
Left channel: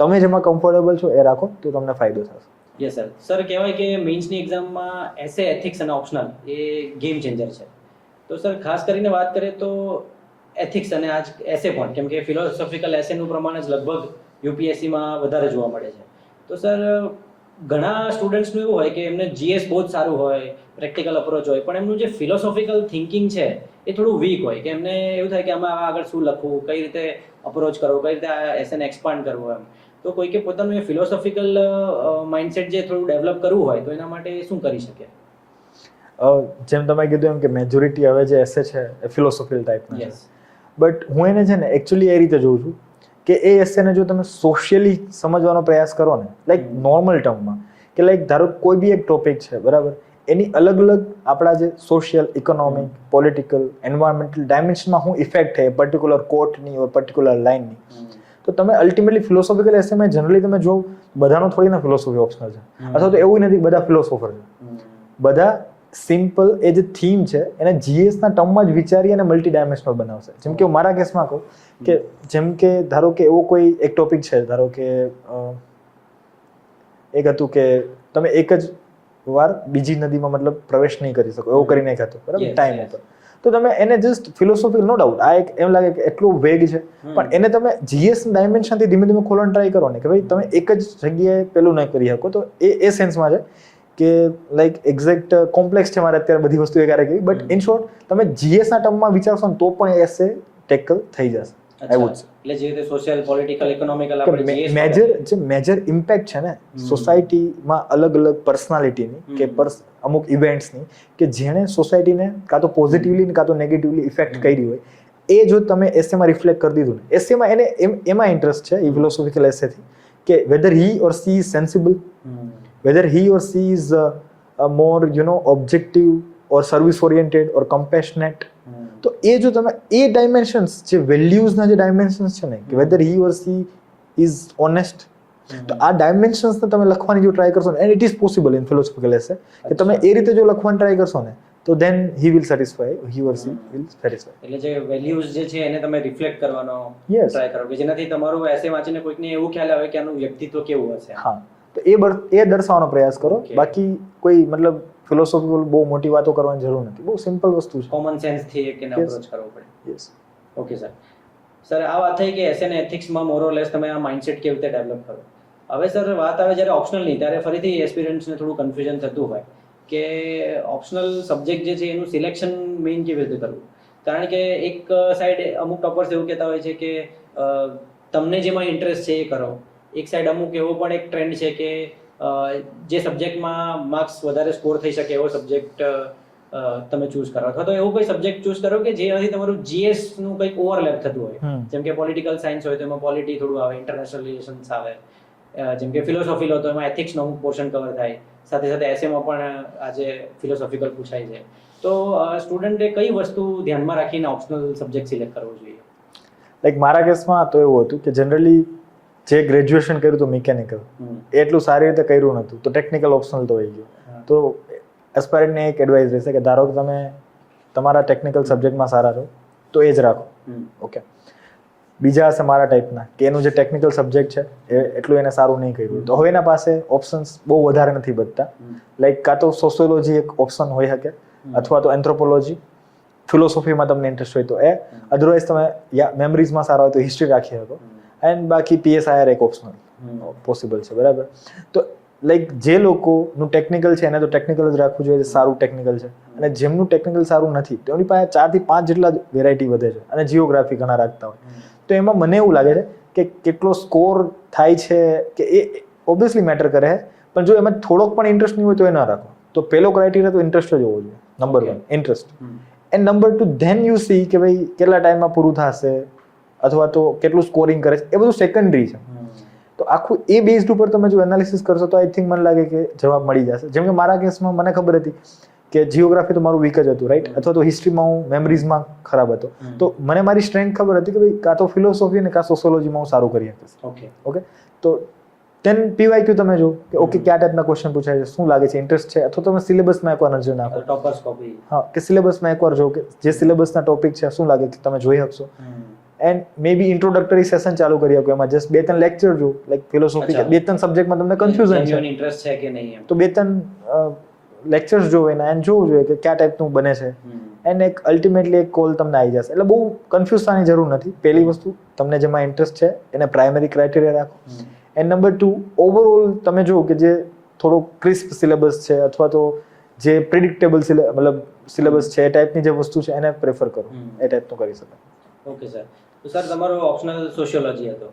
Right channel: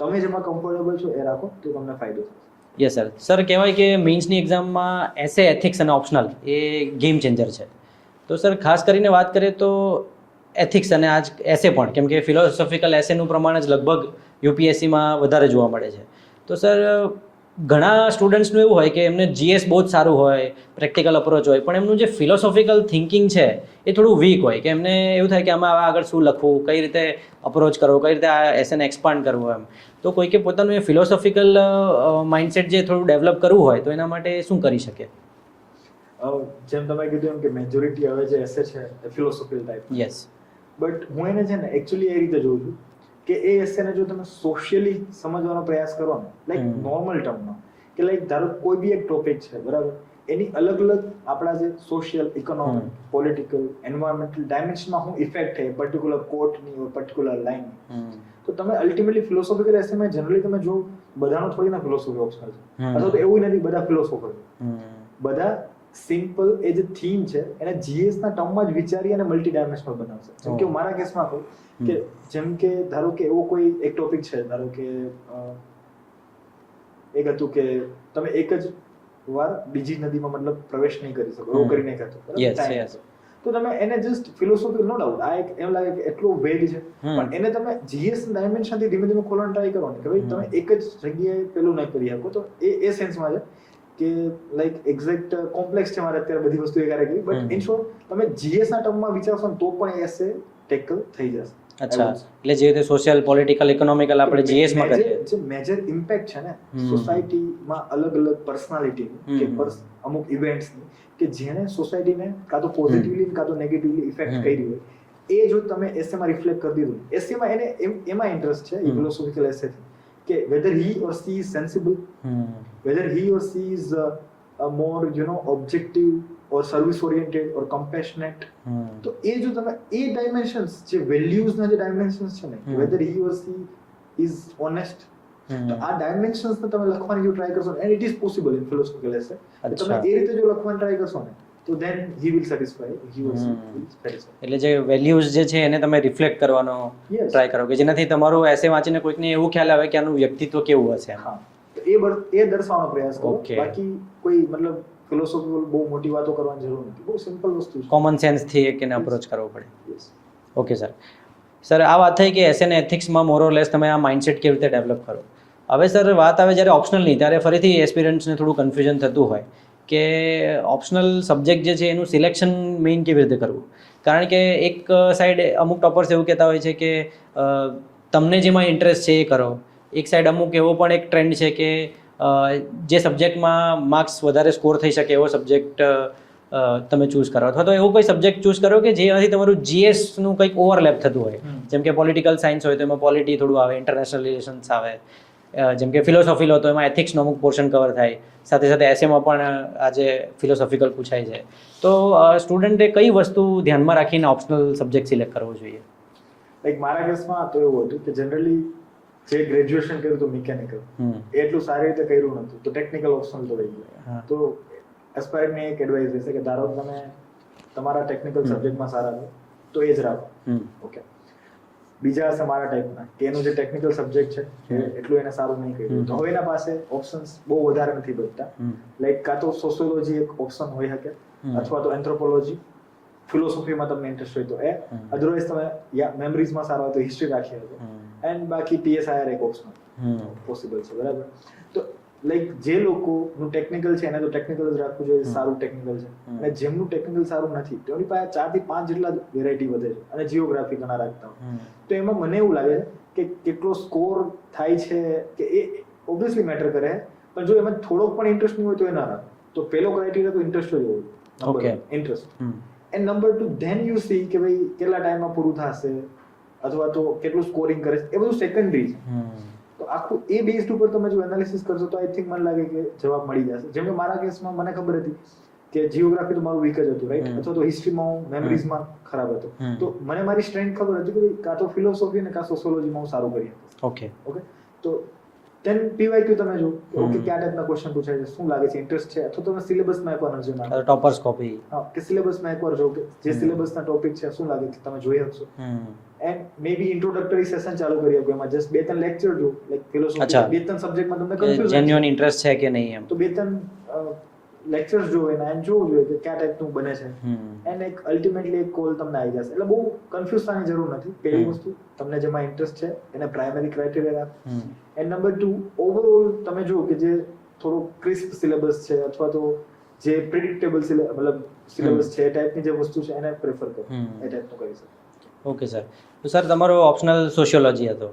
તમે જેમાં કમ્ફર્ટેબલ છો એ રાખો તો તમને ફાયદો થશે. Yes sir. સર કહેવાય કે મેઇન્સની એક્ઝામમાં એસે, એથિક્સ અને ઓપ્શનલ એ ગેમ ચેન્જર છે. તો સર ખાસ કરીને વાત કરીએ તો એથિક્સ અને આજ એસે પણ, કેમ કે ફિલોસોફિકલ એસેનું પ્રમાણ જ લગભગ યુપીએસસીમાં વધારે જોવા મળે છે. તો સર ઘણા સ્ટુડન્ટ્સનું એવું હોય કે એમને જીએસ બહુ જ સારું હોય, પ્રેક્ટિકલ અપ્રોચ હોય, પણ એમનું જે ફિલોસોફિકલ થિંકિંગ છે એ થોડું વીક હોય કે એમને એવું થાય કે આમાં આગળ શું લખવું, કઈ રીતે અપ્રોચ કરવો, કઈ રીતે આ એસેને એક્સપાન્ડ કરવું એમ. તો કોઈકે પોતાનું એ ફિલોસોફિકલ માઇન્ડસેટ જે થોડું ડેવલપ કરવું હોય તો એના માટે શું કરી શકે? જેમ તમે કીધું એમ કે મેજોરિટી હવે જે એસે છે એ ફિલોસોફિકલ ટાઈપ. યસ, બટ હું એને છે ને એકચ્યુઅલી એ રીતે જોઉં છું કે એ એસેને જો તમે સોશિયલી સમજવાનો પ્રયાસ કરો ને, લાઈક નોર્મલ ટર્મમાં, કે લાઈક ધારો કોઈ બી એક ટોપિક છે, બરાબર, એની અલગ અલગ આપણા જે સોશિયલ, ઇકોનોમિક, પોલિટિકલ, એન્વાયરમેન્ટલ ડાયમેન્શનમાં હું ઇફેક્ટ છે પર્ટિક્યુલર કોટની ઓર પર્ટિક્યુલર લાઇનની, તો તમે અલ્ટિમેટલી ફિલોસોફિકલ એસેમાં જનરલી તમે જો બધાનો થોડી ના ફિલોસોફી ઓપ્શનલ છે, અથવા તો એવું નથી બધા ફિલોસોફર છે. બધા સિમ્પલ એ જે થીમ છે એને જીએસના ટર્મમાં જ વિચારી અને મલ્ટી ડાયમેન્શનલ બનાવશે. જેમ કે હું મારા કેસમાં કહું કે જેમ કે ધારો કે એવો કોઈ એક ટોપિક છે, ધારો કે એક હતું કે તમે એક જ વાર બીજી નદીમાં મતલબ પ્રવેશ નહીં કરી શકો, એવું કરીને એક હતું, બરાબર, ટાઈમ હતો. તો તમે એને જસ્ટ ફિલોસોફી, નો ડાઉટ આ એક એમ લાગે કે એટલું વેગ છે, પણ એને તમે જીએસ ડાયમેન્શનથી ધીમે ધીમે ખોલવાનું ટ્રાય કરો ને કે ભાઈ તમે એક જ જગ્યાએ પેલું નહીં કરી શકો. તો એ સેન્સમાં છે કે લાઈક એક્ઝેક્ટ કોમ્પ્લેક્સ છે મારે અત્યારે બધી વસ્તુ એકારે કહી, બટ ઇન શોર્ટ તમે GS ના ટર્મમાં વિચારશો ને તો પણ એસે ટેકલ થઈ જશે. અચ્છા, એટલે જે રીતે સોશિયલ પોલિટિકલ ઇકોનોમિકલ આપણે GS માં જે મેજર ઇમ્પેક્ટ છે ને સોસાયટીમાં અલગ અલગ પર્સનાલિટીની કે અમુક ઇવેન્ટ્સની કે જેણે સોસાયટીને કાં તો પોઝિટિવલી કાં તો નેગેટિવલી ઇફેક્ટ કરી હોય, એ જો તમે એસેમાં રિફ્લેક્ટ કરી દીધું, એસેમાં એને એમાં ઇન્ટરેસ્ટ છે એ ફિલોસોફિકલ એસેથી કે whether he or she is sensible, whether he or she is a more objective or service oriented or compassionate. તો એ જો તમે એ ડાયમેન્શન્સ જે વેલ્યુઝના જે ડાયમેન્શન્સ છે ને કે whether he or she is honest, તો આ ડાયમેન્શન્સને તમે લખવાની જો ટ્રાય કરશો ને, and it is possible in philosophical essay, કે તમે એ રીતે જો લખવાની ટ્રાય કરશો ને તો then he will satisfy, he or she will satisfy. એટલે જે વેલ્યુઝ જે છે એને તમે રિફ્લેક્ટ કરવાનો ટ્રાય કરો કે જેનાથી તમારું એસે વાંચીને કોઈકને એવું ખ્યાલ આવે કે આનું વ્યક્તિત્વ કેવું હશે. હા, તો એ દર્શાવવાનો પ્રયાસ કરો. બાકી કોઈ મતલબ ફિલોસોફિકલ બહુ મોટી વાતો કરવાની જરૂર નથી, બહુ સિમ્પલ વસ્તુ છે. કોમન સેન્સથી એક એને અપ્રોચ કરવો પડે. Yes, okay sir. સર, આ વાત થઈ કે એસે ને એથિક્સમાં મોર ઓર લેસ તમે આ માઇન્ડસેટ કેવી રીતે ડેવલપ કરો. હવે સર વાત આવે જ્યારે ઓપ્શનલની, ત્યારે ફરીથી એસ્પિરન્ટ્સને થોડું કન્ફ્યુઝન થતું હોય કે ઓપ્શનલ સબ્જેક્ટ જે છે એનું સિલેક્શન મેઇન કેવી રીતે કરવું. કારણ કે એક સાઈડ અમુક ટોપર્સ એવું કહેતા હોય છે કે તમને જેમાં ઇન્ટરેસ્ટ છે એ કરો. એક સાઈડ અમુક એવો પણ એક ટ્રેન્ડ છે કે જે સબ્જેક્ટમાં માર્ક્સ વધારે સ્કોર થઈ શકે એવો સબ્જેક્ટ તમે ચૂઝ કરો, અથવા તો એવું કોઈ સબ્જેક્ટ ચૂઝ કરો કે જેનાથી તમારું GS નું કંઈક ઓવરલેપ થતું હોય. જેમ કે પોલિટિકલ સાયન્સ હોય તો એમાં પોલિટી થોડું આવે, ઇન્ટરનેશનલ રિલેશન્સ આવે. જેમ કે ફિલોસોફી લો તો એમાં એથિક્સનો અમુક પોર્શન કવર થાય, સાથે સાથે એસેમાં પણ આજે ફિલોસોફિકલ પૂછાય છે. તો સ્ટુડન્ટે કઈ વસ્તુ ધ્યાનમાં રાખીને ઓપ્શનલ સબ્જેક્ટ સિલેક્ટ કરવો જોઈએ? લાઈક મારા કેસમાં તો એવું હતું કે જનરલી જે ગ્રેજ્યુએશન કર્યું હતું મિકેનિકલ, એટલું સારી રીતે કર્યું નહોતું, તો ટેકનિકલ ઓપ્શનલ તો હોય ગયું. તો એસ્પાયરન્ટને એક એડવાઇસ રહેશે કે ધારો કે તમે તમારા ટેકનિકલ સબ્જેક્ટમાં સારા રહો તો એ જ રાખો. ઓકે, બીજા હશે મારા ટાઈપના કે એનું જે ટેકનિકલ સબ્જેક્ટ છે એ એટલું એને સારું નહીં કર્યું, તો હવે એના પાસે ઓપ્શન્સ બહુ વધારે નથી બચતા. લાઈક કાં તો સોશિયોલોજી એક ઓપ્શન હોઈ શકે, અથવા તો એન્થ્રોપોલોજી, ફિલોસોફીમાં તમને ઇન્ટરેસ્ટ હોય તો એ, અધરવાઇઝ તમે મેમરીઝમાં સારા હોય તો હિસ્ટ્રી રાખી શકો, એન્ડ બાકી PSIR એક ઓપ્શનલ પોસિબલ છે. બરાબર, તો લાઈક જે લોકોનું ટેકનિકલ છે એને તો ટેકનિકલ જ રાખવું જોઈએ, સારું ટેકનિકલ છે. અને જેમનું ટેકનિકલ સારું નથી તેમની પાસે 4 થી 5 જેટલા વેરાયટી વધે છે, અને જીઓગ્રાફી ઘણા રાખતા હોય. તો એમાં મને એવું લાગે છે કે કેટલો સ્કોર થાય છે કે એ ઓબ્વિયસલી મેટર કરે છે, પણ જો એમાં થોડોક પણ ઇન્ટરેસ્ટ નહીં હોય તો એ ના રાખો. તો પહેલો ક્રાઇટેરિયા તો ઇન્ટરેસ્ટ જ હોવો જોઈએ, number 1 interest. And number 2 then you C કે ભાઈ કેટલા ટાઈમમાં પૂરું થશે, અથવા તો કેટલું સ્કોરિંગ કરે છે, એ બધું સેકન્ડરી છે. તો આખું એ બેઝડ ઉપર તમે જો એનાલિસિસ કરશો તો આઈ થિંક મને લાગે કે જવાબ મળી જશે. જેમ કે મારા કેસમાં મને ખબર હતી કે જીઓગ્રાફી તો મારું વીક જ હતું, રાઈટ, અથવા તો હિસ્ટ્રીમાં હું મેમરીઝમાં ખરાબ હતો. તો મને મારી સ્ટ્રેન્થ ખબર હતી કે ભાઈ કાં તો ફિલોસોફી ને કાં સોશિયોલોજીમાં હું સારું કરી શકીશ. ઓકે, તો then PYQ તમે જો કે ઓકે કયા ટાઈપના ક્વેશ્ચન પૂછાય છે, શું લાગે છે, ઇન્ટરેસ્ટ છે, અથવા તમે સિલેબસમાં એકવાર નજર નાખો, ટોપર્સ કોપી. હા, કે સિલેબસમાં એકવાર જો કે જે સિલેબસના ટોપિક છે શું લાગે છે તમે જોઈ શકશો. And maybe introductory session ચાલુ કરી શકો, એમાં જસ્ટ 2-3 લેક્ચર જો, લાઈક ફિલોસોફી 2-3 સબ્જેક્ટમાં તમને કન્ફ્યુઝન છે, જેન્યુઇન ઇન્ટરેસ્ટ છે કે નહીં, એમ તો 2-3 લેક્ચર્સ જોવે ને એન્ડ જોવું જોઈએ કે કયા ટાઈપનું બને છે. એન્ડ એક અલ્ટિમેટલી એક કોલ તમને આવી જશે. એટલે બહુ કન્ફ્યુઝ થવાની જરૂર નથી. પહેલી વસ્તુ, તમને જેમાં ઇન્ટરેસ્ટ છે એને પ્રાઇમરી ક્રાઇટેરિયા રાખો. એન્ડ નંબર 2, ઓવરઓલ તમે જો કે જે થોડો ક્રિસ્પ સિલેબસ છે, અથવા તો જે પ્રિડિક્ટેબલ મતલબ સિલેબસ છે, એ ટાઈપની જે વસ્તુ છે એને પ્રેફર કરો, એ ટાઈપનું કરી શકો. Okay sir. તો સર તમારો ઓપ્શનલ સોશિયોલોજી હતો,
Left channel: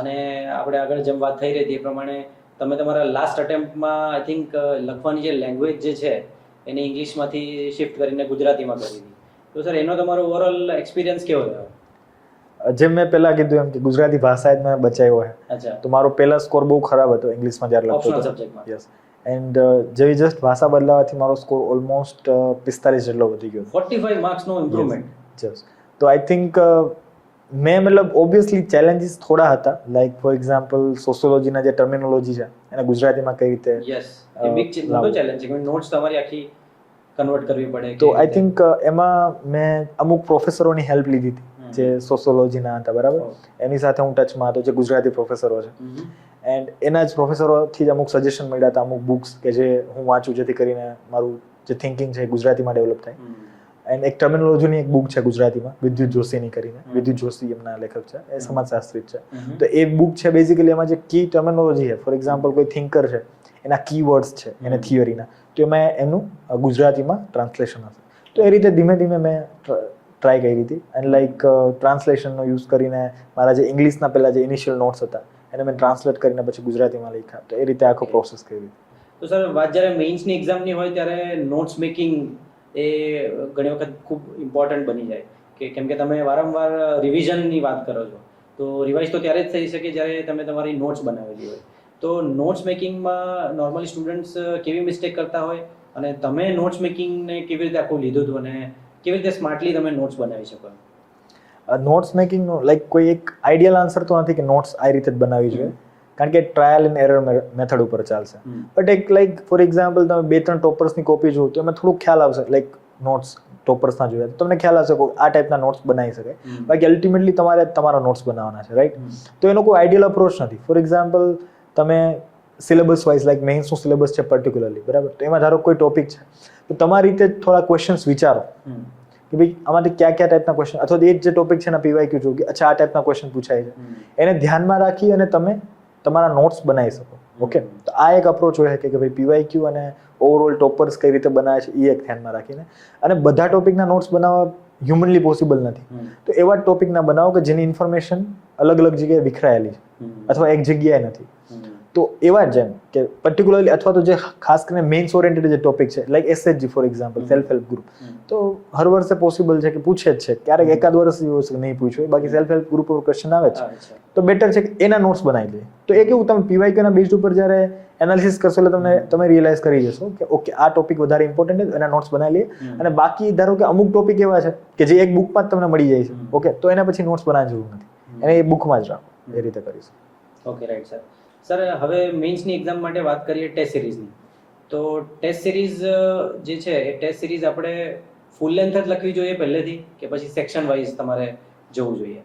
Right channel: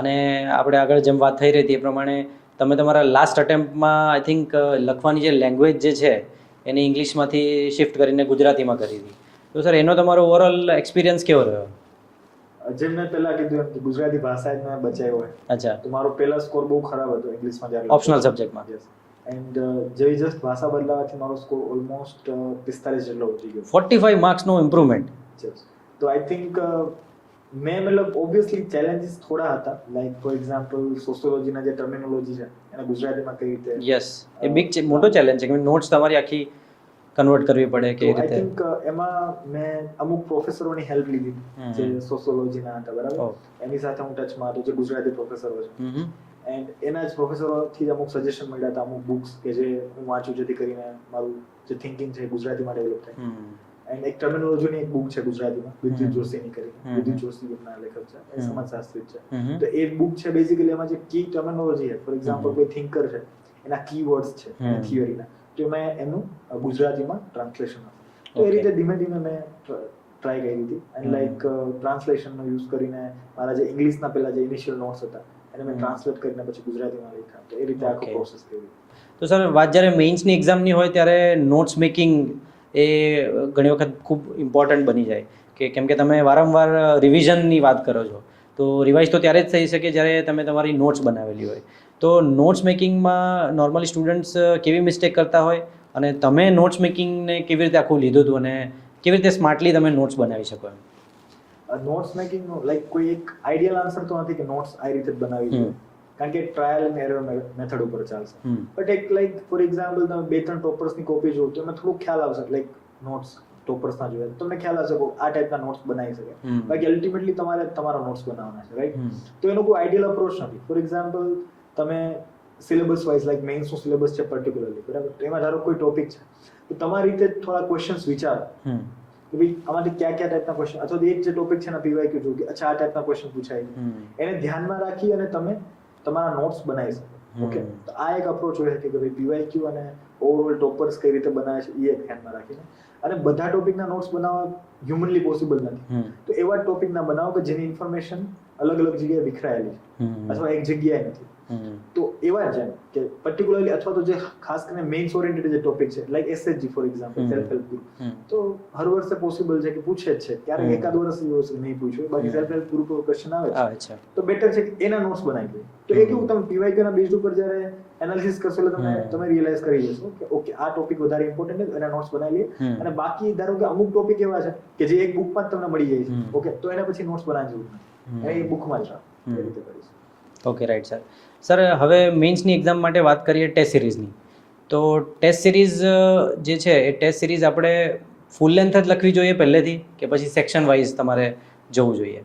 અને આપણે આગળ જેમ વાત થઈ રહી હતી એ પ્રમાણે તમે તમારા લાસ્ટ અટેમ્પ્ટમાં આઈ થિંક લખવાની જે લેંગ્વેજ જે છે એને ઇંગ્લિશમાંથી શિફ્ટ કરીને ગુજરાતીમાં કરી હતી. તો સર એનો તમારો ઓવરઓલ એક્સપિરિયન્સ કેવો રહ્યો? જેમ મેં પહેલા કીધું એમ કે ગુજરાતી ભાષા જ મેં બચાવ્યો હોય. અચ્છા. તો મારો પહેલા સ્કોર બહુ ખરાબ હતો ઇંગ્લિશમાં જ્યારે ઓપ્શનલ સબ્જેક્ટમાં. યસ. એન્ડ જેવી જસ્ટ ભાષા બદલાવાથી મારો સ્કોર ઓલમોસ્ટ 45 જેટલો વધી ગયો. 45 માર્ક્સનો ઇમ્પ્રુવમેન્ટ. યસ. તો આઈ થિંક મેં મતલબ ઓબ્વિયસલી ચેલેન્જીસ થોડા હતા, લાઈક ફોર એક્ઝામ્પલ સોશિયોલોજીના જે ટર્મિનોલોજી છે એને ગુજરાતીમાં કઈ રીતે. યસ, એ બિગ મોટો ચેલેન્જ છે કે નોટ્સ તમારી આખી કન્વર્ટ કરવી પડે. તો આઈ થિંક એમાં મેં અમુક પ્રોફેસરોની હેલ્પ લીધી હતી જે સોશિયોલોજીના હતા. બરાબર, એની સાથે હું ટચમાં હતો, જે ગુજરાતી પ્રોફેસરો છે. એન્ડ એના જ પ્રોફેસરોથી જ અમુક સજેશન મળ્યા હતા, અમુક બુક્સ કે જે હું વાંચું જેથી કરીને મારું જે થિંકિંગ છે એ ગુજરાતીમાં ડેવલપ થાય. એન્ડ એક ટર્મિનોલોજીની એક બુક છે ગુજરાતીમાં, વિદ્યુત જોશીની કરીને. વિદ્યુત જોશી એમના લેખક છે, એ સમાજશાસ્ત્રી છે. તો એ બુક છે બેઝિકલી એમાં જે કી ટર્મિનોલોજી છે, ફોર એક્ઝામ્પલ કોઈ થિંકર છે એના કીવર્ડ્સ છે એને થિયરીના, તો એમાં એનું ગુજરાતીમાં ટ્રાન્સલેશન હશે. તો એ રીતે ધીમે ધીમે મેં ટ્રાય કરી હતી એન્ડ લાઈક ટ્રાન્સલેશનનો યુઝ કરીને મારા જે ઇંગ્લિશના પહેલા જે ઇનિશિયલ નોટ્સ હતા એને મેં ટ્રાન્સલેટ કરીને પછી ગુજરાતીમાં લખ્યા. તો એ રીતે આખો પ્રોસેસ કરી. તો સર વાત જ્યારે મેઇન્સની એક્ઝામની હોય ત્યારે નોટ્સ મેકિંગ એ ઘણી વખત ખૂબ ઇમ્પોર્ટન્ટ બની જાય કે કેમ કે તમે વારંવાર રિવિઝનની વાત કરો છો, તો રિવાઇઝ તો ત્યારે જ થઈ શકે જ્યારે તમે તમારી નોટ્સ બનાવેલી હોય. તો નોટ્સ મેકિંગમાં નોર્મલી સ્ટુડન્ટ્સ કેવી મિસ્ટેક કરતા હોય અને તમે નોટ્સ મેકિંગને કેવી રીતે આખું લીધું હતું અને કેવી રીતે સ્માર્ટલી તમે નોટ્સ બનાવી શકો? નોટ્સ મેકિંગનો લાઈક કોઈ એક આઈડિયલ આન્સર તો નથી કે નોટ્સ આ રીતે જ બનાવવી જોઈએ, કારણ કે ટ્રાયલ એન્ડ એરર મેથડ ઉપર ચાલશે. બટ એક લાઈક ફોર એક્ઝામ્પલ તમે 2-3 ટોપર્સની કોપી જુઓ તો એમાં થોડુંક ખ્યાલ આવશે, લાઈક નોટ્સ ટોપર્સના જોઈએ તો તમને ખ્યાલ આવશે કે આ ટાઈપના નોટ્સ બનાવી શકાય. બાકી અલ્ટિમેટલી તમારે તમારા નોટ્સ બનાવવાના છે, રાઈટ? તો એનો કોઈ આઈડિયલ અપ્રોચ નથી. ફોર એક્ઝામ્પલ તમે સિલેબસ વાઇઝ લાઈક મેઇન્સનું સિલેબસ છે પર્ટિક્યુલરલી, બરાબર? તો એમાં ધારો કોઈ ટોપિક છે તો તમારી રીતે થોડા ક્વેશ્ચન્સ વિચારો કે ભાઈ આમાંથી કયા ટાઈપના ક્વેશ્ચન, અથવા એ જે ટોપિક છે એના પીવાયક્યુ જો કે અચ્છા આ ટાઈપના ક્વેશ્ચન પૂછાય છે, એને ધ્યાનમાં રાખી અને તમે તમારા નોટ્સ બનાવી શકો. ઓકે, તો આ એક અપ્રોચ હોય કે ભાઈ પીવાયક્યુ અને ઓવરઓલ ટોપર્સ કઈ રીતે બનાવે છે એ એક ધ્યાનમાં રાખીને. અને બધા ટોપિકના નોટ્સ બનાવવા હ્યુમનલી પોસિબલ નથી, તો એવા ટોપિકના બનાવો કે જેની ઇન્ફોર્મેશન અલગ અલગ જગ્યાએ વિખરાયેલી છે અથવા એક જગ્યાએ નથી. તો એવા જ જેમ કે પર્ટિક્યુલરલી અથવા તો જે ખાસ કરીને મેઇન્સ ઓરિએન્ટેડ જે ટોપિક છે like SHG for example, self help group, તો હર વર્ષે પોસિબલ છે કે પૂછે જ છે, ક્યારેક એકાદ વર્ષ નહીં પૂછ્યું, બાકી સેલ્ફ હેલ્પ ગ્રુપ ઉપર ક્વેશ્ચન આવે છે તો બેટર છે કે એના નોટ્સ બનાવી દે. તો એ કેવું તમે પીવાયક્યુના બેઝ ઉપર જ્યારે એનાલિસિસ કરશો એટલે તમે રિયલાઇઝ કરી જશો કે ઓકે આ ટોપિક વધારે ઇમ્પોર્ટન્ટ છે, એના નોટ્સ બનાવી લઈએ. અને બાકી ધારો કે અમુક ટોપિક એવા છે કે જે એક બુકમાં જ તમને મળી જાય છે, ઓકે, તો એના પછી નોટ્સ બનાવવાની જરૂર નથી, એને એ બુકમાં જ રાખો. એ રીતે કરીશું. Okay, right sir. સર હવે મેઇન્સની એક્ઝામ માટે વાત કરીએ ટેસ્ટ સિરીઝની, તો ટેસ્ટ સિરીઝ જે છે એ ટેસ્ટ સિરીઝ આપણે ફૂલ લેન્થ જ લખવી જોઈએ પહેલેથી કે પછી સેક્શન વાઇઝ તમારે જવું જોઈએ?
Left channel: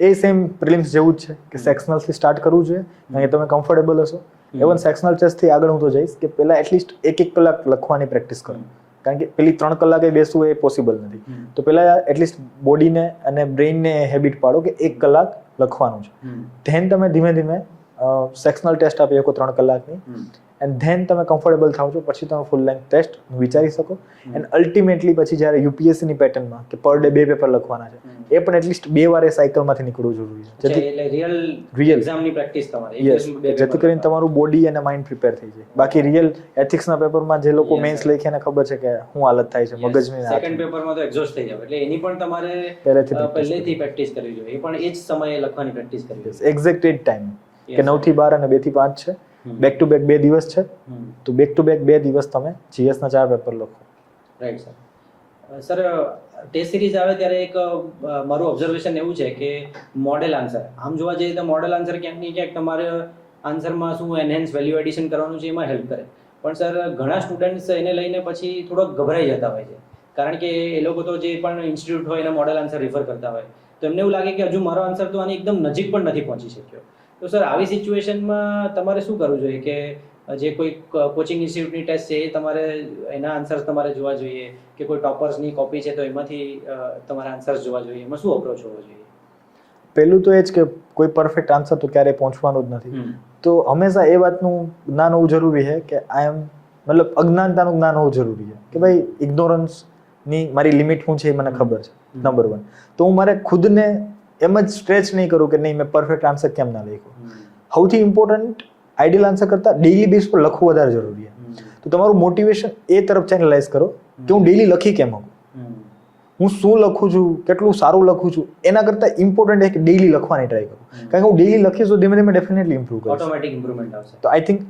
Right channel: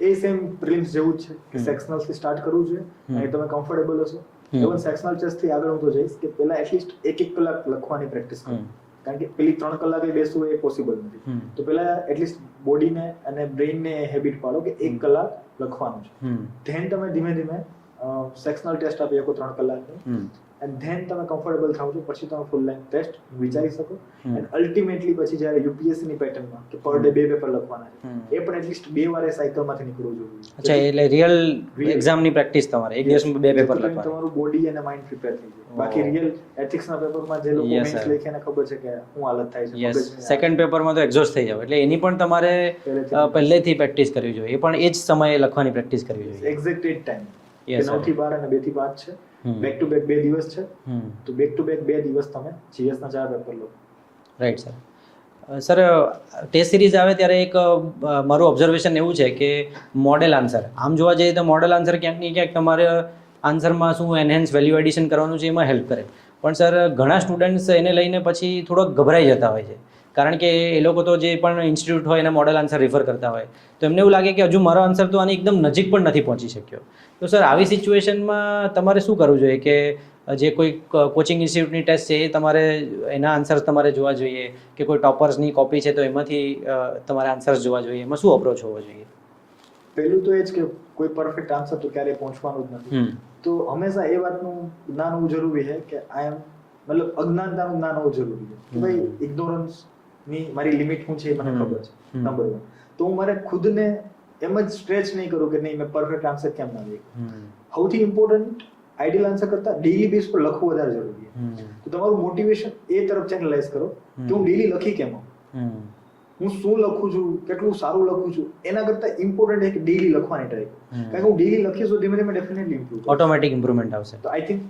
એ સેમ પ્રિલિમ્સ જેવું જ છે કે સેક્શનલથી સ્ટાર્ટ કરવું જોઈએ અને તમે કમ્ફર્ટેબલ હશો. ઇવન સેક્શનલ ટેસ્ટથી આગળ હું તો જઈશ કે પહેલા એટલીસ્ટ 1 કલાક લખવાની પ્રેક્ટિસ કરો, કારણ કે પેલી 3 કલાકે બેસવું એ પોસિબલ નથી. તો પહેલા એટલીસ્ટ બોડીને અને બ્રેઇનને હેબિટ પાડો કે 1 કલાક લખવાનું છે. ધેન તમે ધીમે ધીમે સેક્શનલ ટેસ્ટ આપી શકો 3 કલાકની, એન્ડ ધેન તમે કમ્ફર્ટેબલ થાવ છો પછી તમે ફૂલ લેન્થ ટેસ્ટ વિચારી શકો. એન્ડ અલ્ટિમેટલી પછી જ્યારે યુપીએસસીની પેટર્નમાં કે પર ડે 2 પેપર લખવાના છે એ પણ એટલીસ્ટ 2 વાર એ સાયકલમાંથી નીકળવું જરૂરી છે. એટલે રિયલ એક્ઝામની પ્રેક્ટિસ તમારે એક દિવસમાં 2 પેપર, જેથી કરીને તમારું બોડી અને માઇન્ડ પ્રિપેર થઈ જાય. બાકી રિયલ એથિક્સના પેપરમાં જે લોકો મેન્સ લખે એને ખબર છે કે શું હાલત થાય છે મગજની, સેકન્ડ પેપરમાં તો એક્ઝોસ્ટ થઈ જાવ, એટલે એની પણ તમારે પહેલેથી પ્રેક્ટિસ કરવી જોઈએ. એ પણ એ જ સમયે લખવાની પ્રેક્ટિસ કરવી જોઈએ. એક્ઝેક્ટ એ જ ટાઈમ કે 9 થી 12 અને 2 થી 5 છે, બેક ટુ બેક 2 દિવસ છે, તો બેક ટુ બેક 2 દિવસ તમે જીએસના 4 પેપર લખો. Right sir. Sir test series આવે ત્યારે એક મારું ઓબ્ઝર્વેશન એવું છે કે મોડેલ આન્સર, આમ જોવા જઈએ તો મોડેલ આન્સર ક્યાંક ને ક્યાંક તમારે આન્સરમાં શું એનહેન્સ વેલ્યુ એડિશન કરવાનું છે એમાં હેલ્પ કરે, પણ સર ઘણા સ્ટુડન્ટ્સ એને લઈને પછી થોડોક ગભરાઈ જતા હોય છે, કારણ કે એ લોકો તો જે પણ ઇન્સ્ટિટ્યૂટ હોય એને મોડેલ આન્સર રિફર કરતા હોય તો એમને એવું લાગે કે હજુ મારો આન્સર તો આની એકદમ નજીક પણ નથી પહોંચી શક્યો. તો સર આવી સિચ્યુએશનમાં તમારે શું કરવું જોઈએ કે જે કોઈ કોચિંગ ઇન્સ્ટિટ્યૂટની ટેસ્ટ છે એ તમારે એના આન્સર્સ તમારે જોવા જોઈએ કે કોઈ ટોપર્સની કોપી છે તો એમાંથી તમારે આન્સર્સ જોવા જોઈએ, એમાં શું અપ્રોચ હોવો જોઈએ? પહેલું તો એ જ કે કોઈ પરફેક્ટ આન્સર તો ક્યારેય પહોંચવાનું જ નથી. તો હંમેશા એ વાતનું જ્ઞાન હોવું જરૂરી છે કે મતલબ અજ્ઞાનતાનું જ્ઞાન હોવું જરૂરી છે કે ભાઈ ઇગ્નોરન્સની મારી લિમિટ શું છે એ મને ખબર છે, નંબર 1. તો હું મારે ખુદને એમ જ સ્ટ્રેચ નહીં કરું કે નહીં મેં પરફેક્ટ આન્સર કેમ ના લખ્યો. સૌથી ઇમ્પોર્ટન્ટ આઈડિયલ આન્સર કરતાં ડેઇલી બેઝ પર લખવું વધારે જરૂરી છે. તો તમારું મોટિવેશન એ તરફ ચેનલાઇઝ કરો કે હું ડેઇલી લખી કેમ આવું, હું શું લખું છું, કેટલું સારું લખું છું, એના કરતાં ઇમ્પોર્ટન્ટ છે કે ડેઇલી લખવાની ટ્રાય કરું, કારણ કે હું ડેઇલી લખીશ તો ધીમે ધીમે ડેફિનેટલી ઇમ્પ્રૂવ કરું, ઓટોમેટિક ઇમ્પ્રુવમેન્ટ આવશે. તો આઈ થિંક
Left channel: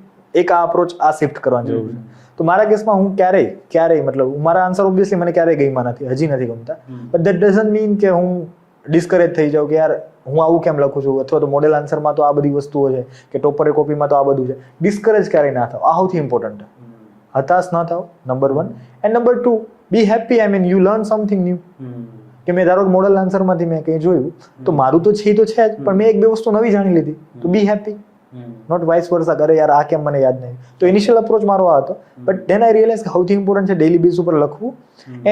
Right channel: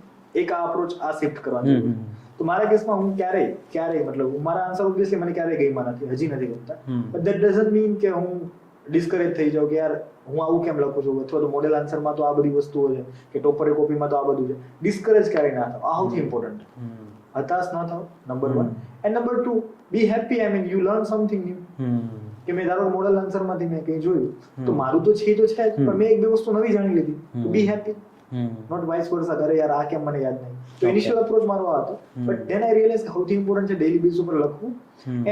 એક આ અપ્રોચ આ શિફ્ટ કરવાની જરૂર છે. તો મારા કેસમાં હું ક્યારેય મતલબ મારા આન્સર ઓબ્વિયસલી મને ક્યારેય ગમ્યા નથી, હજી નથી ગમતા, બટ ધેટ ડઝન્ટ મીન કે હું ડિસ્કરેજ થઈ જાઉં કે યાર હું આવું કેમ લખું છું, અથવા તો મોડેલ આન્સરમાં તો આ બધી વસ્તુઓ છે કે ટોપર કોપીમાં તો આ બધું છે. ડિસ્કરેજ ક્યારેય ના થાવ, આ સૌથી ઇમ્પોર્ટન્ટ. હતાશ ન થાવ, number 1. And number 2, B happy. I mean you learn something new. કે મેં ધારો મોડેલ આન્સરમાંથી મેં કંઈ જોયું તો મારું તો છે જ, પણ મેં 1-2 વસ્તુ નવી જાણી લીધી, તો બી હેપી. નોટ વાઇસ વર્સા કરે યાર આ કેમ મને યાદ નહીં. તો ઇનિશિયલ અપ્રોચ મારો આ હતો, બટ ધેન આઈ રિયલાઇઝ કે સૌથી ઇમ્પોર્ટન્ટ છે ડેઇલી બેઝ ઉપર લખવું.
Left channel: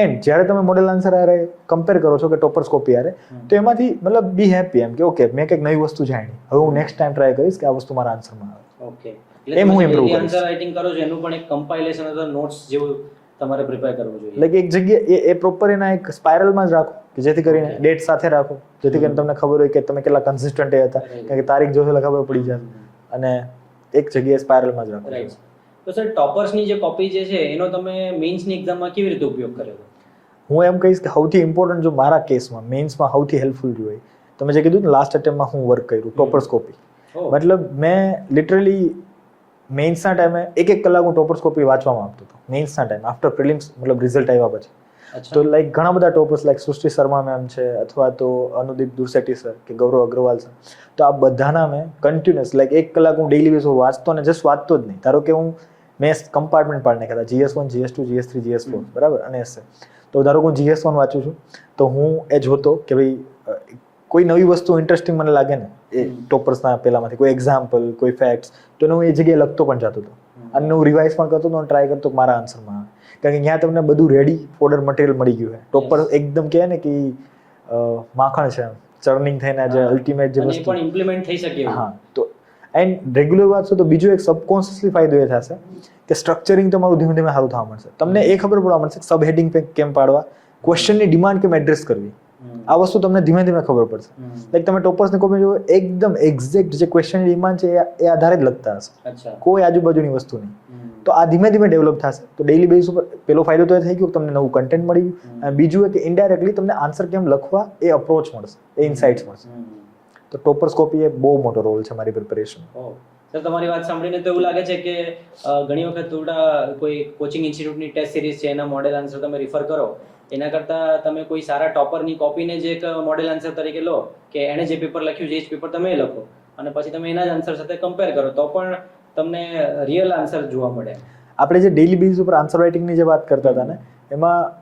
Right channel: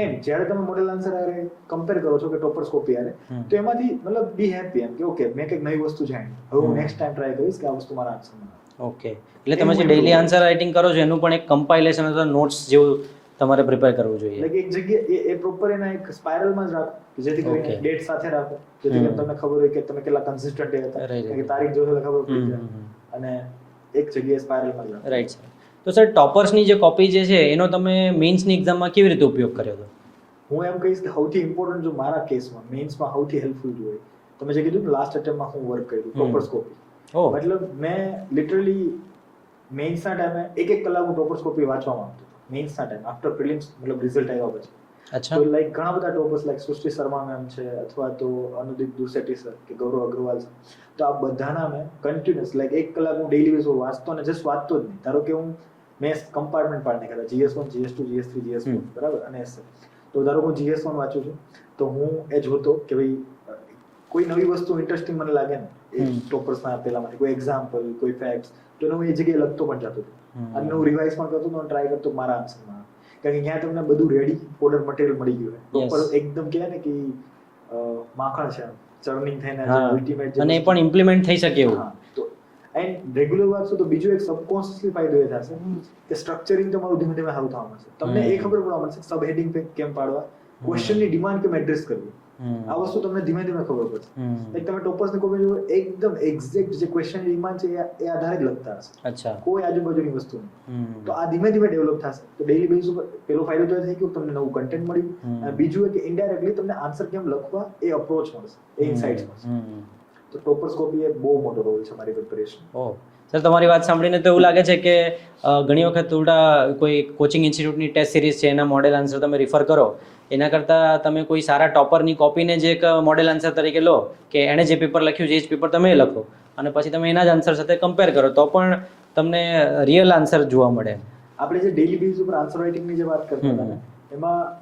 એન્ડ જ્યારે તમે મોડેલ આન્સર આરે કમ્પેર કરો છો કે ટોપર્સ કોપી આરે, તો એમાંથી મતલબ બી હેપી એમ કે ઓકે મેં કંઈક નવી વસ્તુ જાણી, હવે હું નેક્સ્ટ ટાઈમ ટ્રાય કરીશ કે આ વસ્તુ મારા આન્સરમાં આવે. ઓકે, એટલે તમે ડેલી આન્સર રાઇટિંગ કરો છો એનું પણ એક કમ્પાઇલેશન અથવા નોટ્સ જેવું તમારે પ્રિપેર કરવું જોઈએ. એટલે એક જગ્યાએ એ પ્રોપર એના એક સ્પાઇરલમાં જ રાખો કે જેથી કરીને ડેટ સાથે રાખો, જેથી કરીને તમને ખબર હોય કે તમે કેટલા કન્સિસ્ટન્ટ હતા, કે તારીખ જોશો એટલે ખબર પડી જાય, અને એક જગ્યાએ સ્પાઇરલમાં જ રાખો. રાઈટ. તો સર ટોપર્સની જે કોપી જે છે એનો તમે મેઇન્સની એક્ઝામમાં કેવી રીતે ઉપયોગ કર્યો હતો? હું એમ કહીશ કે સૌથી ઇમ્પોર્ટન્ટ જો મારા કેસમાં મેઇન્સમાં સૌથી હેલ્પફુલ રહ્યું હોય, તમે જે કીધું ને લાસ્ટ અટેમ્પમાં હું વર્ક કર્યું ટોપર્સ કોપી, મતલબ મેં લિટરલી મેઇન્સના ટાઈમે એક કલાક હું ટોપર્સ કોપી વાંચવામાં આપતો હતો મેઇન્સના ટાઈમ આફ્ટર પ્રિલિમ્સ, મતલબ રિઝલ્ટ આવ્યા પછી. તો લાઈક ઘણા બધા ટોપર્સ લાઈક સૃષ્ટિ શર્મા મેમ છે, અથવા તો અનુદીપ દુર્સેટી સર કે ગૌરવ અગ્રવાલ સર, તો આ બધાના મેં કન્ટિન્યુઅસ લાઈક 1 કલાક હું ડેઈલી બેઝ વાંચતો ને જસ્ટ વાંચતો જ નહીં. ધારો કે હું મેં કમ્પાર્ટમેન્ટ પાડી નાખ્યા હતા GS1, GS2, GS3, GS4 બરાબર, અને એસ. તો ધારો કે હું GS1 વાંચું છું તો હું એ જોતો કે ભાઈ કોઈ નવી વસ્તુ ઇન્ટરેસ્ટિંગ મને લાગે ને એ ટોપર્સના પેલામાંથી કોઈ એક્ઝામ્પલ, કોઈ ફેક્ટ્સ, તો હું એ જગ્યાએ લખતો પણ જતો હતો, અને હું રિવાઇઝ પણ કરતો હતો અને ટ્રાય કરતો મારા આન્સરમાં, કારણ કે ત્યાં તમને બધું રેડી ફોડર મટીરિયલ મળી ગયું છે. ટોપર એકદમ કહે ને કે માખણ છે, ચર્નિંગ થઈને જે અલ્ટિમેટ જે અને પણ ઇમ્પ્લિમેન્ટ થઈ શકે. હા, તો એન્ડ રેગ્યુલર વાંચશો તો બીજો એક સબકોન્શિયસલી ફાયદો એ થશે કે સ્ટ્રક્ચરિંગ તમારું ધીમે ધીમે સારું થવા મળશે. તમને એ ખબર પડવા મળશે સબ હેડિંગ કેમ પાડવા, ક્વેશ્ચનની ડિમાન્ડ કેમ એડ્રેસ કરવી, આ વસ્તુ તમને ધીમે ધીમે ખબર પડશે. લાઈક તમે ટોપર્સની કોપી જો એકદમ એક્ઝેક્ટ જે ક્વેશ્ચનની ડિમાન્ડ છે એ આધારે જ લખતા હશે, કોઈ આજુબાજુની વસ્તુ નહીં. તો આ ધીમે ધીમે ડેવલપ થશે. તો ડેઈલી બેઝ ઉપર પેલો ફાયદો તો એ થઈ ગયો કે તમને નવું કન્ટેન્ટ મળી ગયું, અને બીજું કે ઇનડાયરેક્ટલી તમને આન્સર કેમ લખવા એ અપ્રોચ મળશે, એ ઇનસાઇટ્સ મળશે. તો ટોપર્સ કોપી એ બહુ મોટો રોલ છે મારી પ્રિપેરેશન. સર, તમારી વાત સાંભળીને તો એવું લાગે છે કે ઘણી વખત થોડા કોઈ કોચિંગ ઇન્સ્ટિટ્યૂટની ટેસ્ટ સિરીઝ છે એના મોડેલ આન્સર તમે રિફર કરો, એના કરતાં તમે કોઈ સારા ટોપરની કોપીને જે એક મોડેલ આન્સર તરીકે લો કે એણે જે પેપર લખ્યું છે એ જ પેપર તમે લખો, અને પછી તમે એના જ આન્સર સાથે કમ્પેર કરો તો પણ તમને રિયલ આન્સર જોવા મળે. આપણે જે ડેઈલી બેઝ ઉપર આન્સર રાઇટિંગની જે વાત કરતા હતા ને, એમાં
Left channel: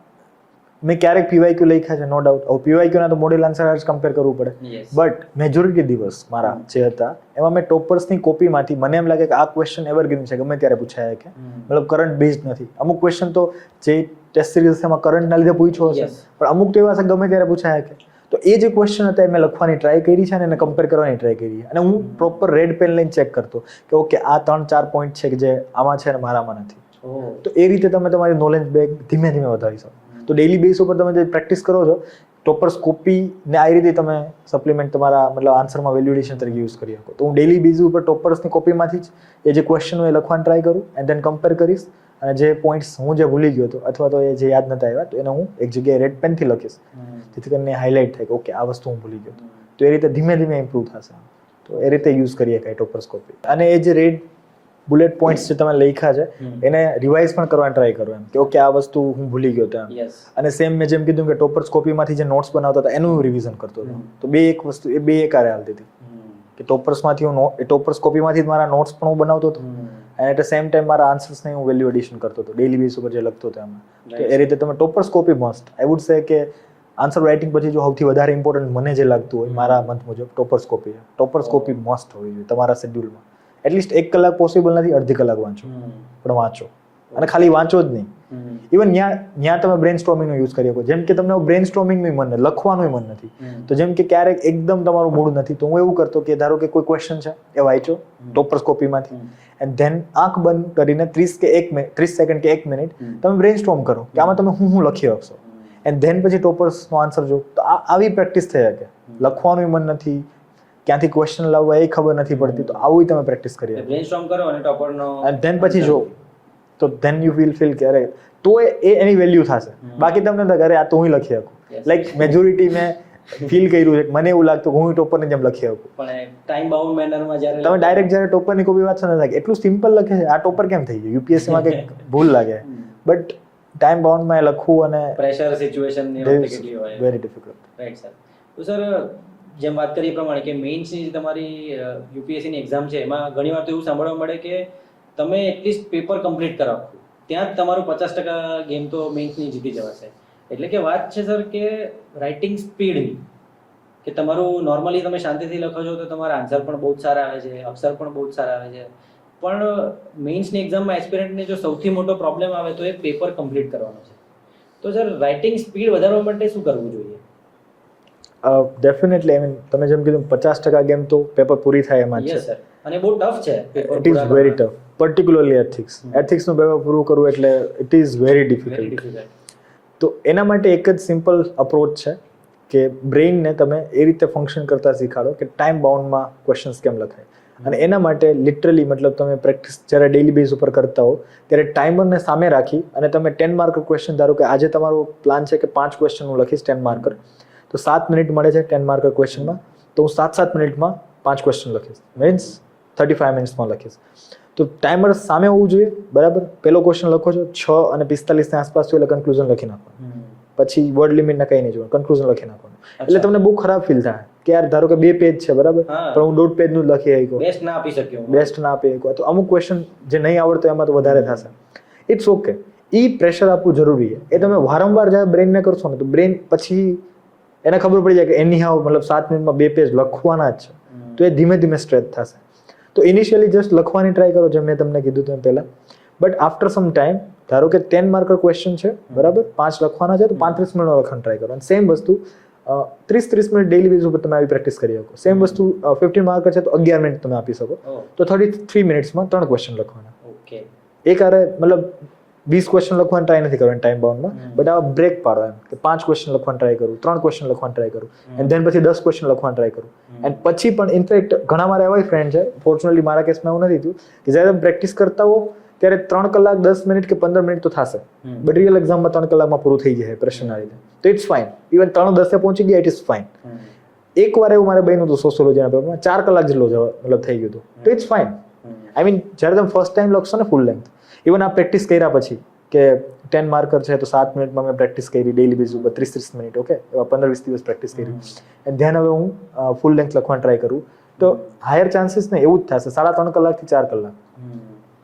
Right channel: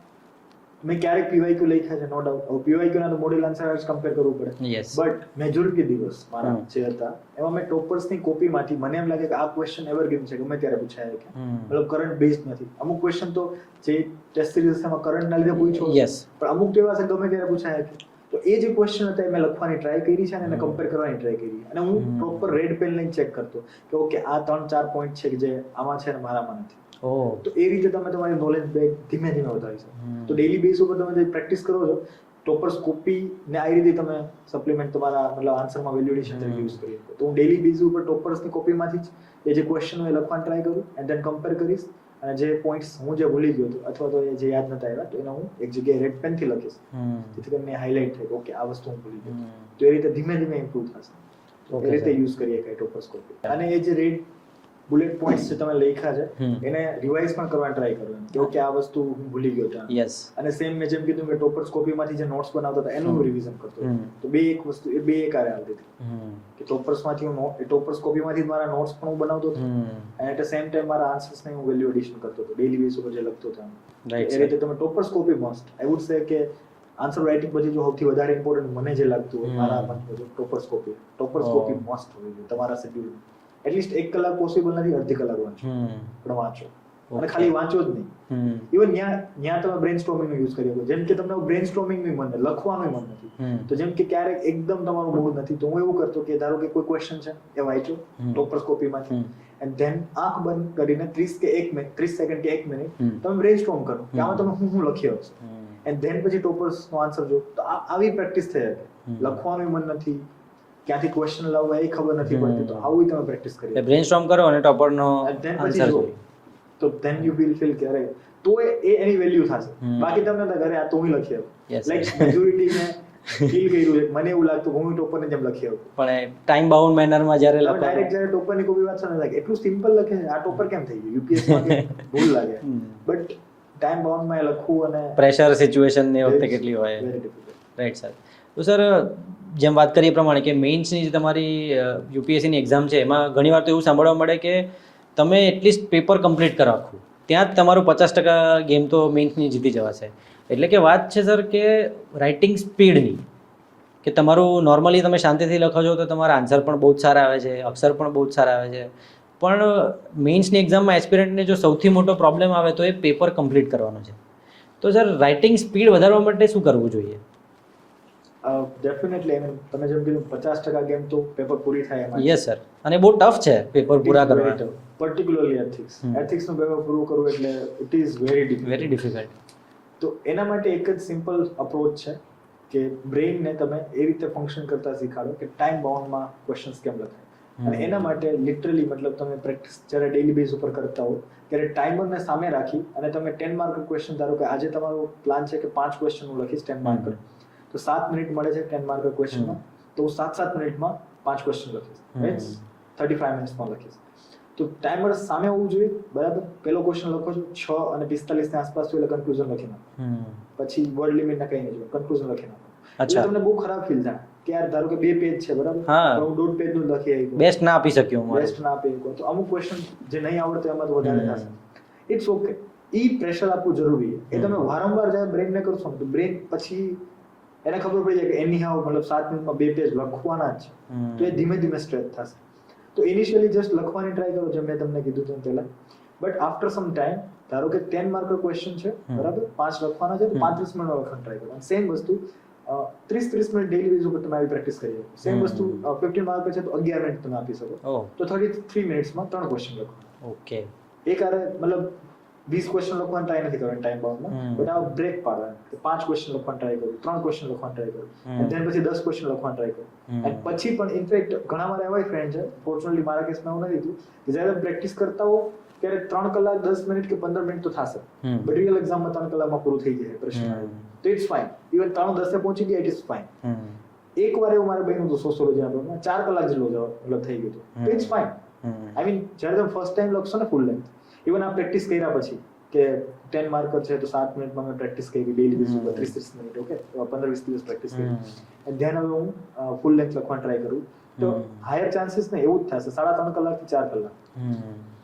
મેં ક્યારેક PYQ લખ્યા છે, નો ડાઉટ. હવે PYQ ના તો મોડેલ આન્સર જ કમ્પેર કરવું પડે, બટ મેજોરિટી દિવસ મારા જે હતા એમાં મેં ટોપર્સની કોપીમાંથી મને એમ લાગે કે આ ક્વેશ્ચન એવરગ્રીન છે, ગમે ત્યારે પૂછાય કે મતલબ કરંટ બેઝડ નથી. અમુક ક્વેશ્ચન તો જે ટેસ્ટ સિરીઝ એમાં કરંટના લીધે પૂછ્યો છે, પણ અમુક તો એવા છે ગમે ત્યારે પૂછાય કે. તો એ જે ક્વેશ્ચન હતા એ મેં લખવાની ટ્રાય કરી છે અને એને કમ્પેર કરવાની ટ્રાય કરી, અને હું પ્રોપર રેડ પેન લઈને ચેક કરતો કે ઓકે આ 3-4 પોઈન્ટ છે કે જે આમાં છે અને મારામાં નથી. તો એ રીતે તમે તમારી નોલેજ બેગ ધીમે ધીમે વધારી શકો. તો ડેઈલી બેઝ ઉપર તમે જે પ્રેક્ટિસ કરો છો ટોપર્સ કોપી ને આ રીતે તમે સપ્લિમેન્ટ તમારા મતલબ આન્સરમાં વેલ્યુએશન તરીકે યુઝ કરી શકો. તો હું ડેઈલી બેઝ ઉપર ટોપર્સની કોપીમાંથી જ એ જે ક્વેશ્ચન હોય એ લખવાની ટ્રાય કરું, એન્ડ ધેન કમ્પેર કરીશ, અને જે પોઈન્ટ્સ હું જે ભૂલી ગયો હતો અથવા તો એ જે યાદ નતા આવ્યા તો એને હું એક જગ્યાએ રેડ પેનથી લખીશ, જેથી કરીને હાઇલાઇટ થાય કે ઓકે આ વસ્તુ હું ભૂલી ગયો. તો એ રીતે ધીમે ધીમે ઇમ્પ્રૂવ થશે. તો એ રીતે યુઝ કરીએ કાંઈ ટોપર્સ કોપી. અને એ જે રેડ બુલેટ પોઈન્ટ્સ જે તમે લખ્યા છે એને રિવાઇઝ પણ કરવાની ટ્રાય કરો, એમ કે ઓકે આ વસ્તુ હું ભૂલી ગયો ત્યાં. અને સેમ મેં જેમ કીધું કે ટોપર્સ કોપીમાંથી જે નોટ્સ બનાવતા હતા એનું રિવિઝન કરતો હતો. તો બે એક વસ્તુ એ બે એકારે હાલતી હતી કે ટોપર્સમાંથી હું ટોપર્સ કોપીમાંથી જ મારા નોટ્સ પણ હું બનાવતો હતો, અને એટ ધ સેમ ટાઈમ મારા આન્સર્સને હું વેલ્યુ એડિશન કરતો હતો ડેઈલી બેઝ ઉપર જે લખતો હતો એમાં. એ રીતે તમે toppers copy must, I would સે કે આન્સર રાઇટિંગ પછી જો સૌથી વધારે ઇમ્પોર્ટન્ટ મને જે લાગતું હોય મારા મત મુજબ toppers copy. Toppers copy must હોવી જોઈએ તમારા શેડ્યુલમાં. એટલીસ્ટ 1 કલાક પોસિબલ નથી, અડધી કલાક વાંચો, પણ વાંચો. અને ખાલી વાંચો જ નહીં, ઇવન ત્યાં તમે બ્રેન સ્ટ્રોમિંગનો યુઝ કરી શકો. જેમ કે તમને બ્રેન સ્ટ્રોમિંગનું મન લખવાનું મન નથી, તો જેમ કે ક્યારેક એકદમ તમારું મૂડ નથી, તો હું એવું કરતો કે ધારો કે કોઈ ક્વેશ્ચન છે એ વાંચો ટોપર્સ કોપીમાંથી, એન્ડ ધેન આંખ બંધ કરીને 30 સેકન્ડ કે 1 મિનિટ તમે બ્રેન સ્ટ્રોમ કરો કે આમાં તમે હું લખી શકશો, એન્ડ ધેન પછી ટોપર્સનો આન્સર જો. તો આવી પ્રેક્ટિસ થઈ શકે. લખવાનું મન નથી, ક્યાંથી ક્વેશ્ચન લાવવા એ ખબર નથી પડતી, તો આવું તમે પ્રેક્ટિસ કરી બ્રેનસ્ટોર્મ કરો અને ટોપરનો એન્ડ ધેન પછી જો, તો ધેન યુ ફીલ કે અરે તો એ એની વેલ્યુ થશે. બાકી તમને અરે આ તો હું લખી શકું, લાઈક મેજોરિટી મેં ફીલ કર્યું છે, મને એવું લાગતું કે હું ટોપરની જેમ લખી શકું. પણ ટાઈમ બાઉન્ડ મેનરમાં જ્યારે તમે ડાયરેક્ટ જ્યારે ટોપરની કોપી વાંચો ને લાગે એટલું સિમ્પલ લખે છે, આ ટોપર કેમ થઈ ગયું, UPSC માં કંઈક ભૂલ લાગે, બટ ટાઈમ બાઉન્ડમાં એ લખવું અને પ્રેશર સિચ્યુએશન ને વખતે કેટલી હોય, વેરી ડિફિકલ્ટ. Right sir. તો સર જેમ વાત કરી એ પ્રમાણે કે મેઇન્સની જે તમારી UPSCની એક્ઝામ છે એમાં ઘણીવાર તો એવું સાંભળવા મળે કે તમે એટલીસ્ટ પેપર કમ્પ્લીટ કરો આખું, ત્યાં જ તમારું 50% ગેમ તો મેઇન્સની જીતી જવાશે. એટલે કે વાત છે સર કે રાઇટિંગ સ્પીડની, કે તમારું નોર્મલી તમે શાંતિથી લખો છો તો તમારા આન્સર પણ બહુ જ સારા આવે છે, અક્ષર પણ બહુ જ સારા આવે છે, પણ મેઇન્સની એક્ઝામમાં એસ્પિરન્ટને જો સૌથી મોટો પ્રોબ્લેમ આવે તો એ પેપર કમ્પ્લીટ કરવાનો છે. તો સર રાઇટિંગ સ્પીડ વધારવા માટે શું કરવું જોઈએ? ડેફિનેટલી આઈ મીન તમે જેમ કીધું 50% ગેમ તો પેપર પૂરી થાય એમાં યસ સર, અને બહુ ટફ છે પેપર ઇટ પૂરા ઇઝ વેરી કરવાનું. ટફ પર્ટિક્યુલરલી એથિક્સનું પેપર પૂરું કરવું એટલે it is very very difficult. Difficult. તો એના માટે એક જ સિમ્પલ અપ્રોચ છે કે બ્રેઇનને તમે એ રીતે ફંક્શન કરતા શીખાડો કે ટાઈમ બાઉન્ડમાં ક્વેશ્ચન્સ કેમ લખાય. અને એના માટે લિટરલી મતલબ તમે પ્રેક્ટિસ જ્યારે ડેઇલી બેઝ ઉપર કરતા હો ત્યારે ટાઈમરને સામે રાખી અને તમે 10 માર્કર ક્વેશ્ચન ધારો કે આજે તમારો પ્લાન છે કે 5 ક્વેશ્ચન હું લખીશ 10 માર્કર, તો 7 મિનિટ મળે છે 10 માર્કર ક્વેશ્ચનમાં, તો હું 7 મિનિટમાં 5 ક્વેશ્ચન લખીશ, મીન્સ 35 મિનિટ્સમાં લખીશ. તો ટાઈમર સામે હોવું જોઈએ, બરાબર. પહેલો ક્વેશ્ચન લખો છો 6:45 ની આસપાસ એટલે કન્ક્લુઝન લખી નાખો. પછી વર્ડ લિમિટ ના કઈ નહીં જોવાનું, કન્ક્લુઝન લખી નાખવાનું. એટલે તમને બહુ ખરાબ ફીલ થાય કે યાર ધારો કે 2 પેજ છે, બરાબર, પણ હું 1.5 પેજ નું લખી આવ્યો, બેસ્ટ ના આપી શક્યો હું. બેસ્ટ ના આપી આવ્યો. તો અમુક ક્વેશ્ચન જે નહીં આવડતો એમાં તો વધારે થશે. ઇટ્સ ઓકે, ઈ પ્રેશર આપવું જરૂરી છે. એ તમે વારંવાર જ્યારે બ્રેઇનને કરશો ને તો બ્રેઇન પછી એને ખબર પડી જાય કે એની હાવ મતલબ 7 મિનિટમાં 2 પેજ લખવાના જ છે, તો એ ધીમે ધીમે સ્ટ્રેચ થશે. તો ઇનિશિયલી જસ્ટ લખવાની ટ્રાય કરો, જેમ મેં તમને કીધું હતું પહેલા. બટ આફ્ટર સમ ટાઈમ ધારો કે 10 માર્કર ક્વેશ્ચન છે, બરાબર, 5 લખવાના છે, તો 35 મિનિટનો લખવાનું ટ્રાય કરો. અને સેમ વસ્તુ 30 મિનિટ ડેઇલી બેઝ ઉપર તમે આવી પ્રેક્ટિસ કરી શકો. સેમ વસ્તુ 15 માર્કર છે તો 11 મિનિટ તમે આપી શકો, તો 33 મિનિટ્સમાં 3 ક્વેશ્ચન લખવાના. ઓકે. એક આરે મતલબ 20 ક્વેશ્ચન લખવાનું ટ્રાય નથી કરવાનું ટાઈમ બાઉન્ડમાં, બટ આવા બ્રેક પાડો એમ કે 5 ક્વેશ્ચન લખવાનું ટ્રાય કરું, 3 ક્વેશ્ચન લખવાનું ટ્રાય કરું, એન્ડ ધેન પછી 10 ક્વેશ્ચન લખવાનું ટ્રાય કરું. એન્ડ પછી પણ ઇનફેક્ટ ઘણા મારા એવા ફ્રેન્ડ છે, ફોર્ચ્યુનેટલી મારા કેસમાં એવું નથી થયું, કે જ્યારે તમે પ્રેક્ટિસ કરતા હો ત્યારે 3 કલાક 10 મિનિટ કે 15 મિનિટ તો થશે, બટ રિયલ એક્ઝામમાં 3 કલાકમાં પૂરું થઈ જાય પ્રશ્ન આ રીતે. તો ઇટ્સ ફાઇન. ઇવન 3:10 પહોંચી ગયા, ઇટ ઇઝ ફાઇન. એક વાર એવું મારે બન્યું હતું સોશિયોલોજીના પેપરમાં, 4 કલાક જેટલો મતલબ થઈ ગયું હતું, તો ઇટ્સ ફાઇન. આઈ મીન જ્યારે તમે ફર્સ્ટ ટાઈમ લખશો ને ફૂલ લેન્થ, ઇવન આ પ્રેક્ટિસ કર્યા પછી કે 10 માર્કર છે તો 7 મિનિટમાં મેં પ્રેક્ટિસ કરી ડેઇલી બેઝ ઉપર 30 મિનિટ, ઓકે, 15-20 દિવસ પ્રેક્ટિસ કરી, એન્ડ ધ્યાન હવે હું ફૂલ લેન્થ લખવાનું ટ્રાય કરું, તો હાયર ચાન્સીસ ને એવું જ થશે 3.5 કલાકથી 4 કલાક,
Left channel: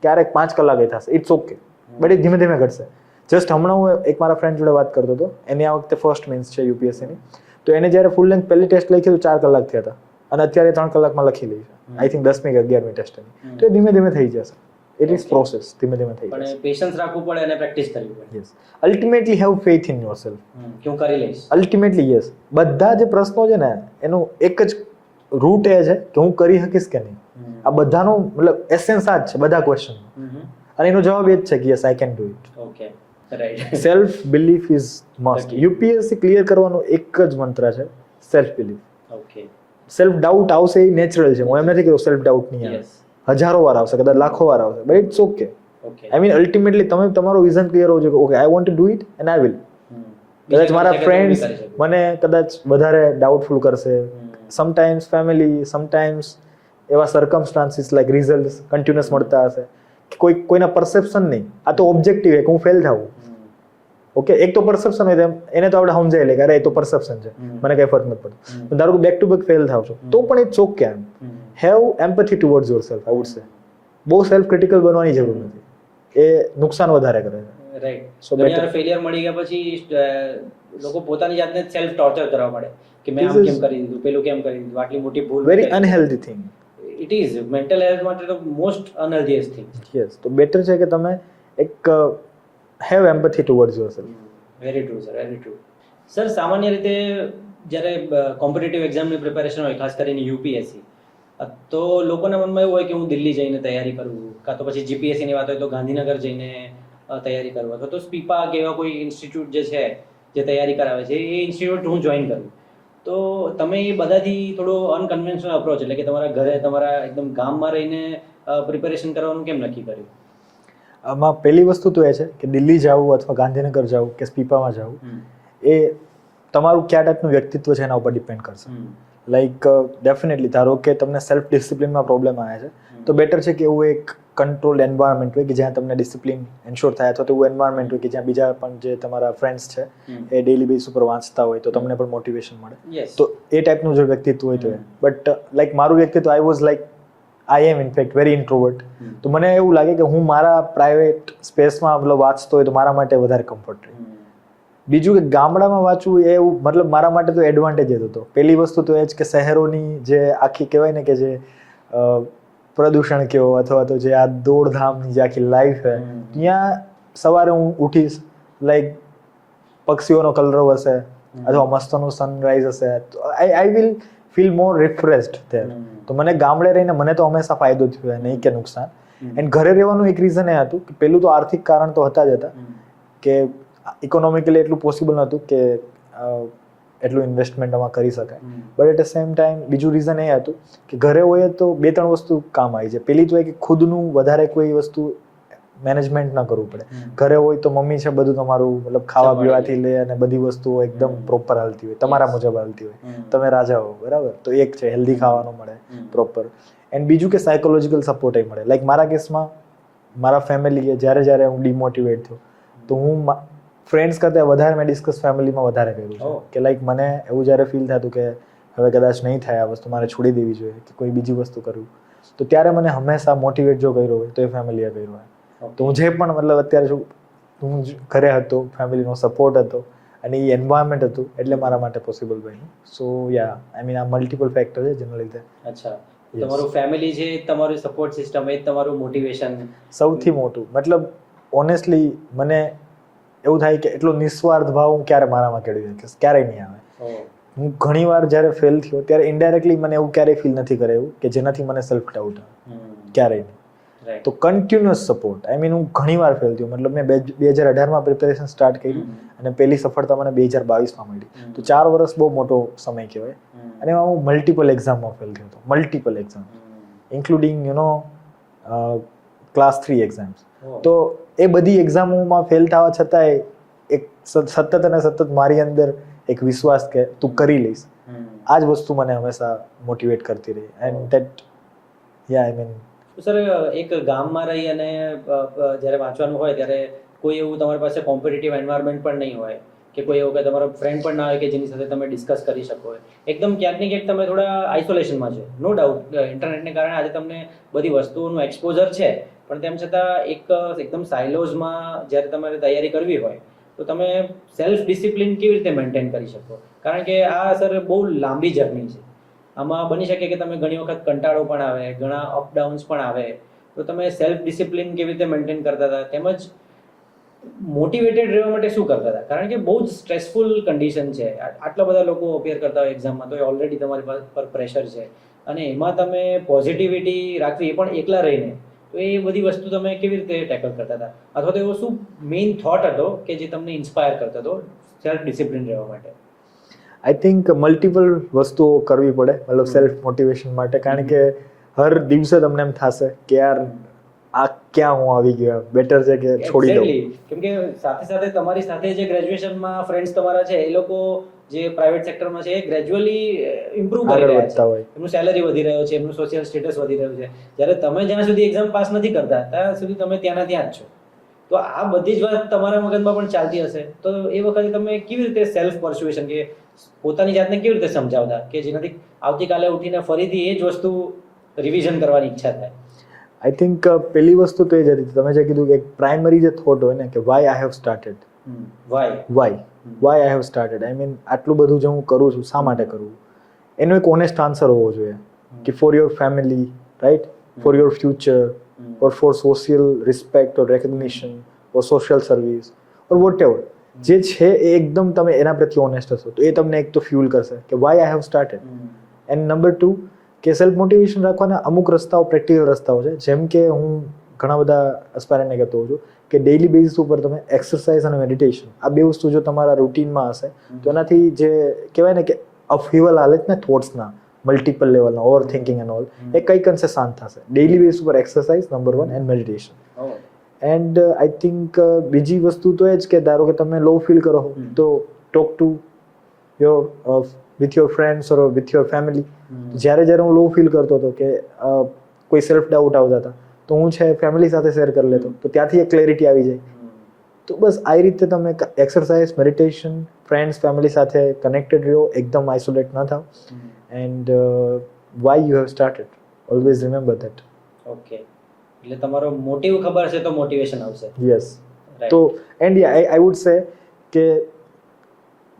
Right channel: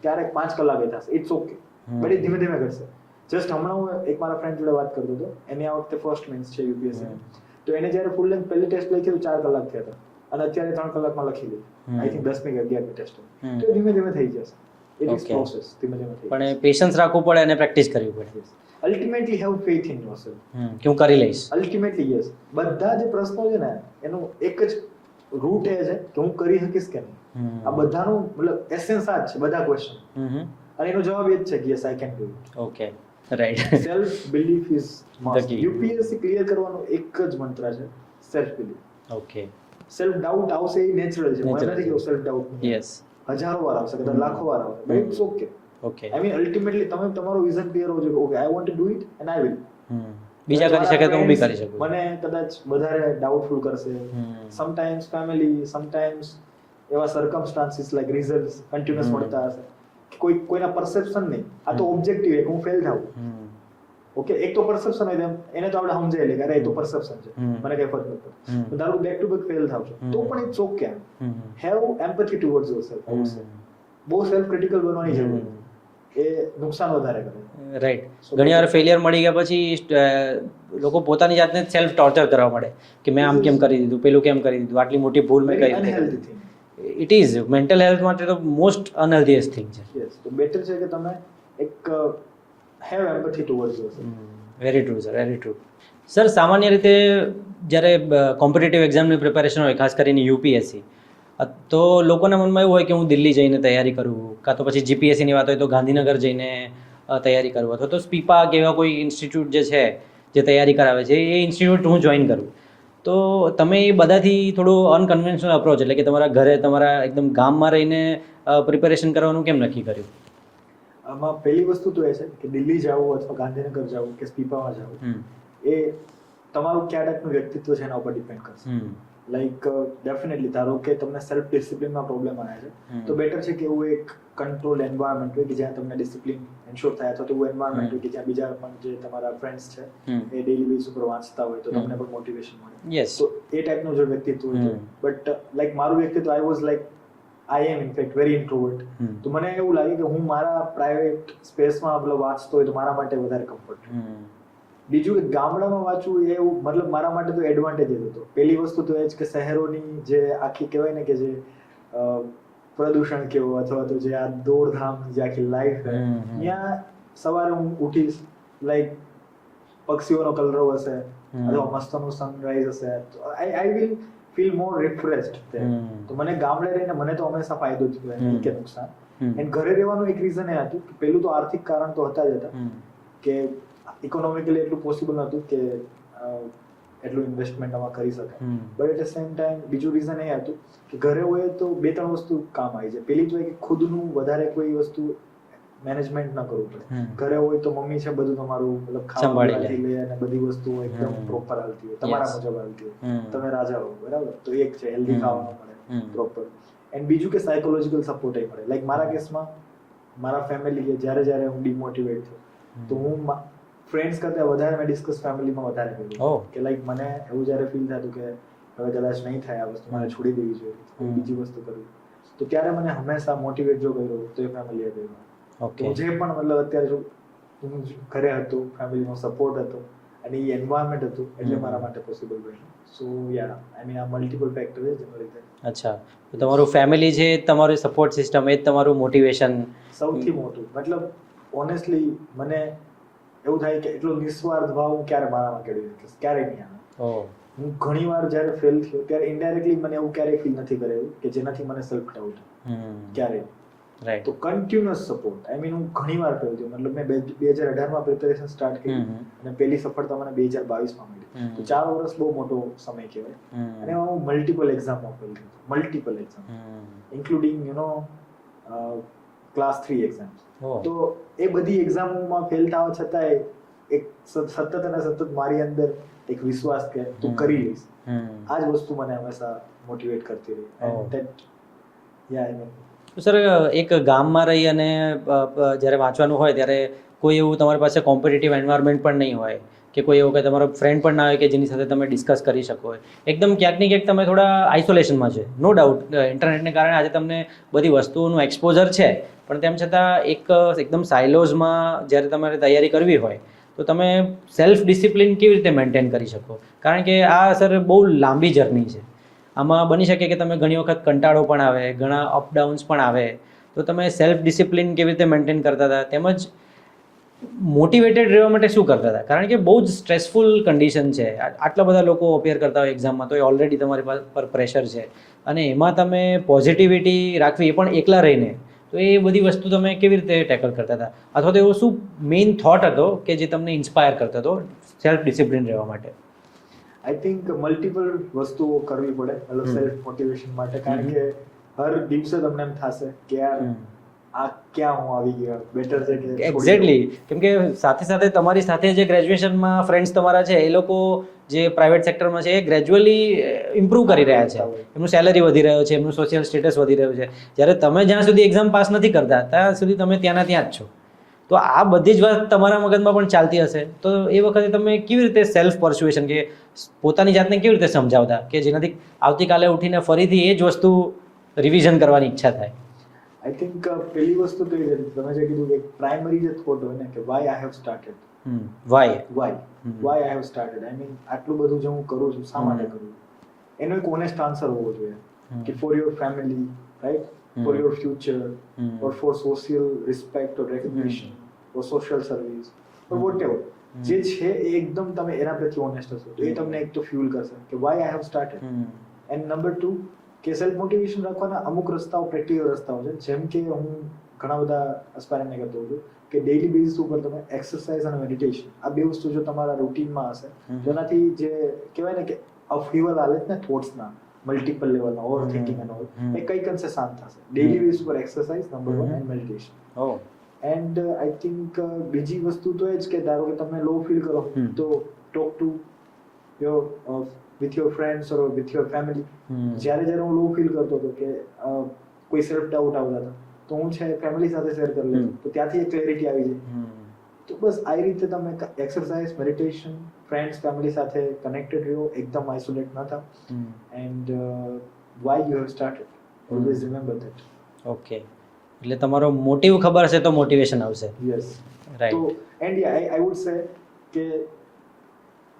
ક્યારેક 5 કલાક થશે. ઇટ્સ ઓકે, બટ એ ધીમે ધીમે ઘટશે. જસ્ટ હમણાં હું એક મારા ફ્રેન્ડ જોડે વાત કરતો હતો, એની આ વખતે ફર્સ્ટ મેન્સ છે યુપીએસસીની, તો એને જ્યારે ફૂલ લેન્થ પહેલી ટેસ્ટ લખી તો 4 કલાક થયા હતા, અને અત્યારે 3 કલાકમાં લખી લી છે. આઈ થિંક 10મી કે 11મી ટેસ્ટ. તો એ ધીમે ધીમે થઈ જશે. ઇટ ઇઝ પ્રોસેસ, ધીમે ધીમે થઈ જશે. પણ પેશન્સ રાખવું પડે અને પ્રેક્ટિસ કરવી પડે. Ultimately have faith in yourself. કે હું કરી લઈશ. Ultimately yes. બધા જે પ્રશ્નો છે ને એનું એક જ રૂટ એ છે કે હું કરી શકીશ કે નહીં. આ બધાનો મતલબ એસેન્સ આ જ છે બધા ક્વેશ્ચન, અને એનો જવાબ એ જ છે કે yes I can do it. Okay, right. Self belief is must. UPSC clear કરવાનો એક જ મંત્ર છે, self belief. Okay. Self doubt આવશે એ નેચરલ છે, હું એમ નથી કહેતો સેલ્ફ ડાઉટ નહીં આવે. યસ. હજારો વાર આવશે, કદાચ લાખો વાર આવશે, but it's okay. Okay. I mean ultimately તમે તમારો વિઝન ક્લિયર હોવો જોઈએ, okay I want to do it and I will. કદાચ મારા ફ્રેન્ડ્સ મને કદાચ વધારે ડાઉટફુલ કરશે, સમટાઈમ્સ ફેમિલી, સમટાઈમ્સ એવા સર્કમસ્ટાન્સીસ લાઈક રિઝલ્ટ કન્ટિન્યુઅસ મળતા હશે, કોઈના પરસેપ્શન નહીં, આ તો ઓબ્જેક્ટિવ છે કે હું ફેલ થાઉં. ઓકે, એક તો પરસેપ્શન હોય એને તો આપણે સમજાય લે કે અરે એ તો પરસેપ્શન છે, મને કઈ ફરક નથી પડતો. ધારો કે બેક ટુ બેક ફેલ થાવ છો તો પણ it's okay. Have empathy towards yourself, I would say. બહુ સેલ્ફ ક્રિટિકલ બનવાની જરૂર નથી, એ નુકસાન વધારે કરે છે. રાઈટ. ઘણી વાર ફેલિયર મળી ગયા પછી લોકો પોતાની જાતને સેલ્ફ ટોર્ચર કરવા માંડે કે મેં આમ કેમ કરી દીધું, પેલું કેમ કરી દીધું, આટલી મોટી ભૂલ. Very unhealthy thing. It is mental health માટે તો મોસ્ટ અનહેલ્ધીએસ્ટ થિંગ છે. યસ. તો બેટર છે કે તમે એક have empathy towards yourself. Very true sir, very true. Sir, સામાન્ય રીતે જ્યારે કોમ્પિટિટિવ એક્ઝામની પ્રિપેરેશન હોય, ખાસ કરીને યુપીએસસી, તો લોકોના મનમાં એવું હોય કે હું દિલ્હી જઈને તૈયારી કરું, કાં તો પછી જીપીએસસીની વાત હોય તો ગાંધીનગર જઈને તૈયારી કરું, અથવા તો સ્પીપા કે એવા કોઈ ઇન્સ્ટિટ્યૂટ જે છે જે તૈયારી કરાવે છે એ ઇન્સ્ટિટ્યૂટ હું જોઈન કરું. તો તમે એ બધાથી થોડું અનકન્વેન્શનલ અપ્રોચ, એટલે કે તમારા ઘરે તમારા એકદમ ગામમાં રહીને પ્રિપેરેશન કરવાનું કેમ નક્કી કર્યું? આમાં પહેલી વસ્તુ તો એ છે કે દિલ્હી જવું અથવા ગાંધીનગર જવું કે સ્પીપામાં જવું, એ તમારું કયા ટાઈપનું વ્યક્તિત્વ છે એના ઉપર ડિપેન્ડ કરશે. લાઈક ડેફિનેટલી ધારો કે તમને સેલ્ફ ડિસિપ્લિનમાં પ્રોબ્લેમ આવે છે, તો બેટર છે કે એવું એક કંટ્રોલ એન્વાયરમેન્ટ હોય કે જ્યાં તમને ડિસિપ્લિન એન્શ્યોર થાય, અથવા તો એવું એન્વાયરમેન્ટ હોય કે જ્યાં બીજા પણ જે તમારા ફ્રેન્ડ્સ છે એ ડેઇલી બેઝ ઉપર વાંચતા હોય તો તમને પણ મોટિવેશન મળે. તો એ ટાઈપનું જો વ્યક્તિત્વ હોય તો. બટ લાઈક મારું વ્યક્તિત્વ, I was like I am in fact very introvert. તો મને એવું લાગે કે હું મારા પ્રાઇવેટ સ્પેસમાં વાંચતો હોય તો મારા માટે વધારે કમ્ફર્ટ. બીજું કે ગામડામાં વાંચવું એ મતલબ મારા માટે તો એડવાન્ટેજ જ હતો. પહેલી વસ્તુ તો એ જ કે શહેરોની જે આખી કહેવાય ને કે જે પ્રદૂષણ કયો અથવા તો જે આ દોડધામની જે આખી લાઈફ છે, ત્યાં સવારે હું ઉઠીશ, લાઈક પક્ષીઓનો કલરવ હશે, અથવા મસ્તનું સનરાઈઝ હશે તો I will feel more refreshed there. તો મને ગામડે રહીને મને તો હંમેશા ફાયદો થયો નહીં કે નુકસાન. એન્ડ ઘરે રહેવાનું એક રીઝન એ હતું કે પેલું તો આર્થિક કારણ તો હતા જ હતા કે ઇકોનોમિકલી એટલું પોસિબલ નહોતું કે એટલું ઇન્વેસ્ટમેન્ટ આમાં કરી શકાય. But at the same time બીજું રીઝન એ હતું કે ઘરે હોય તો 2-3 વસ્તુ કામ આવી જાય. પેલી તો એ કે ખુદનું વધારે કોઈ વસ્તુ મેનેજમેન્ટ ન કરવું પડે. ઘરે હોય તો મમ્મી છે બધું તમારું મતલબ ખાવા પીવાથી લે અને બધી વસ્તુઓ એકદમ પ્રોપર હાલતી હોય, તમારા મુજબ હાલતી હોય, તમે રાજા હો, બરાબર. તો એક છે હેલ્ધી ખાવાનું મળે પ્રોપર. એન્ડ બીજું કે સાયકોલોજીકલ સપોર્ટ એ મળે. લાઈક મારા કેસમાં મારા ફેમિલીએ જ્યારે હું ડિમોટિવેટ થયો તો હું ફ્રેન્ડ્સ કરતાં વધારે મેં ડિસ્કસ ફેમિલીમાં વધારે કર્યું કે લાઈક મને એવું જ્યારે ફીલ થતું કે હવે કદાચ નહીં થાય આ વસ્તુ, મારે છોડી દેવી જોઈએ કે કોઈ બીજી વસ્તુ કરવી, તો ત્યારે મને હંમેશા મોટિવેટ જો કર્યો હોય તો એ ફેમિલીએ કર્યો હોય. તો હું જે પણ મતલબ અત્યારે હું ઘરે હતો, ફેમિલીનો સપોર્ટ હતો અને એ એન્વાયરમેન્ટ હતું એટલે મારા માટે પોસિબલ બન્યું. સો યા આઈ મીન આ મલ્ટિપલ ફેક્ટર છે જેના લીધે. અચ્છા, તમારું ફેમિલી છે, તમારું સપોર્ટ સિસ્ટમ, એ જ તમારું મોટિવેશન સૌથી મોટું. મતલબ ઓનેસ્ટલી મને એવું થાય કે એટલો નિસ્વાર્થ ભાવ હું ક્યારે મારામાં કેળવી શકીશ, ક્યારેય નહીં આવે. હું ઘણી વાર જ્યારે ફેલ થયો ત્યારે ઇનડાયરેક્ટલી મને એવું ક્યારેય ફીલ નથી કરાયું કે જેનાથી મને સેલ્ફ ડાઉટ આવે, ક્યારેય નહીં. તો કન્ટિન્યુઅસ સપોર્ટ. આઈ મીન હું ઘણી વાર ફેલ થયો. મતલબ મેં 2018માં પ્રિપેરેશન સ્ટાર્ટ કરી અને પહેલી સફળતા મને 2022માં મળી. તો 4 વર્ષ બહુ મોટો સમય કહેવાય. અને એમાં હું મલ્ટિપલ એક્ઝામમાં ફેલ થયો હતો, multiple exam including class 3 exams. તો એ બધી એક્ઝામોમાં ફેલ થવા છતાંય એક સતત અને સતત મારી અંદર એક વિશ્વાસ કે તું કરી લઈશ, આ જ વસ્તુ મને હંમેશા મોટિવેટ કરતી રહી. And that yeah I mean sir, એક ગામમાં રહી અને જ્યારે વાંચવાનું હોય ત્યારે કોઈ એવું તમારી પાસે કોમ્પિટિટિવ એન્વાયરમેન્ટ પણ નહીં હોય કે કોઈ એવું કે તમારો ફ્રેન્ડ પણ ના હોય કે જેની સાથે તમે ડિસ્કસ કરી શકો. એકદમ ક્યાંક ને ક્યાંક તમે થોડા આઇસોલેશનમાં છે. નો ડાઉટ ઇન્ટરનેટને કારણે આજે તમને બધી વસ્તુઓનું એક્સપોઝર છે, પણ તેમ છતાં એકદમ સાયલોઝમાં જ્યારે તમારે તૈયારી કરવી હોય તો તમે સેલ્ફ ડિસિપ્લિન કેવી રીતે મેન્ટેન કરી શકો? કારણ કે આ સર બહુ લાંબી જર્ની છે. આમાં બની શકે કે તમે ઘણી વખત કંટાળો પણ આવે, ઘણા અપડાઉન્સ પણ આવે, તો તમે સેલ્ફ ડિસિપ્લિન કેવી રીતે મેન્ટેન કરતા હતા, તેમજ મોટિવેટેડ રહેવા માટે શું કરતા હતા? કારણ કે બહુ જ સ્ટ્રેસફુલ કન્ડિશન છે. આટલા બધા લોકો અપીયર કરતા હોય એક્ઝામમાં, તો એ ઓલરેડી તમારી પર પ્રેશર છે અને એમાં તમે પોઝિટિવિટી રાખવી, એ પણ એકલા રહીને, તો એ બધી વસ્તુ તમે કેવી રીતે ટેકલ કરતા હતા? અથવા તો એવો શું મેઇન થોટ હતો કે જે તમને ઇન્સ્પાયર કરતો હતો સેલ્ફ ડિસિપ્લિન રહેવા માટે? આઈ થિંક મલ્ટિપલ વસ્તુઓ કરવી પડે મતલબ સેલ્ફ મોટિવેશન માટે. કારણ કે હર દિવસે તમને એમ થશે કે યાર આ ક્યાં હું આવી ગયો, બેટર છે કે છોડી દઉં. કેમ કે સાથે સાથે તમારી સાથે જે ગ્રેજ્યુએશનમાં ફ્રેન્ડ્સ તમારા છે, એ લોકો જે પ્રાઇવેટ સેક્ટરમાં છે એ ગ્રેજ્યુઅલી ઇમ્પ્રૂવ કરી રહ્યા છે, એમનું સેલરી વધી રહ્યો છે, એમનું સોશિયલ સ્ટેટસ વધી રહ્યું છે, જ્યારે તમે જ્યાં સુધી એક્ઝામ પાસ નથી કરતા ત્યાં સુધી તમે ત્યાંના ત્યાં જ છો. તો આ બધી જ વાત તમારા મગજમાં પણ ચાલતી હશે. તો એ વખતે તમે કેવી રીતે સેલ્ફ પરસ્યુએશન કે પોતાની જાતને કેવી રીતે સમજાવતા કે જેનાથી આવતીકાલે ઉઠીને ફરીથી એ જ વસ્તુ રિવિઝન કરવાની ઈચ્છા થાય? આઈ થિંક પહેલી વસ્તુ તો એ જ હતી, તમે જે કીધું કે એક પ્રાઇમરી જે થોટ હોય ને કે why I have started, why I have started. I mean આટલું બધું જે હું કરું છું શા માટે કરું, એનો એક ઓનેસ્ટ આન્સર હોવો જોઈએ કે for your family, right, for your future, or for social respect or recognition or social service or whatever. જે છે એ એકદમ તમે એના પ્રત્યે ઓનેસ્ટ હશો તો એ તમને એક તો ફ્યુલ કરશે કે why I have started. And number 2 કે સેલ્ફ મોટિવેશન રાખવાના અમુક રસ્તાઓ, પ્રેક્ટિકલ રસ્તાઓ છે. જેમ કે હું ઘણા બધા એસ્પાયરન્ટને કહેતો હોઉં છું કે ડેઇલી બેઝિસ ઉપર તમે એક્સરસાઇઝ અને મેડિટેશન, આ બે વસ્તુ જો તમારા રૂટીનમાં હશે તો એનાથી જે કહેવાય ને કે અપહીવલ હાલે ને થોટ્સના મલ્ટિપલ લેવલના ઓવર થિંકિંગ એન્ડ ઓલ, એ કંઈક અંશે શાંત થશે. ડેઇલી બેઝ ઉપર exercise number 1 and meditation. And I think બીજી વસ્તુ તો એ જ કે ધારો કે તમે લો ફીલ કરો તો talk to your with your friends or with your family. જ્યારે હું લો ફીલ કરતો હતો કે કોઈ સેલ્ફ ડાઉટ આવતા હતા તો હું છે ફેમિલી સાથે શેર કરી લેતો, તો ત્યાંથી એક ક્લેરિટી આવી જાય. તો બસ આ રીતે તમે એક્સરસાઇઝ, મેડિટેશન, ફ્રેન્ડ્સ, ફેમિલી સાથે કનેક્ટેડ રહ્યો, એકદમ આઇસોલેટ ન થાવ. And why you have started, always remember that. Okay, એટલે તમારો મોટિવ ખબર હશે તો મોટિવેશન આવશે. યસ. તો એન્ડ આઈ વુડ સે કે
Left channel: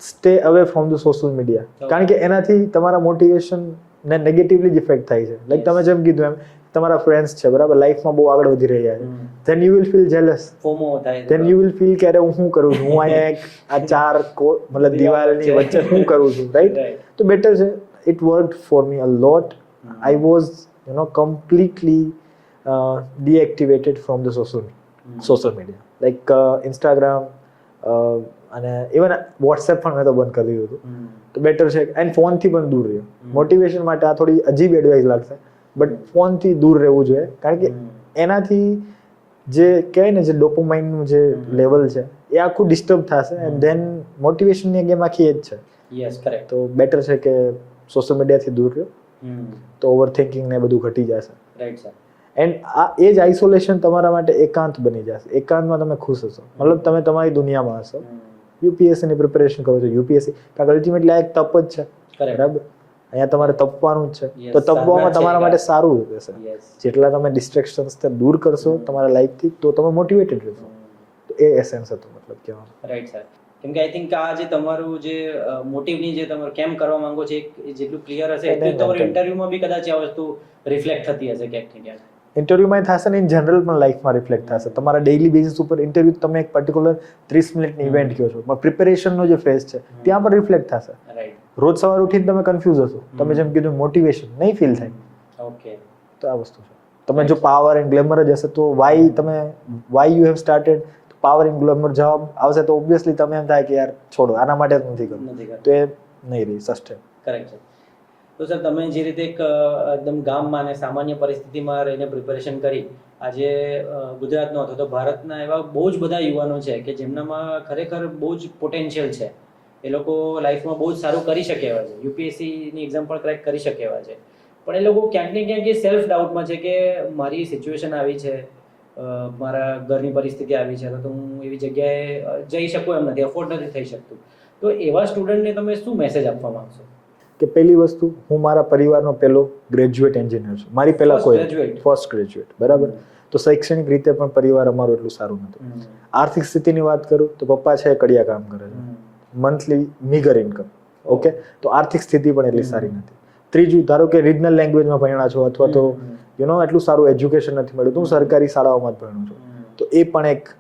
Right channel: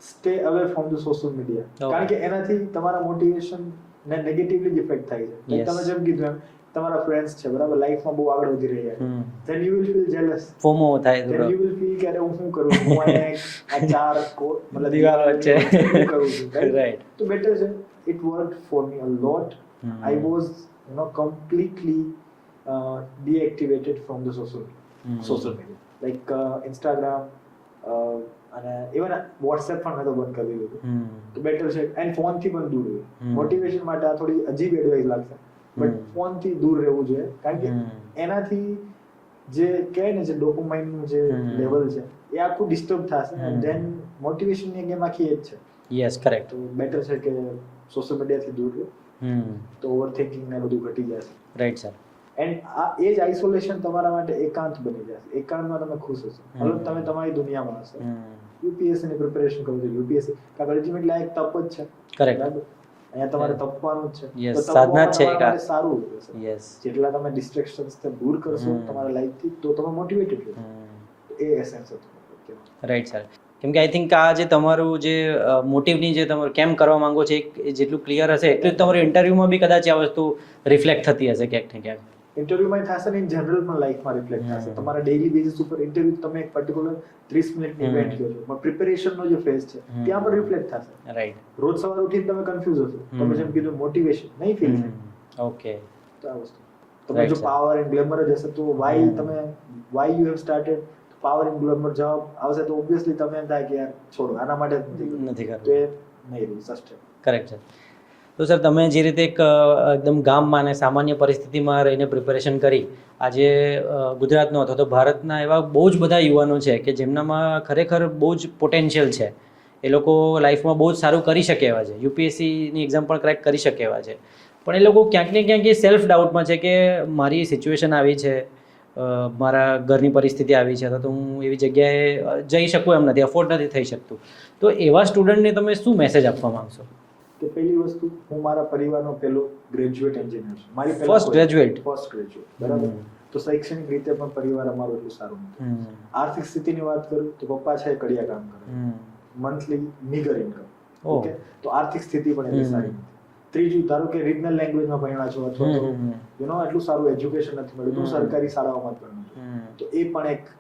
stay away from the social media. કારણ કે એનાથી તમારા મોટિવેશન ને નેગેટિવલી જ ઇફેક્ટ થાય છે. લાઈક તમે જેમ કીધું એમ તમારા ફ્રેન્ડ્સ છે બરાબર લાઈફમાં બહુ આગળ વધી રહ્યા છે, then you will feel jealous, FOMO થાય then you will feel કે અરે હું શું કરું છું, હું અહીંયા આ ચાર મતલબ દિવાલની વચ્ચે શું કરું છું, Right. રાઈટ? તો બેટર છે. it worked for me a lot. I was completely deactivated from the social media like Instagram અને ઇવન WhatsApp પણ મેં તો બંધ કરી દીધું હતું. તો બેટર છે એન્ડ ફોનથી પણ દૂર રહ્યો. મોટિવેશન માટે આ થોડી અજીબ એડવાઇસ લાગશે બટ ફોનથી દૂર રહેવું જોઈએ કારણ કે એનાથી જે કહેવાય ને જે ડોપામાઇનનું જે લેવલ છે એ આખું ડિસ્ટર્બ થશે એન્ડ ધેન મોટિવેશનની ગેમ આખી એ જ છે. Yes correct. તો બેટર છે કે સોશિયલ મીડિયાથી દૂર રહ્યો તો ઓવર થિંકિંગ ને બધું ઘટી જશે. Right sir. એન્ડ આ એ જ આઇસોલેશન તમારા માટે એકાંત બની જશે. એકાંતમાં તમે ખુશ હશો, મતલબ તમે તમારી દુનિયામાં હશો. યુપીએસસી ની પ્રિપેરેશન કરો છો, યુપીએસસી કારણ કે અલ્ટિમેટલી આ એક તપ જ છે. બરાબર, અહીંયા તમારે તપવાનું જ છે. તો તપવામાં તમારા માટે સારું રહેશે. જેટલા તમે ડિસ્ટ્રેક્શન્સ દૂર કરશો તમારા લાઈફથી તો તમે મોટિવેટેડ રહેશો. તો એ એસેન્સ હતો મતલબ કહેવાનો. Right sir. કેમ કે આઈ થિંક આ જે તમારું જે મોટિવની જે તમે કેમ કરવા માંગો છો એ જેટલું ક્લિયર હશે એટલું તમારું ઇન્ટરવ્યુમાં બી કદાચ આ વસ્તુ રિફ્લેક્ટ થતી હશે ક્યાંક ને ક્યાંક. ઇન્ટરવ્યુમાં થશે ને ઇન જનરલ પણ લાઈફમાં રિફ્લેક્ટ થશે. તમારા ડેઇલી બેઝિસ ઉપર ઇન્ટરવ્યુ તમે એક પર્ટિક્યુલર 30 મિનિટની ઇવેન્ટ કહો છો પણ પ્રિપેરેશનનો જે ફેઝ છે ત્યાં પણ રિફ્લેક્ટ થશે. રાઈટ. રોજ સવારે ઉઠીને તમે કન્ફ્યુઝ હશો, તમે જેમ કીધું મોટિવેશન નહીં ફીલ થાય. ઓકે. તો આ વસ્તુ છે. તમે જો પાવર એન્ડ ગ્લેમર જ હશે તો why you have started power and glamour જવાબ આવશે તો ઓબ્વિયસલી તમે એમ થાય કે યાર છોડો આના માટે જ નથી કરતું. તો એ નહીં રહી સસ્ટેન. કરેક્ટ છે. તો સર તમે જે રીતે એક એકદમ ગામમાં અને સામાન્ય પરિસ્થિતિમાં રહીને પ્રિપેરેશન કરી આજે ગુજરાતનો અથવા તો ભારતના એવા બહુ જ બધા યુવાનો છે કે જેમનામાં ખરેખર બહુ જ પોટેન્શિયલ છે, એ લોકો લાઈફમાં બહુ જ સારું કરી શકે એવા છે, યુપીએસસીની એક્ઝામ પણ ક્રેક કરી શકે એવા છે, પણ એ લોકો ક્યાંક ને ક્યાંક એ સેલ્ફ ડાઉટમાં છે કે મારી સિચ્યુએશન આવી છે, મારા ઘરની પરિસ્થિતિ આવી છે તો હું એવી જગ્યાએ જઈ શકું એમ નથી, અફોર્ડ નથી થઈ શકતું. તો એવા સ્ટુડન્ટને તમે શું મેસેજ આપવા માંગશો? કે પહેલી વસ્તુ હું મારા પરિવારનો પહેલો ગ્રેજ્યુએટ એન્જિનિયર છું. મારી પહેલા ફર્સ્ટ ગ્રેજ્યુએટ બરાબર. તો શૈક્ષણિક રીતે પણ પરિવાર અમારું એટલું સારું નથી. આર્થિક સ્થિતિની વાત કરું તો પપ્પા છે કડિયા કામ કરે છે, મંથલી મીગર ઇન્કમ. ઓકે, તો આર્થિક સ્થિતિ પણ એટલી સારી નથી. ત્રીજું, ધારો કે રિજનલ લેંગ્વેજમાં ભણ્યા છો અથવા તો એટલું સારું એજ્યુકેશન નથી મળ્યું, હું સરકારી શાળાઓમાં જ ભણ્યો છું. તો એ પણ એક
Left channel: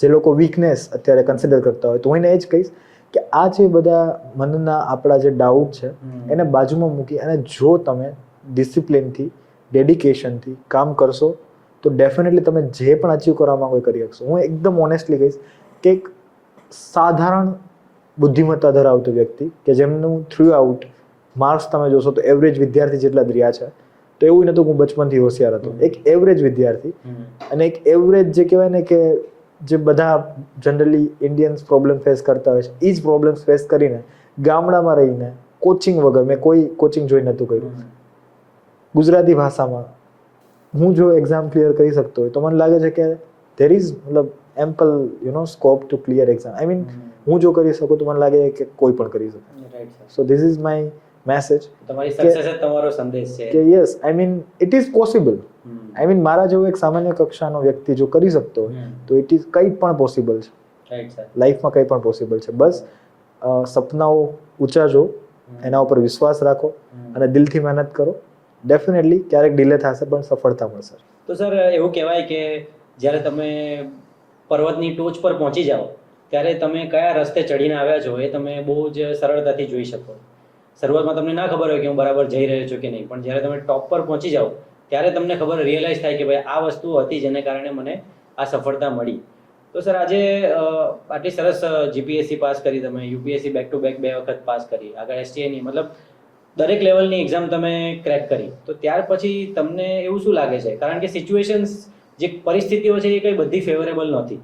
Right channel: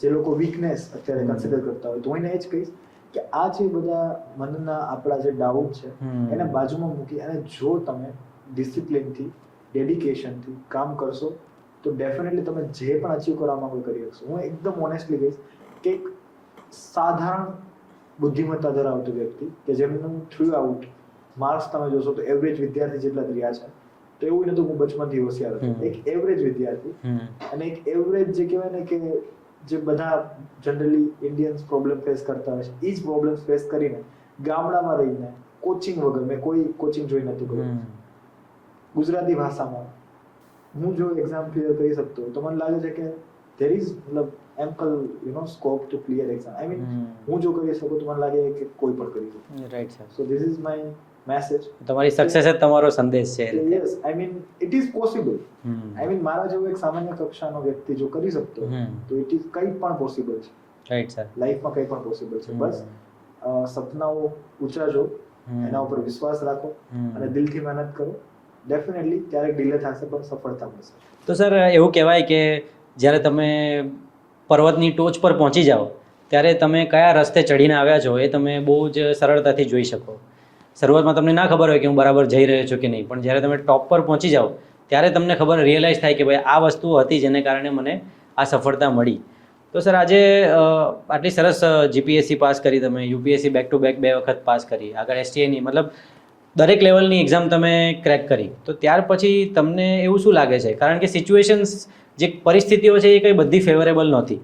જે લોકો વીકનેસ અત્યારે કન્સિડર કરતા હોય તો હું એને એ જ કહીશ કે આ જે બધા મનના આપણા જે ડાઉટ છે એને બાજુમાં મૂકી અને જો તમે ડિસિપ્લિનથી ડેડિકેશનથી કામ કરશો તો ડેફિનેટલી તમે જે પણ અચીવ કરવા માંગો એ કરી શકશો. હું એકદમ ઓનેસ્ટલી કહીશ કે એક સાધારણ બુદ્ધિમત્તા ધરાવતો વ્યક્તિ કે જેમનું થ્રુ આઉટ માર્ક્સ તમે જોશો તો એવરેજ વિદ્યાર્થી જેટલા જ રહ્યા છે. તો એવું નહોતું હું બચપનથી હોશિયાર હતો, એક એવરેજ વિદ્યાર્થી અને એક એવરેજ જે કહેવાય ને કે જે બધા જનરલી ઇન્ડિયન્સ પ્રોબ્લેમ ફેસ કરતા હોય છે એ જ પ્રોબ્લેમ ફેસ કરીને ગામડામાં રહીને કોચિંગ વગર, મેં કોઈ કોચિંગ જોઈ નહોતું કર્યું, ગુજરાતી ભાષામાં હું જો એક્ઝામ ક્લિયર કરી શકતો હોય તો મને લાગે છે કે ધેર ઇઝ મતલબ ample scope to clear exam. I mean હું જો કરી શકું તો મને લાગે કે કોઈ પણ કરી શકે. Right sir. So this is my message. તમારી સક્સેસ જ તમારો સંદેશ છે કે yes, I mean it is possible. I mean મારા જેવો એક સામાન્ય કક્ષાનો વ્યક્તિ જો કરી શકતો તો ઇટ ઇઝ કંઈ પણ પોસિબલ છે. Right sir. લાઈફમાં કંઈ પણ પોસિબલ છે. બસ સપનાઓ ઊંચા જો, એના ઉપર વિશ્વાસ રાખો અને દિલથી મહેનત કરો. ડેફિનેટલી ક્યારેક ડિલે થશે પણ સફળતા મળશે. તો સર એવું કહેવાય કે જ્યારે તમે પર્વતની ટોચ પર પહોંચી જાઓ ત્યારે તમે કયા રસ્તે ચડીને આવ્યા છો એ તમે બહુ જ સરળતાથી જોઈ શકો. શરૂઆતમાં તમને ના ખબર હોય કે હું બરાબર જઈ રહ્યો છું કે નહીં, પણ જ્યારે તમે ટોપ પર પહોંચી જાઓ ત્યારે તમને રિયલાઇઝ થાય કે ભાઈ આ વસ્તુ હતી જેને કારણે મને આ સફળતા મળી. તો સર આજે આટલી સરસ જીપીએસસી પાસ કરી, તમે યુપીએસસી બેક ટુ બેક 2 વખત પાસ કરી, આગળ એસટીઆઈની મતલબ દરેક લેવલની એક્ઝામ તમે ક્રેક કરી, તો ત્યાર પછી તમને એવું શું લાગે છે? કારણ કે સિચ્યુએશન્સ જે પરિસ્થિતિઓ છે એ કંઈ બધી ફેવરેબલ નહોતી,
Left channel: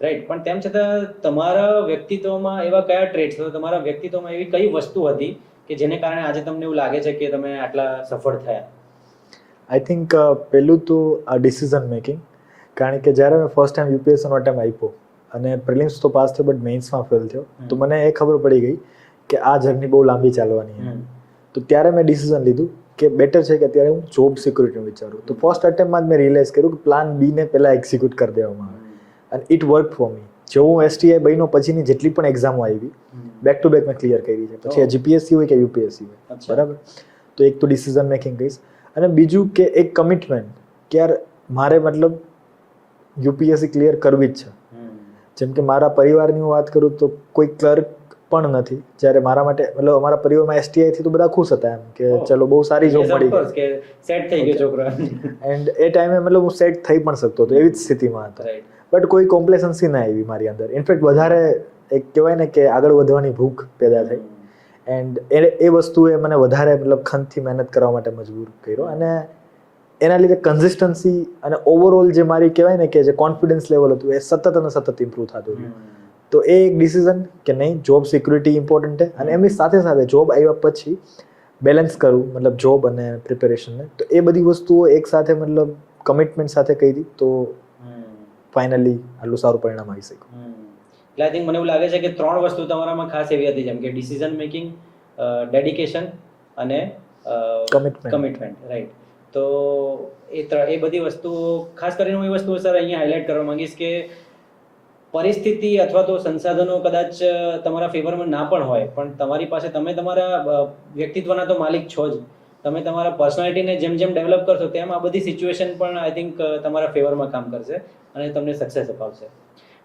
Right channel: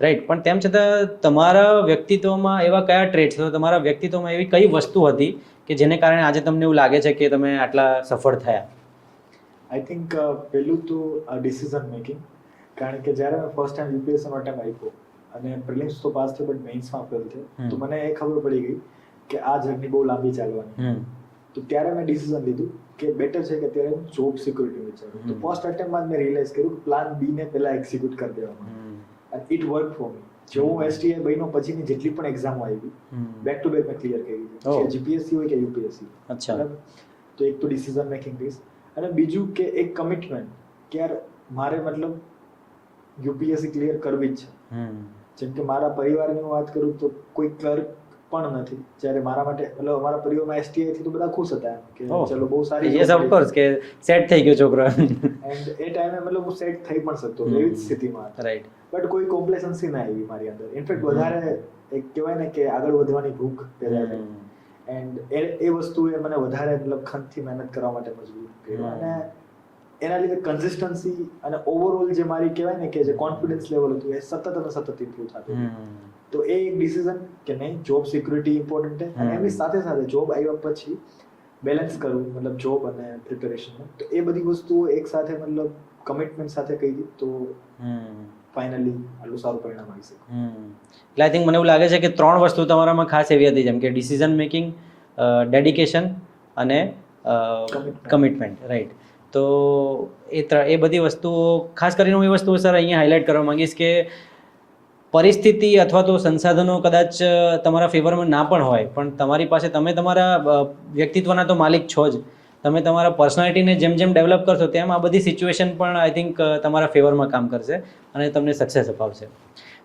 રાઈટ, પણ તેમ છતાં તમારા વ્યક્તિત્વમાં એવા કયા ટ્રેટ્સ, તમારા વ્યક્તિત્વમાં એવી કઈ વસ્તુ હતી કે જેને કારણે આજે તમને એવું લાગે છે કે તમે આટલા સફળ થયા? આઈ થિંક પહેલું તો આ ડિસિઝન મેકિંગ. કારણ કે જ્યારે મેં ફર્સ્ટ ટાઈમ યુપીએસસીનો અટેમ્પ આપ્યો અને પ્રિલિમ્સ તો પાસ થયો બટ મેઇન્સમાં ફેલ થયો તો મને એ ખબર પડી ગઈ કે આ જર્ની બહુ લાંબી ચાલવાની. તો ત્યારે મેં ડિસિઝન લીધું કે બેટર છે કે અત્યારે હું જોબ સિક્યુરિટી વિચારું. તો ફર્સ્ટ અટેમ્પમાં જ મેં રિયલાઇઝ કર્યું કે પ્લાન બી ને પહેલાં એક્ઝિક્યુટ કરી દેવામાં આવે અને ઇટ વર્ક ફોર મી. જો હું એસટીઆઈ બન્યો પછીની જેટલી પણ એક્ઝામો આવી બેક ટુ બેક મેં ક્લિયર કરી છે, પછી આ જીપીએસસી હોય કે યુપીએસસી હોય. બરાબર. તો એક તો ડિસિઝન મેકિંગ કહીશ અને બીજું કે એક કમિટમેન્ટ કે યાર મારે મતલબ યુપીએસસી ક્લિયર કરવી જ છે. જેમ કે મારા પરિવારની હું વાત કરું તો કોઈ ક્લર્ક પણ નથી. જ્યારે મારા માટે મતલબ અમારા પરિવારમાં STI થી તો બધા ખુશ હતા એમ કે ચલો બહુ સારી જોબ મળી ઓફકોર્સ કે સેટ થઈ ગયો છોકરો. એન્ડ એ ટાઈમે મતલબ હું સેટ થઈ પણ શકતો હતો, એવી જ સ્થિતિમાં હતો. રાઈટ. બટ કોઈ કોમ્પ્લેસન્સી ના આવી મારી અંદર. ઇનફેક્ટ વધારે એક કહેવાય ને કે આગળ વધવાની ભૂખ પેદા થઈ. એન્ડ એ વસ્તુએ મને વધારે મતલબ ખંતથી મહેનત કરવા માટે મજબૂર કર્યો. અને એના લીધે કન્સિસ્ટન્સી અને ઓવરઓલ જે મારી કહેવાય ને કે જે કોન્ફિડન્સ લેવલ હતું એ સતત અને સતત ઇમ્પ્રૂવ થતું હતું. તો એ એક ડિસિઝન કે નહીં, જોબ સિક્યુરિટી ઇમ્પોર્ટન્ટ છે અને એમની સાથે સાથે જોબ આવ્યા પછી બેલેન્સ કરવું, મતલબ જોબ અને પ્રિપેરેશનને. તો એ બધી વસ્તુઓ એક સાથે મતલબ કમિટમેન્ટ સાથે કરી તો ફાઇનલી આટલું સારું પરિણામ આવી શક્યું. એટલે આઈ થિંક મને એવું લાગે છે કે 3 વસ્તુ તમારામાં ખાસ એવી હતી, જેમ કે ડિસિઝન મેકિંગ, ડેડિકેશન અને કમિટમેન્ટ. રાઈટ. તો એ બધી વસ્તુઓ, ખાસ કરીને હું એ વસ્તુઓ સર અહીંયા હાઇલાઇટ કરવા માંગીશ કે પરિસ્થિતિ અથવા તો સંસાધનો કદાચ તમારા ફેવરમાં ના પણ હોય, પણ તમારી પાસે તમે તમારા વ્યક્તિત્વના તો માલિક છો જ. તમે તમારા પર્સનાલિટીને જેમ જેમ ડેવલપ કરશો તેમ આ બધી સિચ્યુએશન પણ આઈ થિંક તમારા ફેવરમાં કામ કરશે અને તમને સક્સેસ અપાવશે.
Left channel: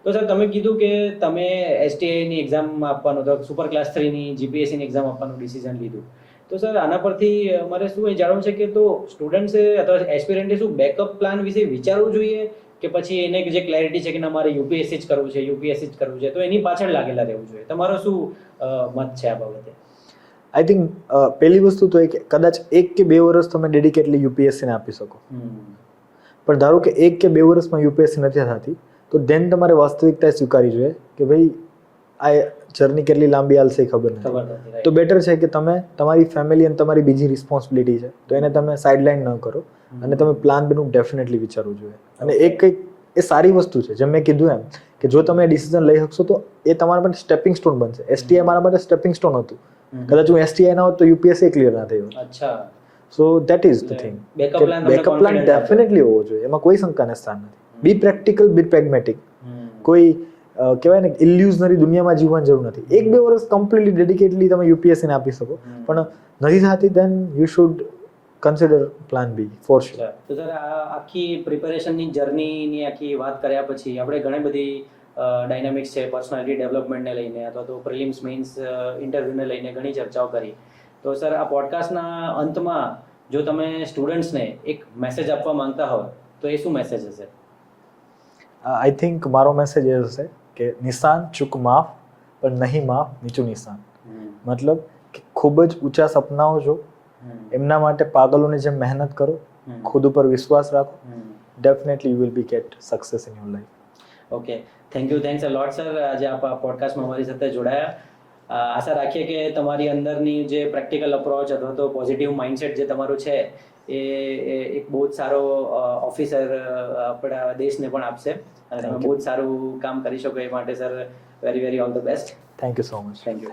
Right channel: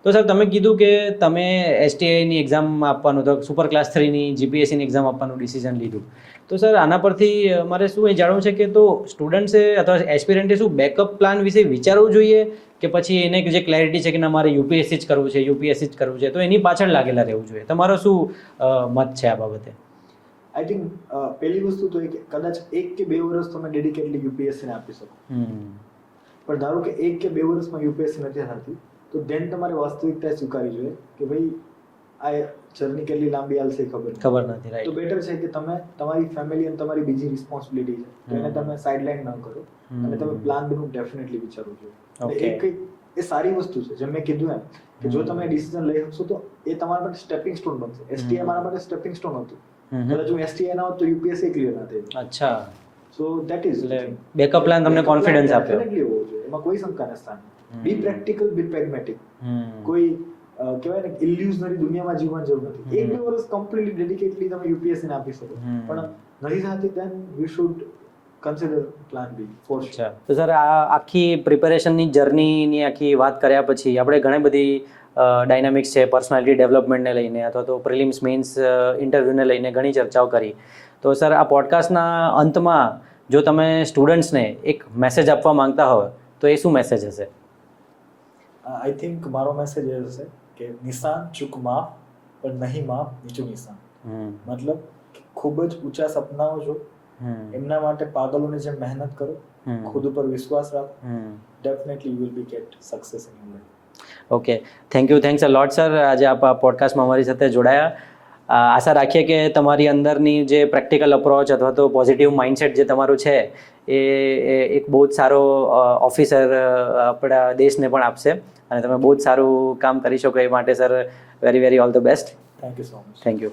તો સર તમે કીધું કે તમે STIની એક્ઝામ આપવાનું, તો સુપર ક્લાસ 3ની GPSCની એક્ઝામ આપવાનું ડિસિઝન લીધું. તો સર આના પરથી મારે શું એ જાણવું છે કે તો સ્ટુડન્ટ્સે અથવા એસ્પિરન્ટે શું બેકઅપ પ્લાન વિશે વિચારવું જોઈએ કે પછી એને જે ક્લેરિટી છે કે ના મારે UPSC જ કરવું છે તો એની પાછળ લાગેલા રહેવું જોઈએ? તમારો શું મત છે આ બાબતે? આઈ થિંક પહેલી વસ્તુ તો એ કે કદાચ 1 કે 2 વર્ષ તમે ડેડિકેટલી યુપીએસસીને આપી શકો. પણ ધારો કે 1 કે 2 વર્ષમાં યુપીએસસી નથી થતી તો દેન તમારે વાસ્તવિકતા સ્વીકારવી જોઈએ કે ભાઈ આ જર્ની કેટલી લાંબી હાલશે ખબર નથી. તો બેટર છે કે તમે તમારી ફેમિલી અને તમારી બીજી રિસ્પોન્સિબિલિટી છે તો એને તમે સાઇડલાઇન ન કરો અને તમે પ્લાન બીનું ડેફિનેટલી વિચારવું જોઈએ. અને એક કંઈક એ સારી વસ્તુ છે, જેમ મેં કીધું એમ કે જો તમે ડિસિઝન લઈ શકશો તો એ તમારા માટે સ્ટેપિંગ સ્ટોન બનશે. STI મારા માટે સ્ટેપિંગ સ્ટોન હતું. કદાચ હું STI ના હોત તો યુપીએસસી ક્લિયર ના થયું. અચ્છા. So that is the thing. Backup plan તમને કોન્ફિડન્સ આપે. ડેફિનેટલી હોવો જોઈએ, એમાં કોઈ શંકાને સ્થાન નથી. બી પ્રેક્ટિકલ, બી પ્રેગ્મેટિક. કોઈ કહેવાય ને ઇલ્યુઝનરી દુનિયામાં જીવવાની જરૂર નથી. 1-2 વર્ષ કમ્પ્લીટલી ડેડિકેટલી તમે યુપીએસસી ને આપી શકો, પણ નથી થતી then you should consider plan B for sure. તો સર આ આખી પ્રિપેરેશનની જર્નીની આખી વાત કર્યા પછી આપણે ઘણી બધી ડાયનામિક્સ છે પર્સનાલિટી ડેવલપમેન્ટને લઈને અથવા તો પ્રિલિમ્સ મેઇન્સ ઇન્ટરવ્યૂને લઈને ઘણી ચર્ચાઓ કરી. તો સર આ પોડકાસ્ટના અંતમાં જો તમે સ્ટુડન્ટ્સને એક મેસેજ આપવા માંગતા હોય તો એ શું મેસેજ હશે? આઈ થિંક મારો મેસેજ એ હશે કે નિશાન ચૂક માફ પણ નહીં માફ નીચું નિશાન. મતલબ કે ખૂબ જ ઊંચા સપનાઓ જો, એમના માટે પાગલોની જેમ મહેનત કરો, ખુદ ઉપર વિશ્વાસ રાખો, definitely you will be get success in your life. Okay, thanks a lot sir, આજે આપ આ પોડકાસ્ટમાં અમારી સાથે જોડાયા. આશા રાખીએ કે તમારી અંદરની જે પ્રેક્ટિકલ અપ્રોચ અથવા તો પોઝિટિવ માઇન્ડસેટ જે તમારું છે એ એક બહુ જ સારો ઓફિસર આપણા દેશને પણ આપશે અને તમે બહુ જ સારું કામ કરી શકો એ માટે sir very all the best. Thank you so much. Thank you.